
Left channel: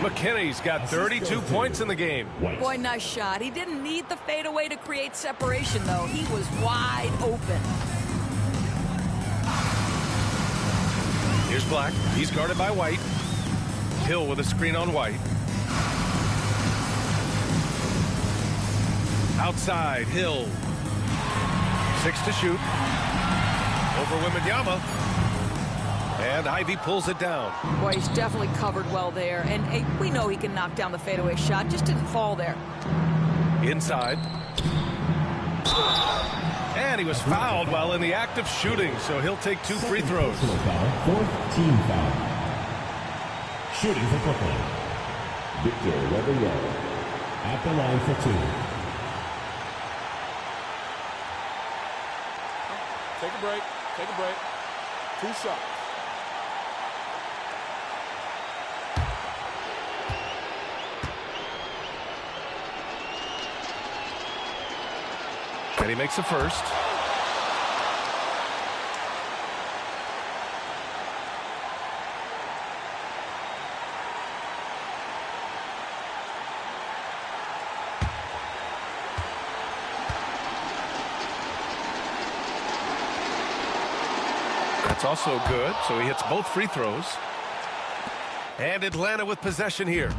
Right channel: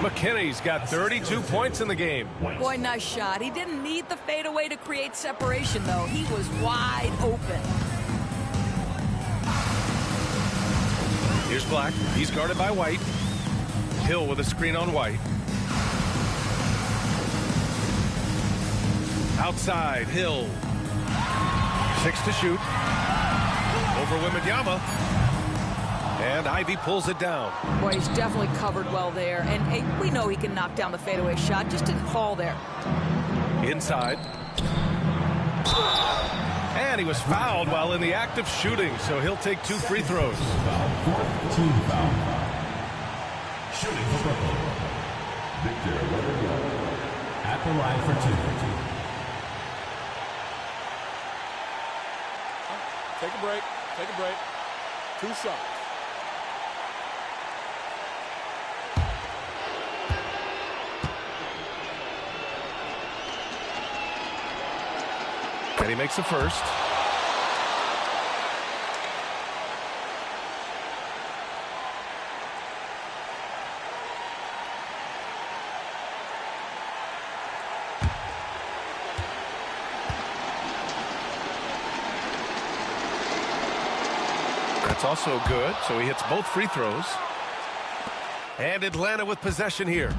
McKinney's got 32 points in the game. Boy, nice shot. He didn't need the fadeaway to create separation, though. He was wide open. Here's Black. He's guarded by White. Hill with a screen on White. Outside, Hill. 6 to shoot. Over Wembanyama. And Ivy pulls it down. Boy, he's definitely covered well there. And hey, we know he can knock down the fadeaway shot. Just didn't fall there. Inside. And he was fouled while in the act of shooting, so he'll take 2 free throws. Fourth team foul. Shooting for Brooklyn. Victor Wembanyama at the line for 2. Take a break. Take a break. 2 shots. And he makes the first. That's also good, so he hits both free throws. And Atlanta with possession here.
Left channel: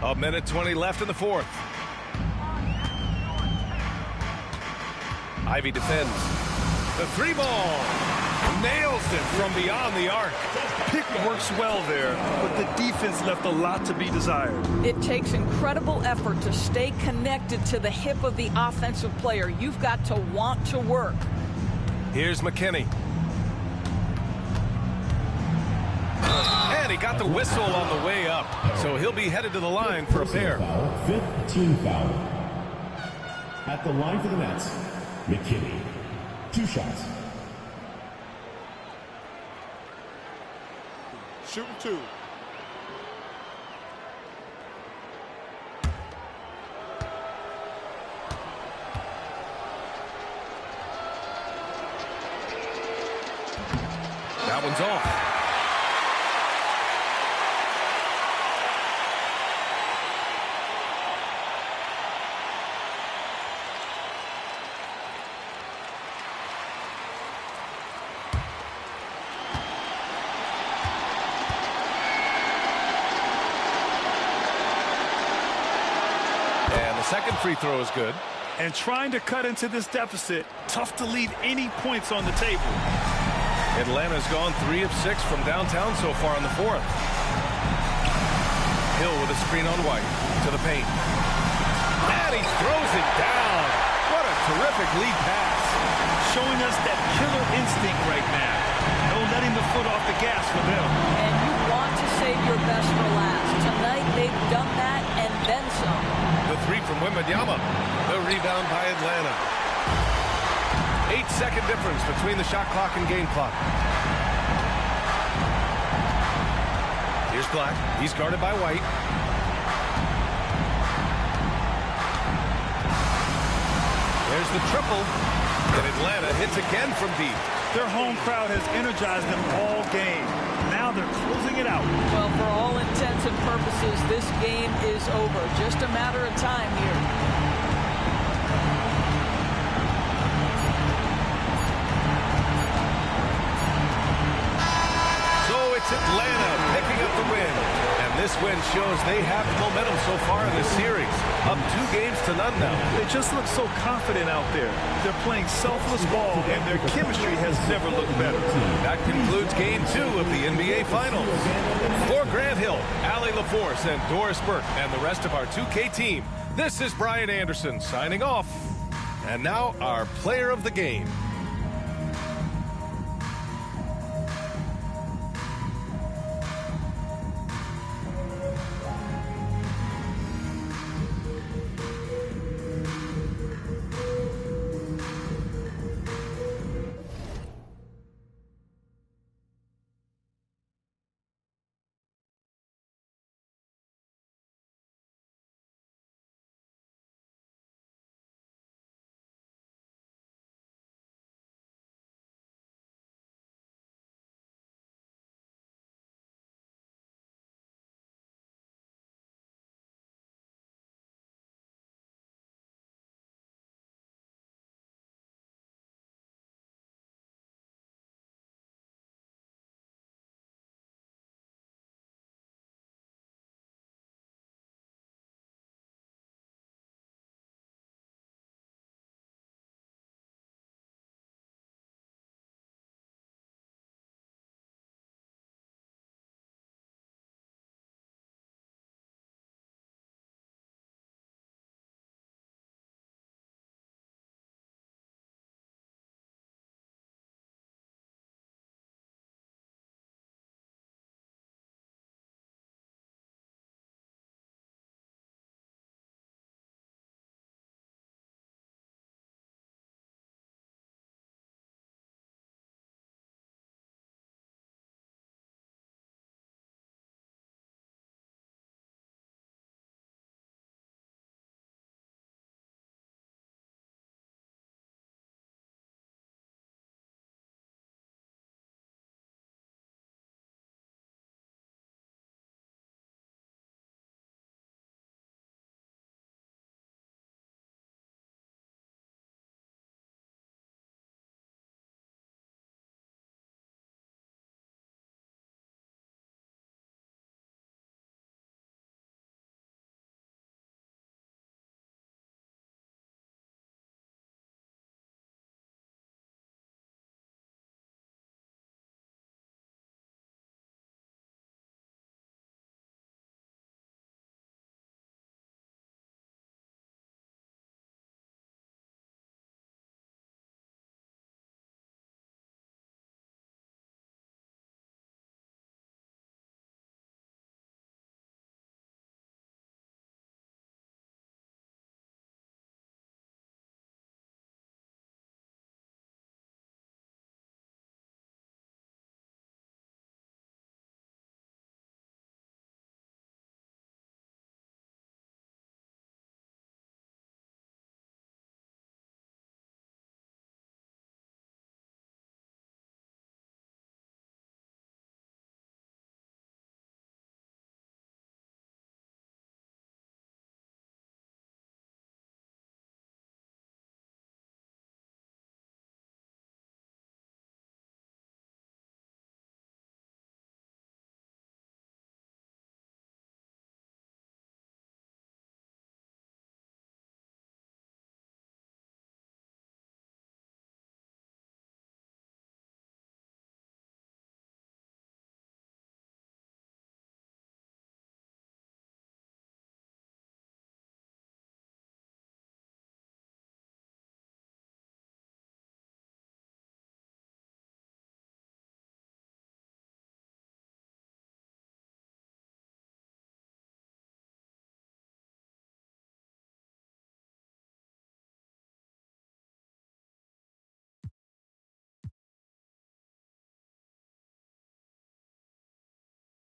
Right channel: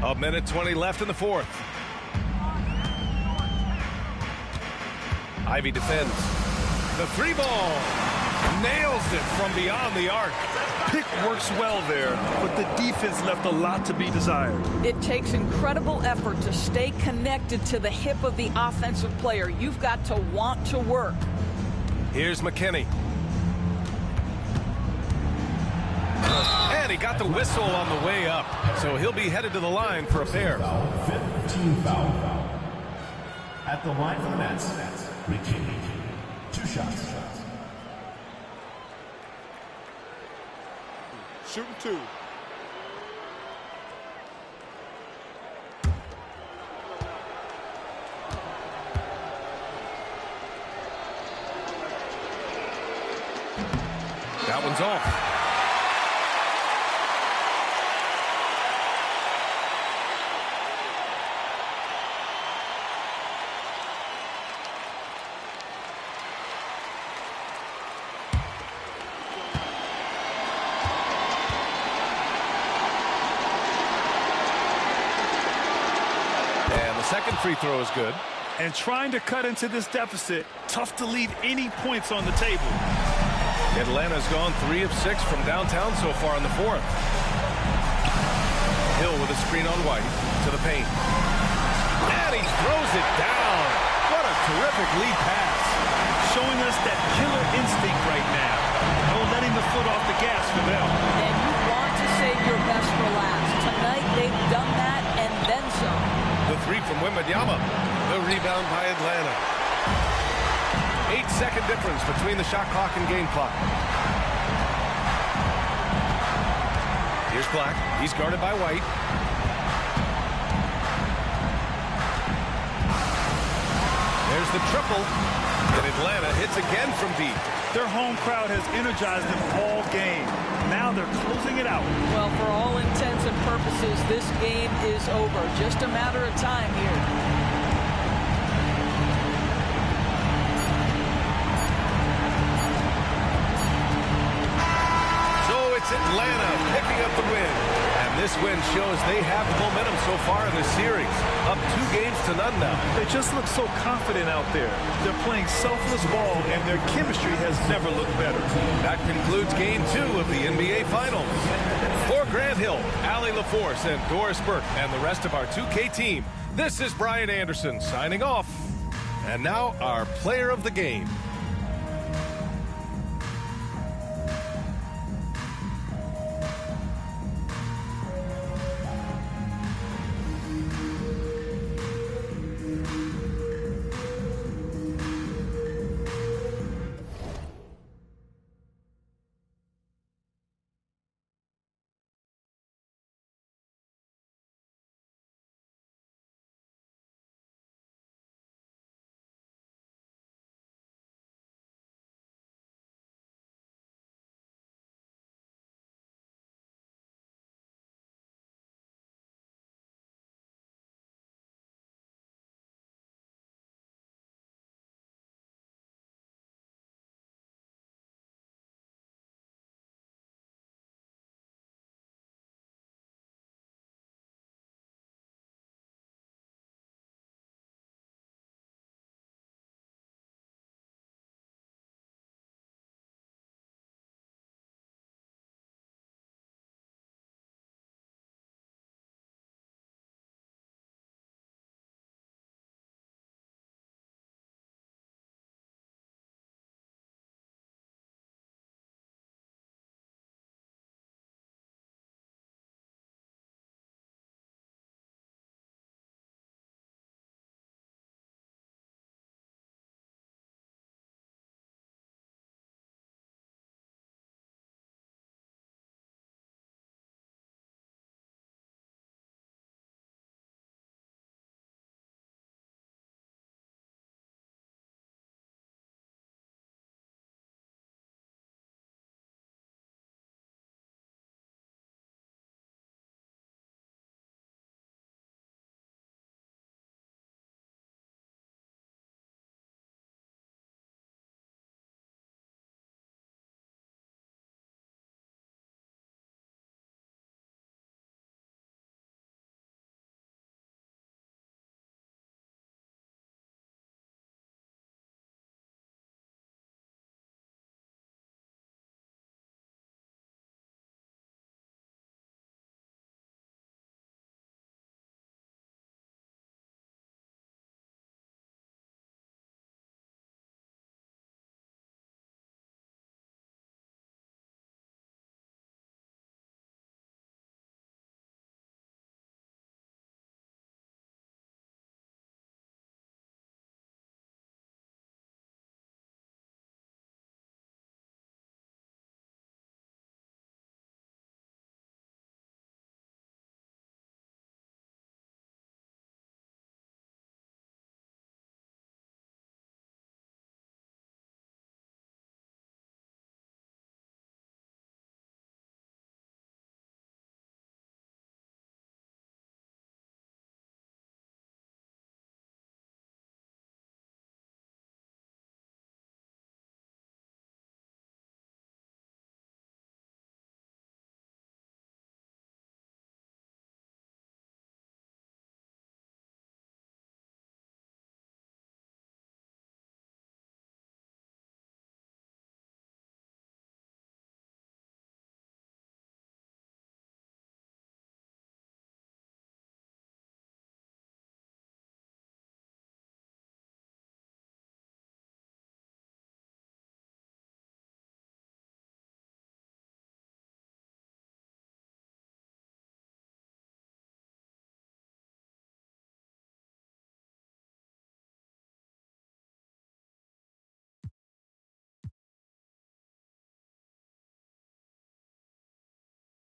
1:20 left in the fourth. Ivy defends. The 3 ball. Nails it from beyond the arc. Pick works well there, but the defense left a lot to be desired. It takes incredible effort to stay connected to the hip of the offensive player. You've got to want to work. Here's McKinney. And he got the whistle on the way up, so he'll be headed to the line for a pair. Fifth team foul. At the line for the Nets, McKinney. 2 shots. Shooting 2. That one's off. And the second free throw is good. And trying to cut into this deficit, tough to leave any points on the table. Atlanta's gone 3 of 6 from downtown so far in the fourth. Hill with a screen on White to the paint. And he throws it down. What a terrific lead pass. Showing us that killer instinct right now. No letting the foot off the gas for them. And you want to save your best for last. Tonight they've done that and then some. The 3 from Wembanyama. The rebound by Atlanta. 8-second difference between the shot clock and game clock. Here's Black. He's guarded by White. There's the triple. And Atlanta hits again from deep. Their home crowd has energized them all game. Now they're closing it out. Well, for all intents and purposes, this game is over. Just a matter of time here. It's Atlanta picking up the win. And this win shows they have the momentum so far in this series. Up 2-0 now. They just look so confident out there. They're playing selfless ball, and their chemistry has never looked better. That concludes Game 2 of the NBA Finals. For Grant Hill, Allie LaForce, and Doris Burke, and the rest of our 2K team, this is Brian Anderson signing off. And now our player of the game.